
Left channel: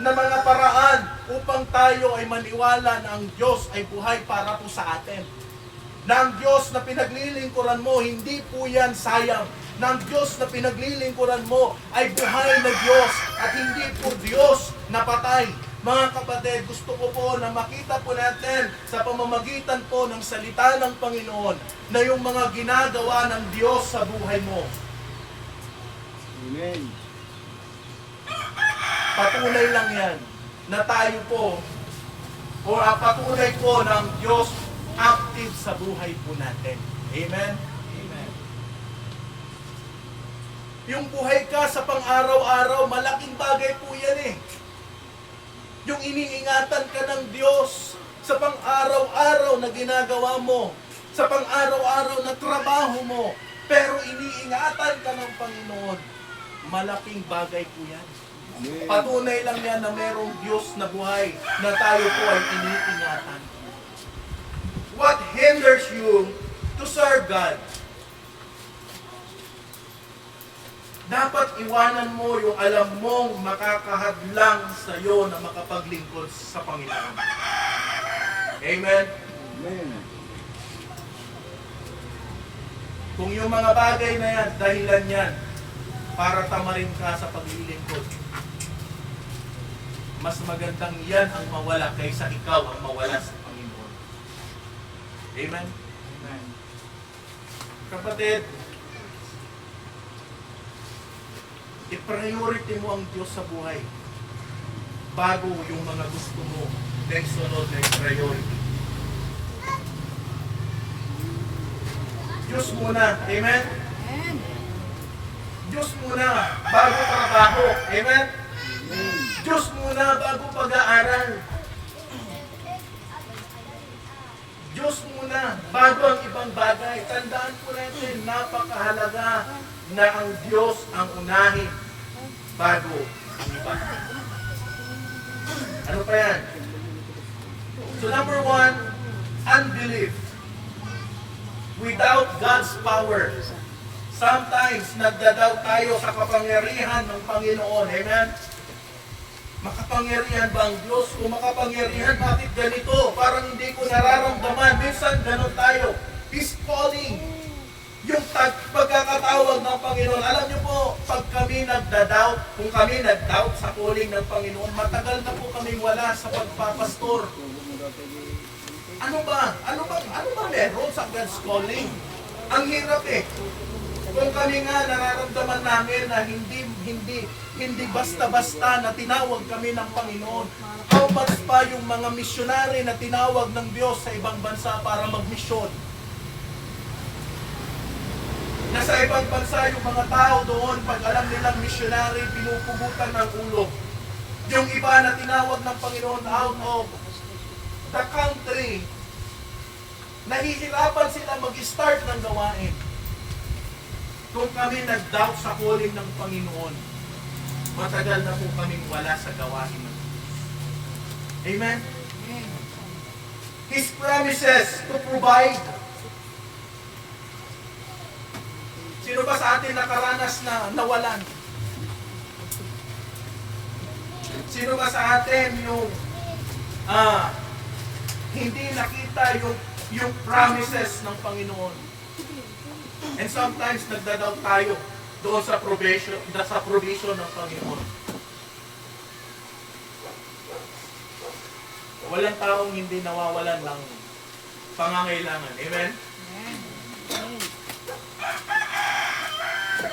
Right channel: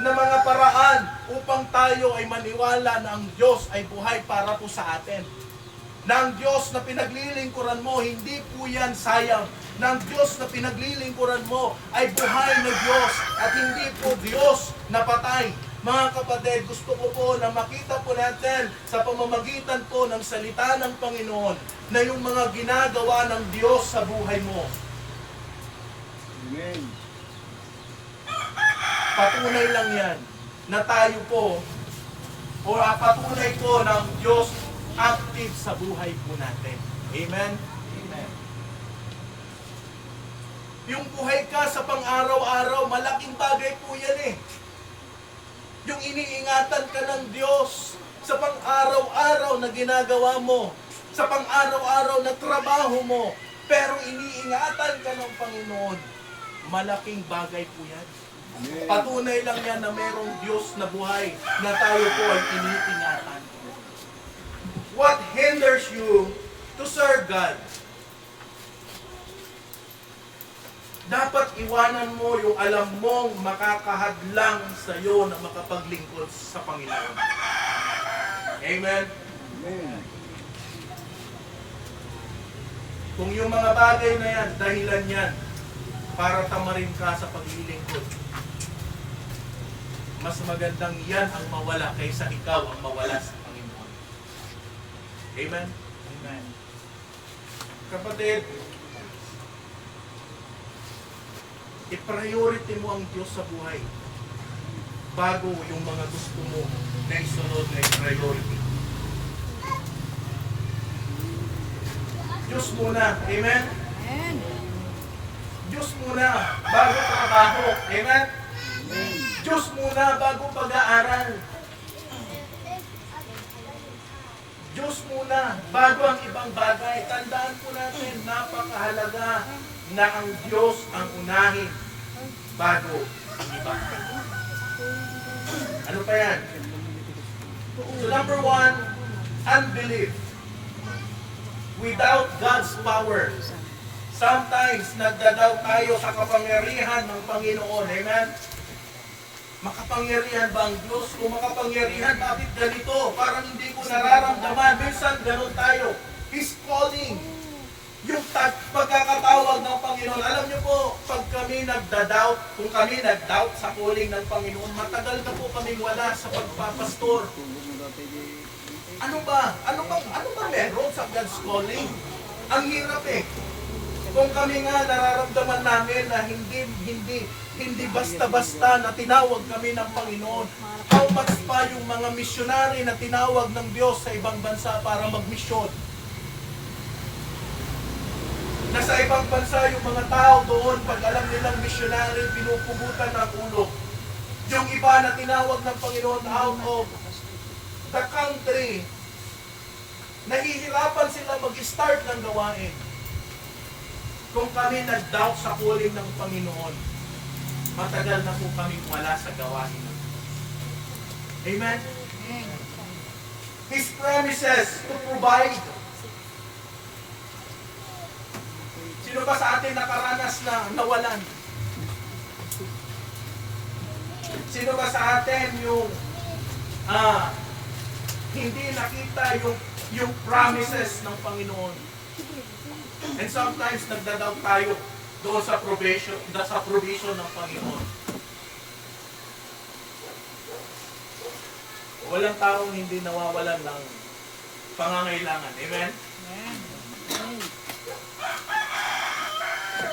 na mga paraan upang tayo ay maniwala na ang Diyos ay buhay para po sa atin. Na ang Diyos na pinaglilingkuran mo, hindi po yan sayang. Na ang Diyos na pinaglilingkuran mo ay buhay na Diyos at hindi po Diyos na patay. Mga kapatid, gusto ko po na makita po natin sa pamamagitan po ng salita ng Panginoon na yung mga ginagawa ng Diyos sa buhay mo. Amen. Patunay lang yan na tayo po o patunay po ng Diyos active sa buhay po natin. Amen? Amen. Yung buhay ka sa pang-araw-araw, malaking bagay po yan eh. Yung iniingatan ka ng Diyos sa pang-araw-araw na ginagawa mo, sa pang-araw-araw na trabaho mo, pero iniingatan ka ng Panginoon, malaking bagay po yan. Patunay lang yan na mayroong Diyos na buhay na tayo po ay iniingatan. What hinders you to serve God? Dapat iwanan mo yung alam mong makakahadlang sa iyo na makapaglingkod sa Panginoon. Amen? Amen. Kung yung mga bagay na yan, dahilan yan para tamarin ka sa paglilingkod, mas magandang yan ang mawala kaysa ikaw ang mawala sa Panginoon. Amen? Amen. Kapatid, i-priority mo ang Diyos sa buhay bago yung mga gusto mo na isunod na priority. Diyos muna. Amen? Diyos muna bago trabaho. Amen? Diyos muna bago pag-aaral. Diyos muna bago ang ibang bagay. Tandaan po natin, napakahalaga na ang Diyos ang unahin bago ang iba. Ano pa yan? So number 1, unbelief. Without God's power. Sometimes nagdadoubt tayo sa kapangyarihan ng Panginoon. Amen? Makapangyarihan ba ang Diyos? Kung makapangyarihan, bakit ganito? Parang hindi ko nararamdaman. Minsan ganun tayo. He's calling. Yung pagkakatawag ng Panginoon. Alam niyo po, pag kami nagda-doubt, kung kami nag-doubt sa calling ng Panginoon, matagal na po kaming wala sa pagpapastor. Ano ba meron sa God's calling? Ang hirap eh. Kung kami nga nararamdaman namin na hindi basta-basta na tinawag kami ng Panginoon, how much pa yung mga misyonary na tinawag ng Diyos sa ibang bansa para magmisyon? Nasa ibang bansa yung mga tao doon, pag alam nilang misyonary, pinupugutan ng ulo. Yung iba na tinawag ng Panginoon out of the country, nahihirapan sila mag-start ng gawain. Kung kami nag-doubt sa calling ng Panginoon, matagal na po kaming wala sa gawain ng Diyos. Amen? His promises to provide. Sino ba sa atin nakaranas na nawalan? Sino ba sa atin yung hindi nakita yung promises ng Panginoon? And sometimes nagdadaw tayo doon sa provision ng Panginoon. Walang taong hindi nawawalan ng pangangailangan. Amen?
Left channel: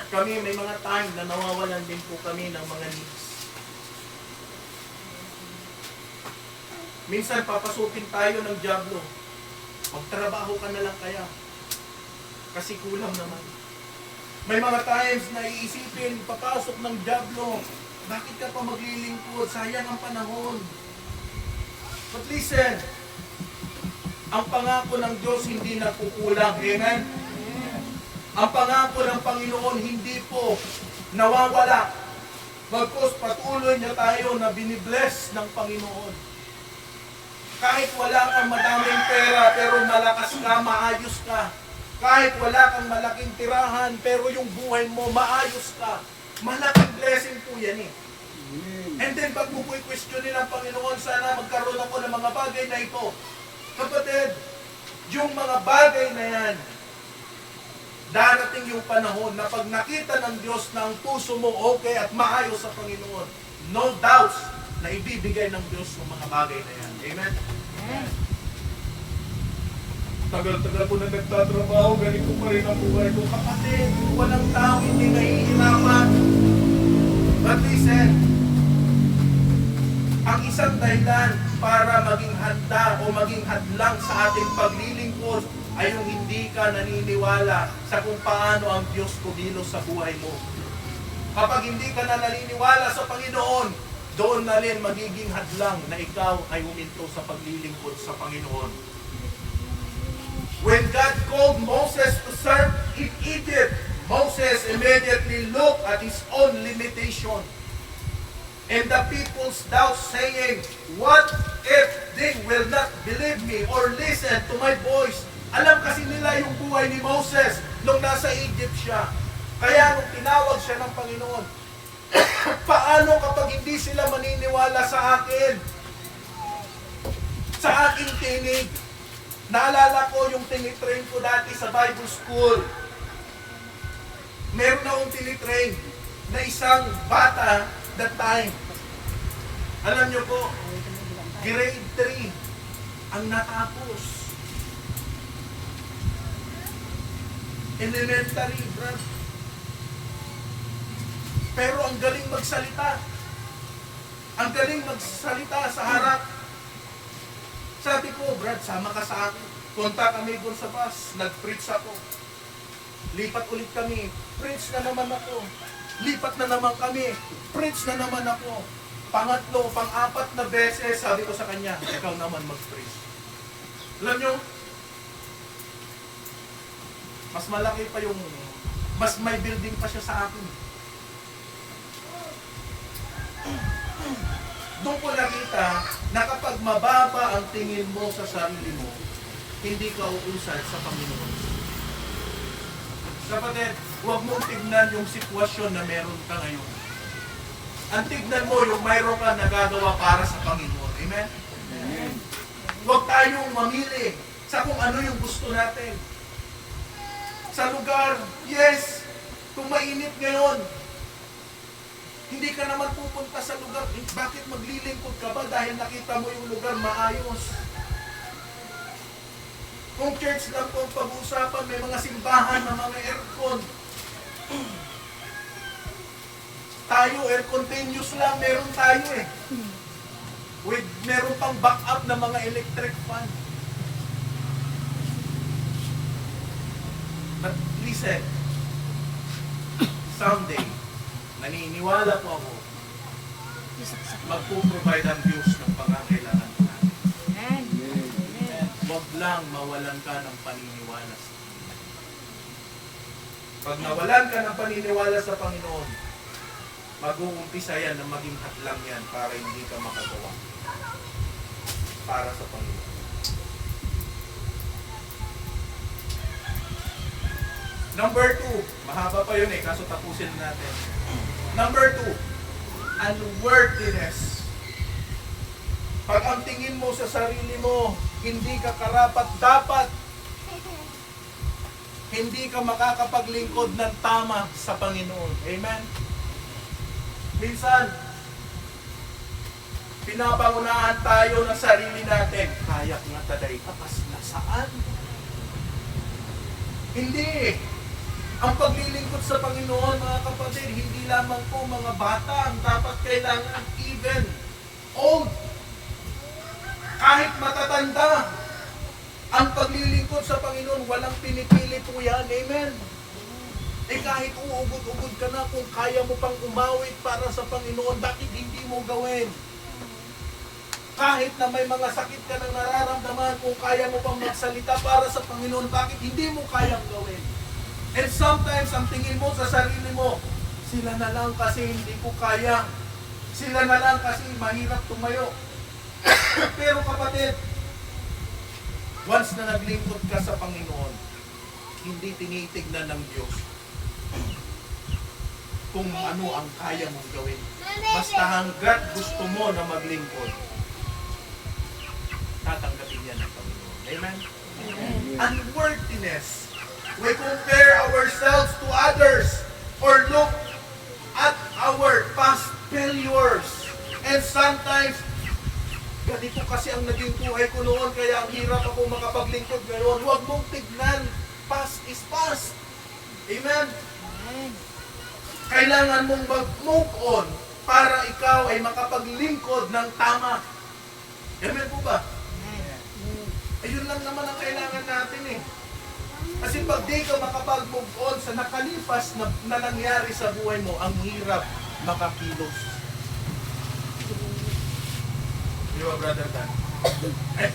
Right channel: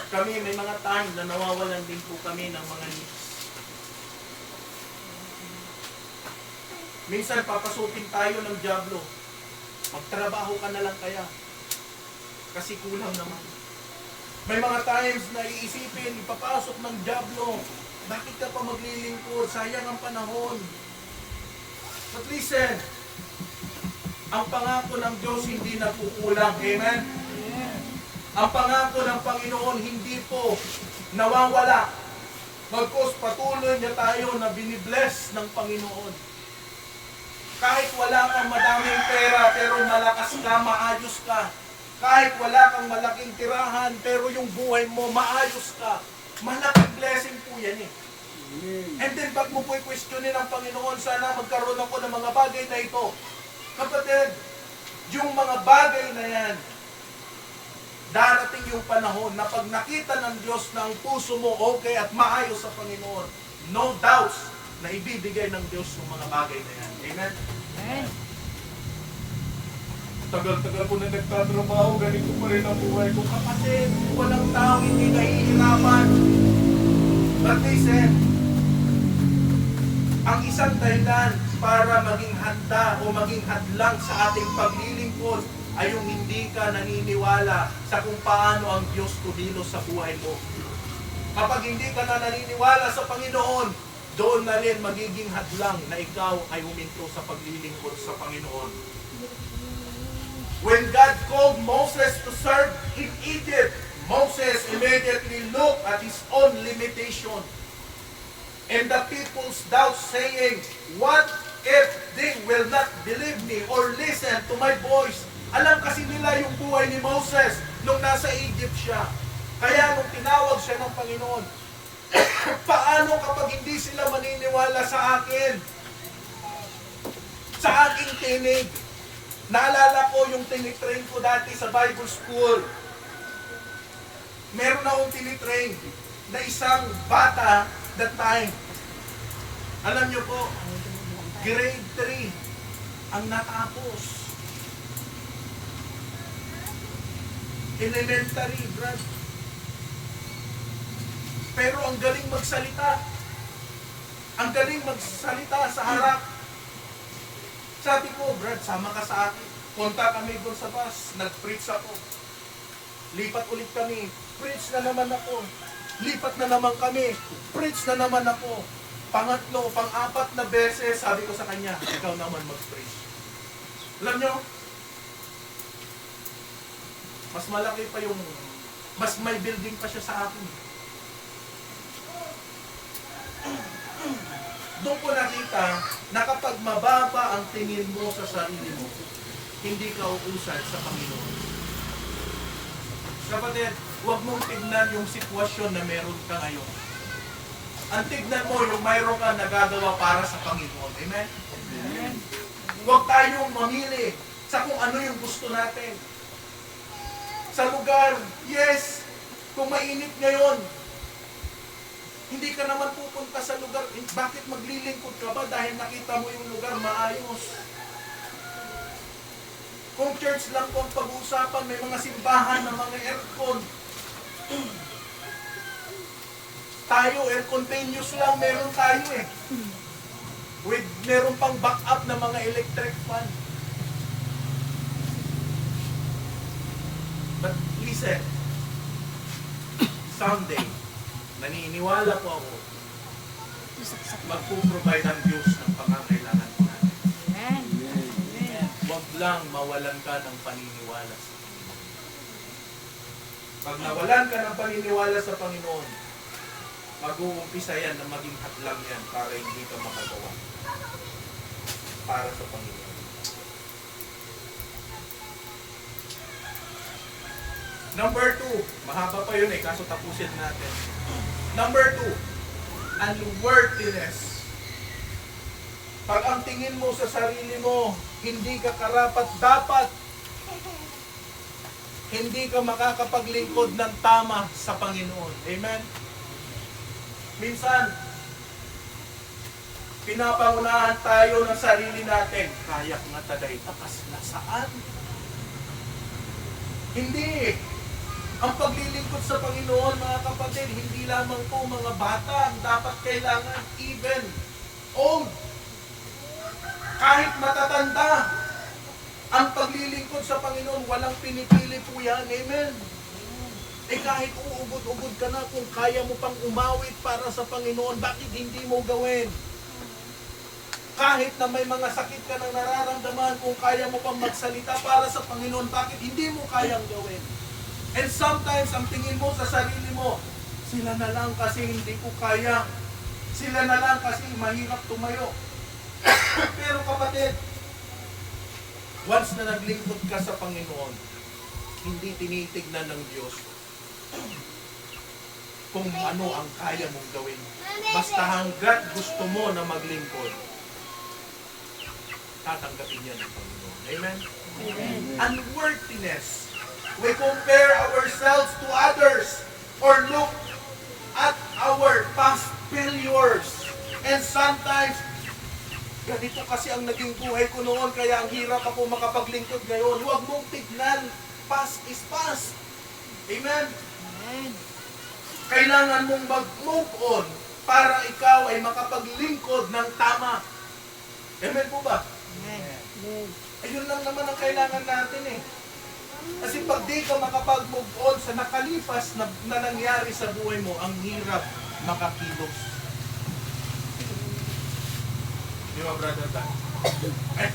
Kami may mga time na nawawalan din po kami ng mga needs. Minsan papasukin tayo ng dyablo. Magtrabaho ka na lang kaya. Kasi kulang naman. May mga times na iisipin, papasok ng dyablo, bakit ka pa maglilingkod? Sayang ang panahon. But listen, ang pangako ng Diyos hindi nagkukulang. Amen? Ang pangako ng Panginoon hindi po nawawala. Bagkus patuloy niya tayo na binibless ng Panginoon. Kahit wala kang madaming pera, pero malakas ka, maayos ka. Kahit wala kang malaking tirahan, pero yung buhay mo, maayos ka. Malaking blessing po yan eh. And then, pag mo po'y questionin ang Panginoon, sana magkaroon ako ng mga bagay na ito. Kapatid, yung mga bagay na yan, darating yung panahon na pag nakita ng Diyos na ang puso mo okay at maayos sa Panginoon, no doubts na ibibigay ng Diyos ng mga bagay na yan. Amen? Amen. Tagal-tagal ko na nagtatrabaho, ganito pa rin ang buhay ko. Kapatid, walang tao hindi nahihirapan. But listen, ang isang dahilan para maging handa o maging hadlang sa ating paglilingkod ay yung hindi ka naniniwala sa kung paano ang Diyos kumilos sa buhay mo. Kapag hindi ka na naniniwala sa Panginoon, doon na rin magiging hadlang na ikaw ay huminto sa paglilingkod sa Panginoon. When God called Moses to serve in Egypt, Moses immediately looked at his own limitation and the people's doubt, saying, "What if they will not believe me or listen to my voice?" Alam kasi nila yung buhay ni Moses nung nasa Egypt siya. Kaya nung tinawag siya ng Panginoon, paano kapag hindi sila maniniwala sa akin? Sa aking tinig. Naalala ko yung tinitrain ko dati sa Bible School. Meron akong tinitrain na isang bata that time. Alam nyo po, grade 3 ang natapos. Elementary, Brad. Pero ang galing magsalita. Ang galing magsalita sa harap. Sabi ko, Brad, sama ka sa akin. Punta kami doon sa bus. Nag-preach ako. Lipat ulit kami. Preach na naman ako. Lipat na naman kami. Preach na naman ako. Pangatlo, pang-apat na beses, sabi ko sa kanya, ikaw naman mag-preach. Alam nyo, mas malaki pa yung, mas may building pa siya sa akin. Doon ko nakita na kapag mababa ang tingin mo sa sarili mo, hindi ka uusad sa Panginoon. Kapatid, huwag mong tignan yung sitwasyon na meron ka ngayon. Ang tignan mo yung mayroon ka nagagawa para sa Panginoon. Amen? Amen. Huwag tayong mamili sa kung ano yung gusto natin. Sa lugar, yes, kung mainit ngayon, hindi ka naman pupunta sa lugar. Bakit maglilingkod ka ba? Dahil nakita mo yung lugar maayos. Kung church lang kung pag-uusapan, may mga simbahan na mga aircon. Tayo, air continuous lang, meron tayo eh. With, meron pang backup na mga electric fan. But listen, someday, naniniwala po ako, magpo-provide ang Diyos ng pangangailangan po natin. Amen. Huwag lang mawalan ka ng paniniwala sa Panginoon. Pag nawalan ka ng paniniwala sa Panginoon, mag-uumpisa yan na maging hadlang yan para hindi ka makagawa para sa Panginoon. Number 2, mahaba pa yun eh, kaso tapusin natin. Number 2, unworthiness. Pag ang tingin mo sa sarili mo, hindi ka karapat-dapat, hindi ka makakapaglingkod ng tama sa Panginoon. Amen? Minsan, pinapangunahan tayo ng sarili natin. Kaya nga taday, akas na saan? Hindi. Ang paglilingkod sa Panginoon, mga kapatid, hindi lamang po mga bata ang dapat kailangan, even old. Kahit matatanda, ang paglilingkod sa Panginoon, walang pinipili po yan. Amen? Eh kahit uugod-ugod ka na, kung kaya mo pang umawit para sa Panginoon, bakit hindi mo gawin? Kahit na may mga sakit ka nang nararamdaman, kung kaya mo pang magsalita para sa Panginoon, bakit hindi mo kayang gawin? And sometimes, ang tingin mo sa sarili mo, sila na lang kasi hindi ko kaya. Sila na lang kasi mahirap tumayo. Pero kapatid, once na naglingkod ka sa Panginoon, hindi tinitignan ng Diyos kung ano ang kaya mong gawin. Basta hanggat gusto mo na maglingkod, tatanggapin yan ng Panginoon. Amen? Unworthiness. We compare ourselves to others or look at our past failures. And sometimes, ganito kasi ang naging buhay ko noon, kaya ang hirap ako makapaglingkod ngayon. Huwag mong tignan. Past is past. Amen? Kailangan mong mag-move on para ikaw ay makapaglingkod ng tama. Amen po ba? Ayun lang naman ang kailangan natin eh. Kasi pag di ka makapag-move on sa nakalipas na nangyari sa buhay mo, ang hirap makakilos. Di ba, Brother Dan? Eh,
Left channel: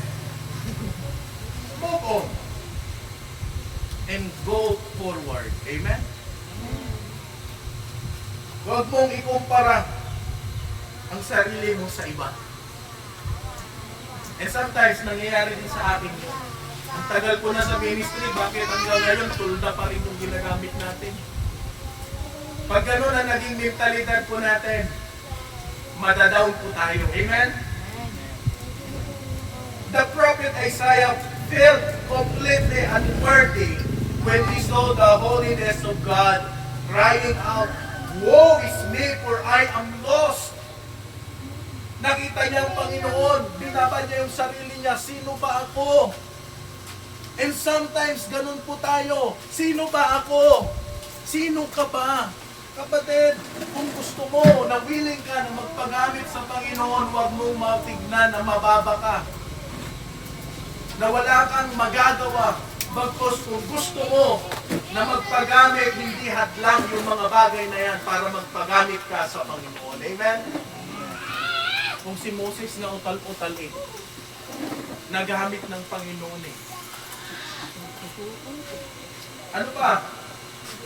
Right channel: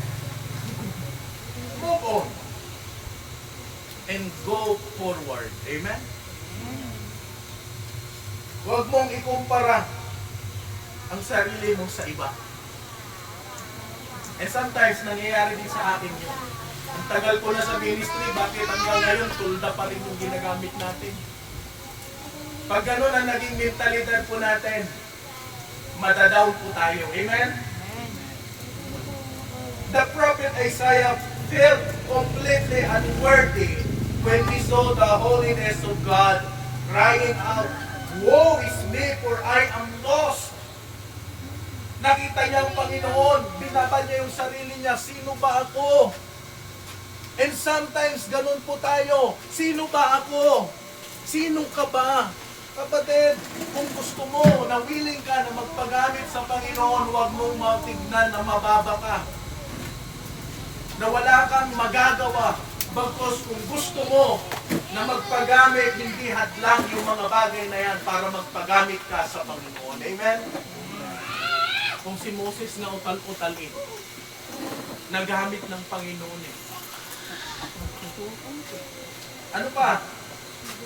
move on. And go forward. Amen? Huwag mong ikumpara ang sarili mo sa iba. And sometimes, nangyayari din sa akin yun. Ang tagal ko na sa ministry, bakit hanggang ngayon, tulda pa rin yung ginagamit natin. Pag gano'n ang naging mentalidad po natin, madadown po tayo. Amen? The prophet Isaiah felt completely unworthy when he saw the holiness of God, crying out, "Woe is me, for I am lost." Nakita niya ang Panginoon, binaban niya yung sarili niya, sino ba ako? And sometimes, ganun po tayo, sino ba ako? Sino ka ba? Kapatid, kung gusto mo na willing ka na magpagamit sa Panginoon, huwag mong matignan na mababa ka. Na wala kang magagawa. Bagkus kung gusto mo na magpagamit, hindi hadlang yung mga bagay na yan para magpagamit ka sa Panginoon. Amen? Kung si Moses na utal-utal eh, nagamit ng Panginoon eh. Ano pa?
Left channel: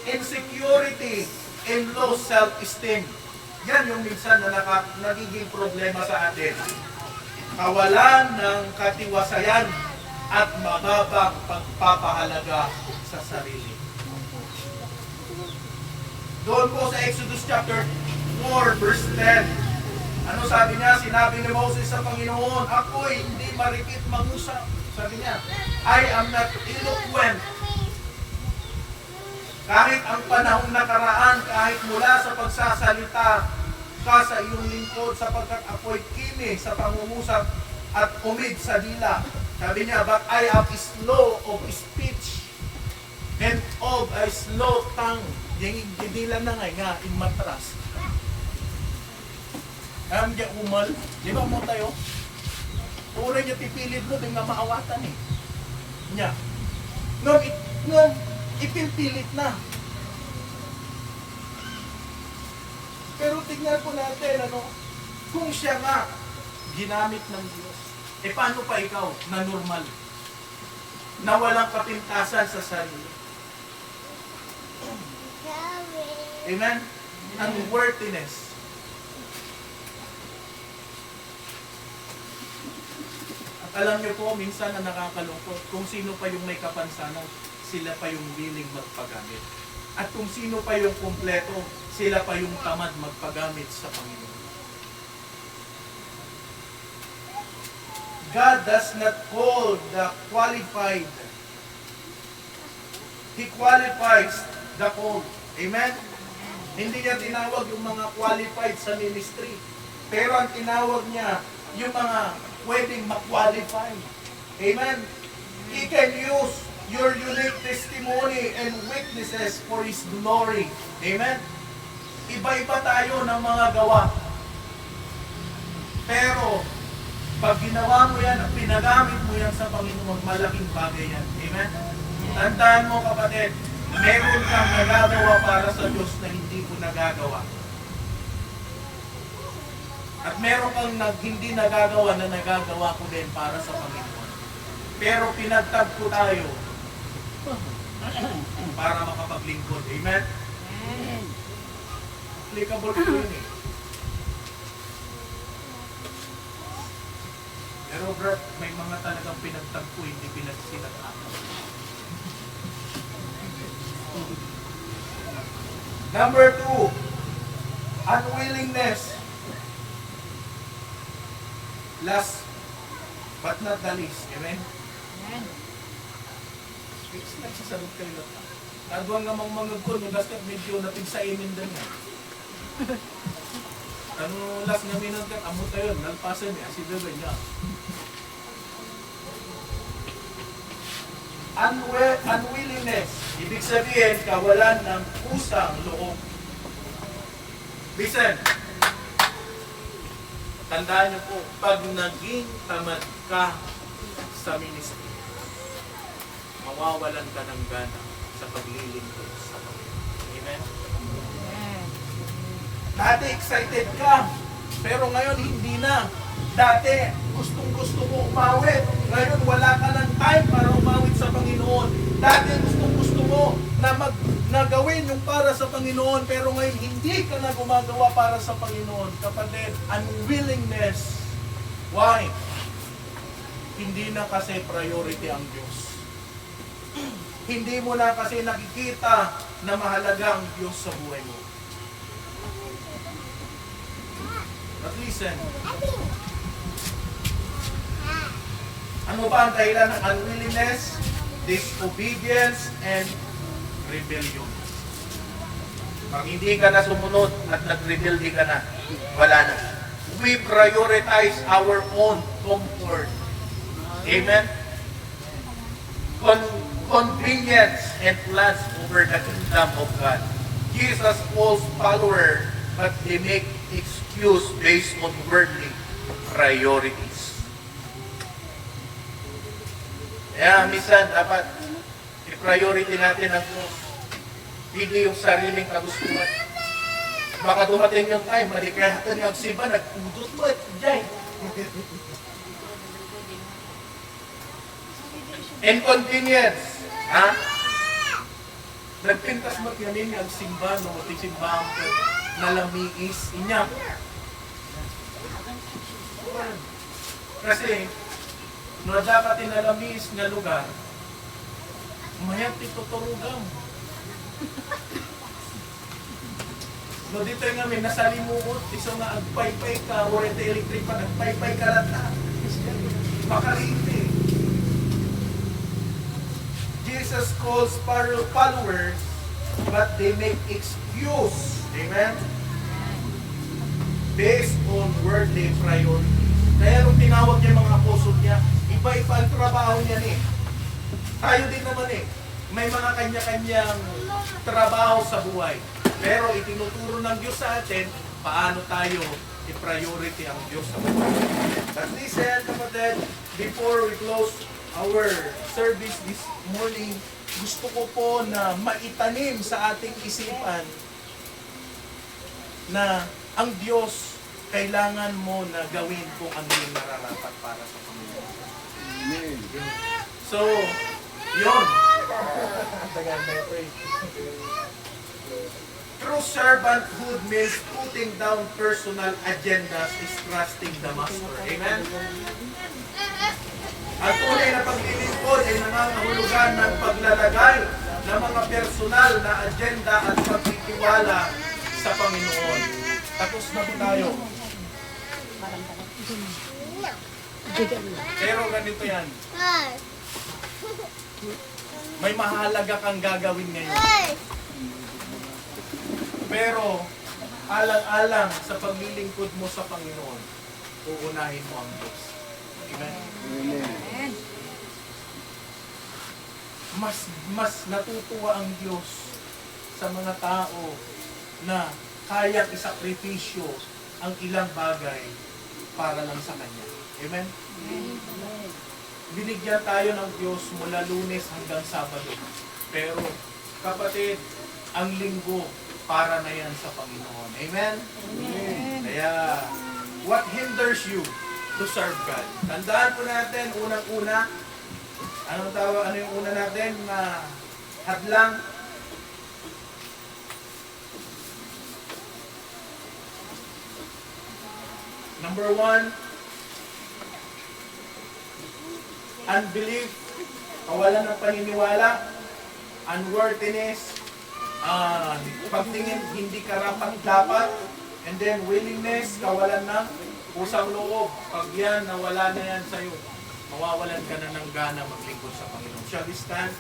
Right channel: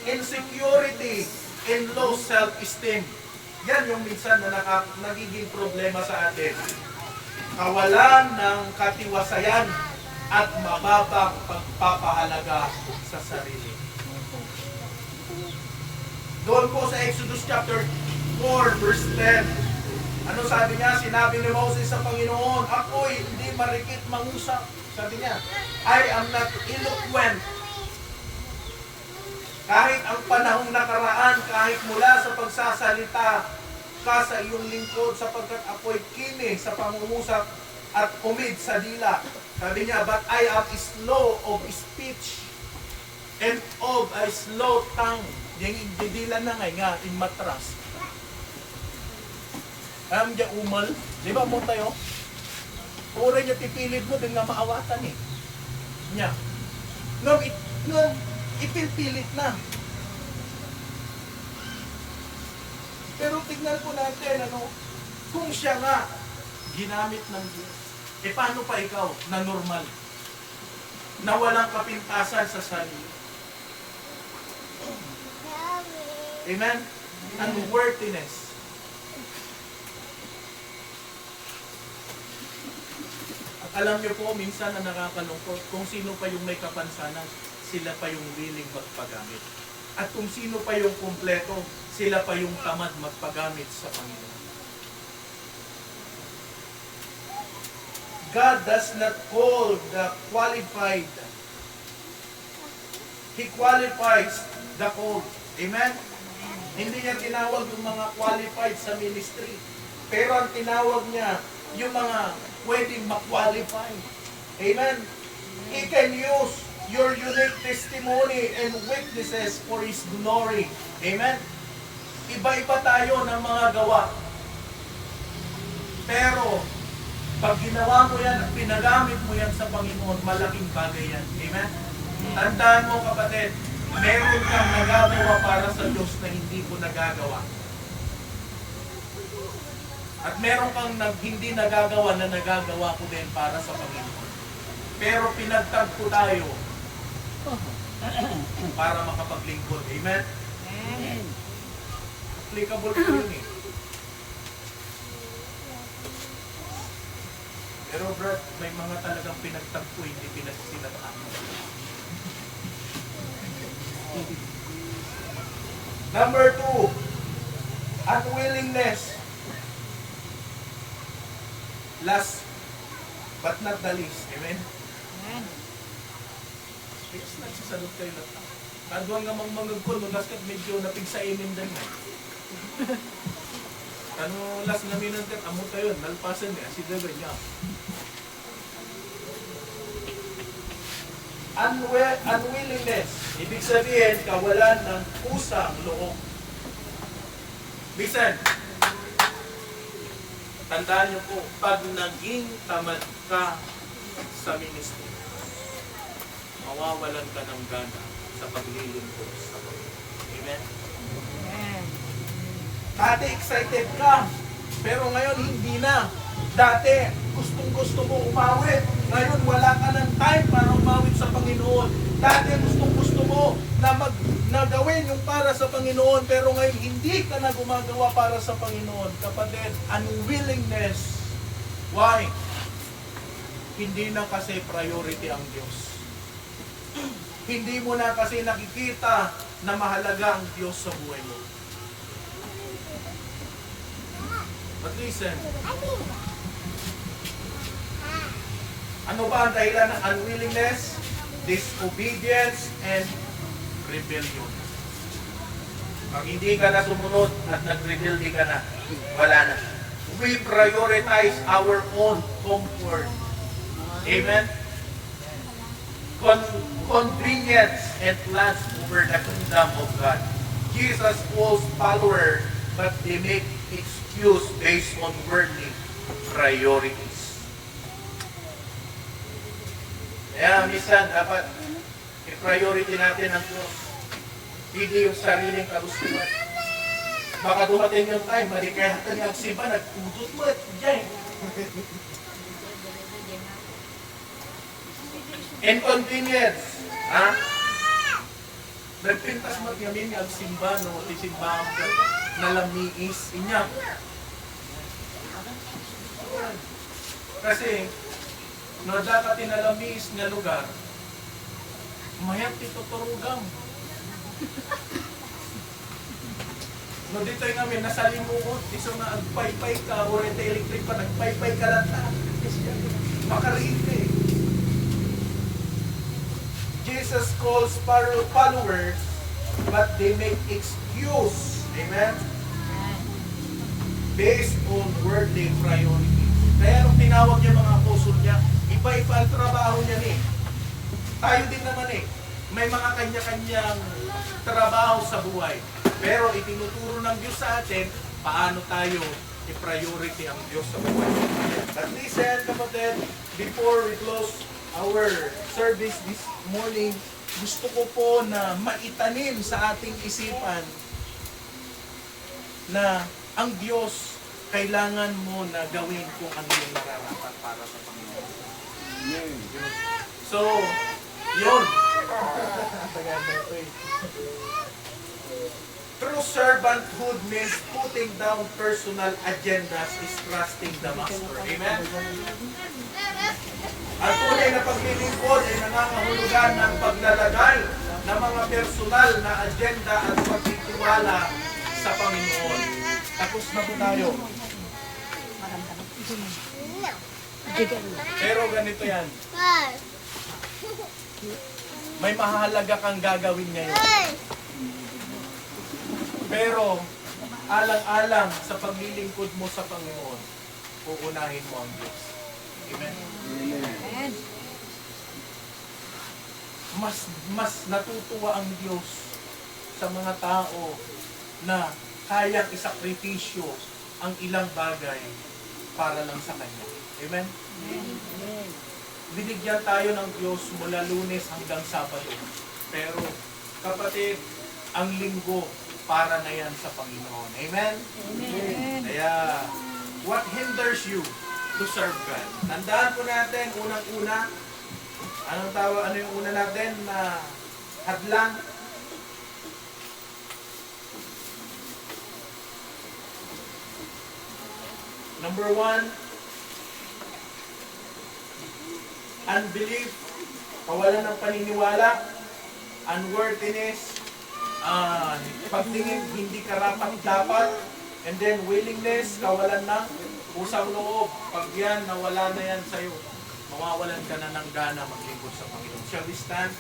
Insecurity and low self-esteem. Yan yung minsan na nagiging problema sa atin. Kawalan ng katiwasayan at mababang pagpapahalaga sa sarili. Doon po sa Exodus chapter 4 verse 10. Ano sabi niya? Sinabi ni Moses sa Panginoon, ako'y hindi marikit mangusap. Sabi niya, I am not eloquent. Kahit ang panahong nakaraan, kahit mula sa pagsasalita ka sa iyong lingkod sapagkat ako'y kini sa pangungusap at umid sa dila. Sabi niya, but I am slow of speech and of a slow tongue. Yung didila na nga, in matras. Alam niya umal. Di ba mo tayo? Puro niya pipilit mo, bigla maawatan eh. Niya. Nung ipilpilit na. Pero tignan po natin, kung siya nga ginamit ng Diyos, paano pa ikaw na normal? Na walang kapintasan sa sarili. Amen? Unworthiness. At alam niyo po, minsan na nakakalungkot, kung sino pa yung may kapansanan, sila pa yung willing magpagamit. At kung sino pa yung kumpleto, sila pa yung tamad magpagamit sa Panginoon. God does not call the qualified. He qualifies the called. Amen? Hindi niya tinawag yung mga qualified sa ministry. Pero ang tinawag niya, yung mga pwedeng ma-qualify. Amen? He can use your unique testimony and witnesses for His glory. Amen? Iba-iba tayo ng mga gawa. Pero, pag ginawa mo yan at pinagamit mo yan sa Panginoon, malaking bagay yan. Amen? Tandaan mo kapatid, meron kang nagagawa para sa Diyos na hindi ko nagagawa. At meron kang hindi nagagawa na nagagawa ko din para sa Panginoon. Pero pinagtagpo tayo para makapaglingkod. Amen? Applicable ko yun eh. Pero Brad, may mga talagang pinagtagpo, hindi pinagsinatahan. Number 2, unwillingness last but not the least. Amen? Amen. Fix nagsasadot kayo na ta. Kadwang nga mga kun, magaskat medyo napigsainin din nga. Ano last nga minangat, amo tayo, nalpasan niya, si Debe niya. Unwillingness, ibig sabihin, kawalan ng kusang loob. Listen, tandaan niyo po, pag naging tamad ka sa ministry, mawawalan ka ng gana sa paglilingkod sa Panginoon. Amen? Amen. Dati excited ka, pero ngayon hindi na. Dati gustong-gusto mo umawit, ngayon wala ka ng time para umawit sa Panginoon. Dati gustong-gusto mo na gawin yung para sa Panginoon, pero ngayon hindi ka na gumagawa para sa Panginoon. Kapatid, unwillingness. Why? Hindi na kasi priority ang Diyos. Hindi mo na kasi nakikita na mahalaga ang Diyos sa buhay mo. But listen, ano ba ang dahilan ng unwillingness? Disobedience and rebellion. Pag hindi ka na sumunod at nag-rebelde ka na, wala na. We prioritize our own comfort. Amen? Convenience and plans over the kingdom of God. Jesus calls followers, but they make excuse based on worldly priorities. Kaya minsan dapat i-priority natin ang Diyos. Hindi yung sariling kagustuhan. Baka dumating yung time, malikahatan yung simba, nagpudot mo at dyan. Inconvenience. Ha? Nagpintas mo yamin yung simba, no? Simba ang nalamiis. Inya. Kasi, no dapat tinalamis nga lugar, mayang tituturugang. No dito yung namin, nasa limuot, iso nga agpaypay ka, o rete electric pa, nagpaypay ka lang ta. Makarite. Jesus calls followers, but they make excuse. Amen? Based on worldly priorities. Kaya nung tinawag niya mga apostol niya, iba-iba ang trabaho niya eh. Tayo din naman eh. May mga kanya-kanyang trabaho sa buhay. Pero itinuturo ng Diyos sa atin, paano tayo i-priority ang Diyos sa buhay. But listen, kapatid, before we close our service this morning, gusto ko po na maitanim sa ating isipan na ang Diyos kailangan mo na gawin kung ano yung nararapat para sa Panginoon. So, yun. True servanthood means putting down personal agendas is trusting the Master. Amen? Ang tunay na paglilingkod ay nangangahulugan ng paglalagay ng mga personal na agenda at pagtitiwala sa Panginoon. Tapos na po tayo. Pero ganito yan. May mahalaga kang gagawin ngayon. Pero alang-alang sa paglilingkod mo sa Panginoon, uunahin mo ang Diyos. Amen? Amen. Mas natutuwa ang Diyos sa mga tao na kayang isakripisyo ang ilang bagay para lang sa Kanya. Amen? Binigyan tayo ng Diyos mula Lunes hanggang Sabado. Pero, kapatid, ang linggo para na yan sa Panginoon. Amen? Amen. Kaya, what hinders you to serve God? Tandaan po natin, unang-una, ano yung una natin na hadlang? Number 1, unbelief, kawalan ng paniniwala, unworthiness, pagtingin hindi karapat-dapat, and then willingness, kawalan ng Pusang loob, pag yan, nawala na yan sa'yo, mawawalan ka na ng gana maglingkod sa Panginoon. Shall we stand?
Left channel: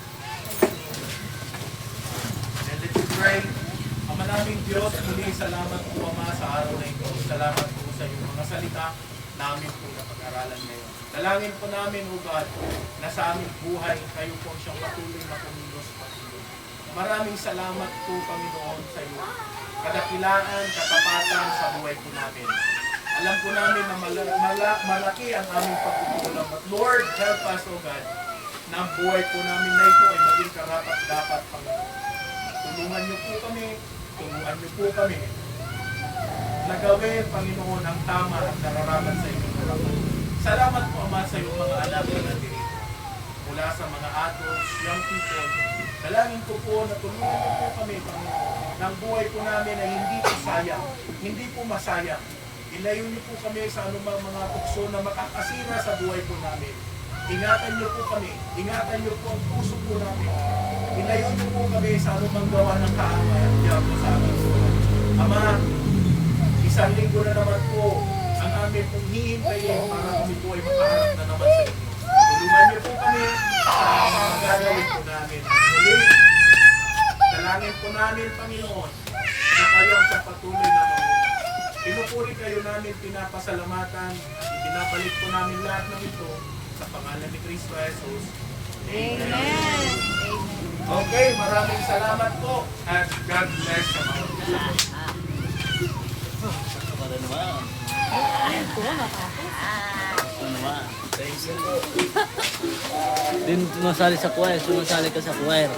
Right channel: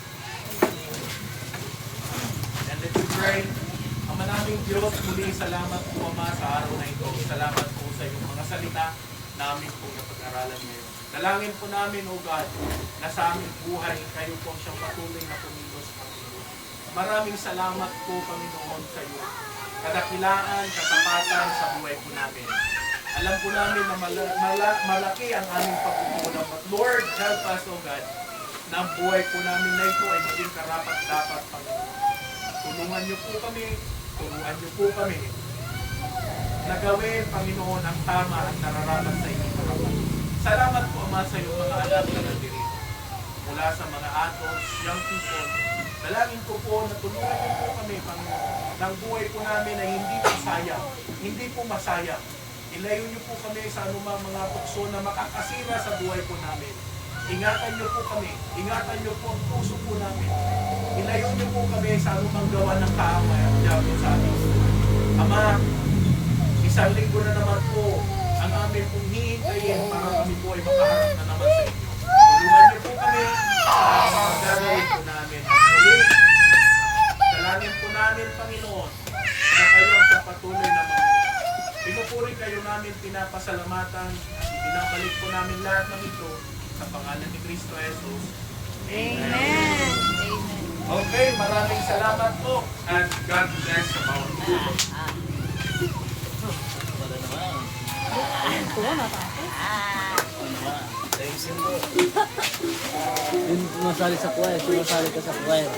And let's pray. Ama naming Diyos, muli salamat po Ama sa araw na ito. Salamat po sa iyong mga salita namin po napag-aralan ngayon. Dalangin po namin, O God, na sa aming buhay, kayo po siyang patuloy na pumilos, Panginoon. Maraming salamat po, Panginoon, sa iyo. Kadakilaan, katapatan sa buhay po namin. Alam po namin na malaki ang aming pagkukulang. But Lord, help us, O God, na ang buhay po namin na ito ay maging karapat-dapat, Panginoon. Tulungan niyo po kami, turuan niyo po kami na gawin, Panginoon, ang tama at nararapat sa inyong harapan. Salamat po, Ama, sa iyong mga anak na nandito. Mula sa mga adults, young people, dalangin ko po na tulungan niyo po kami, Panginoon, ng buhay po namin ay hindi po sayang, hindi po masayang. Ilayo niyo po kami sa anumang mga tukso na makakasira sa buhay po namin. Ingatan niyo po kami, ingatan niyo po ang puso po namin. Ilayo niyo po kami sa anumang gawa ng kaaway at diablo sa aming buhay. Ama, isang linggo na naman po ang amin pong hihintayin para kami po ay makaharap na naman sa inyo. Tulungan niyo po kami sa mga gagawin po namin. At muli, dalangin po namin, Panginoon, na kayo ang siyang patuloy na mamuhay. Pinupuri kayo namin, pinapasalamatan at ibinabalik po namin lahat ng ito sa pangalan ni Kristo Jesus. Amen. Okay, maraming salamat po and God bless sa bawat isa. Thank you po. Din masali sa choir, sumasali ka sa choir.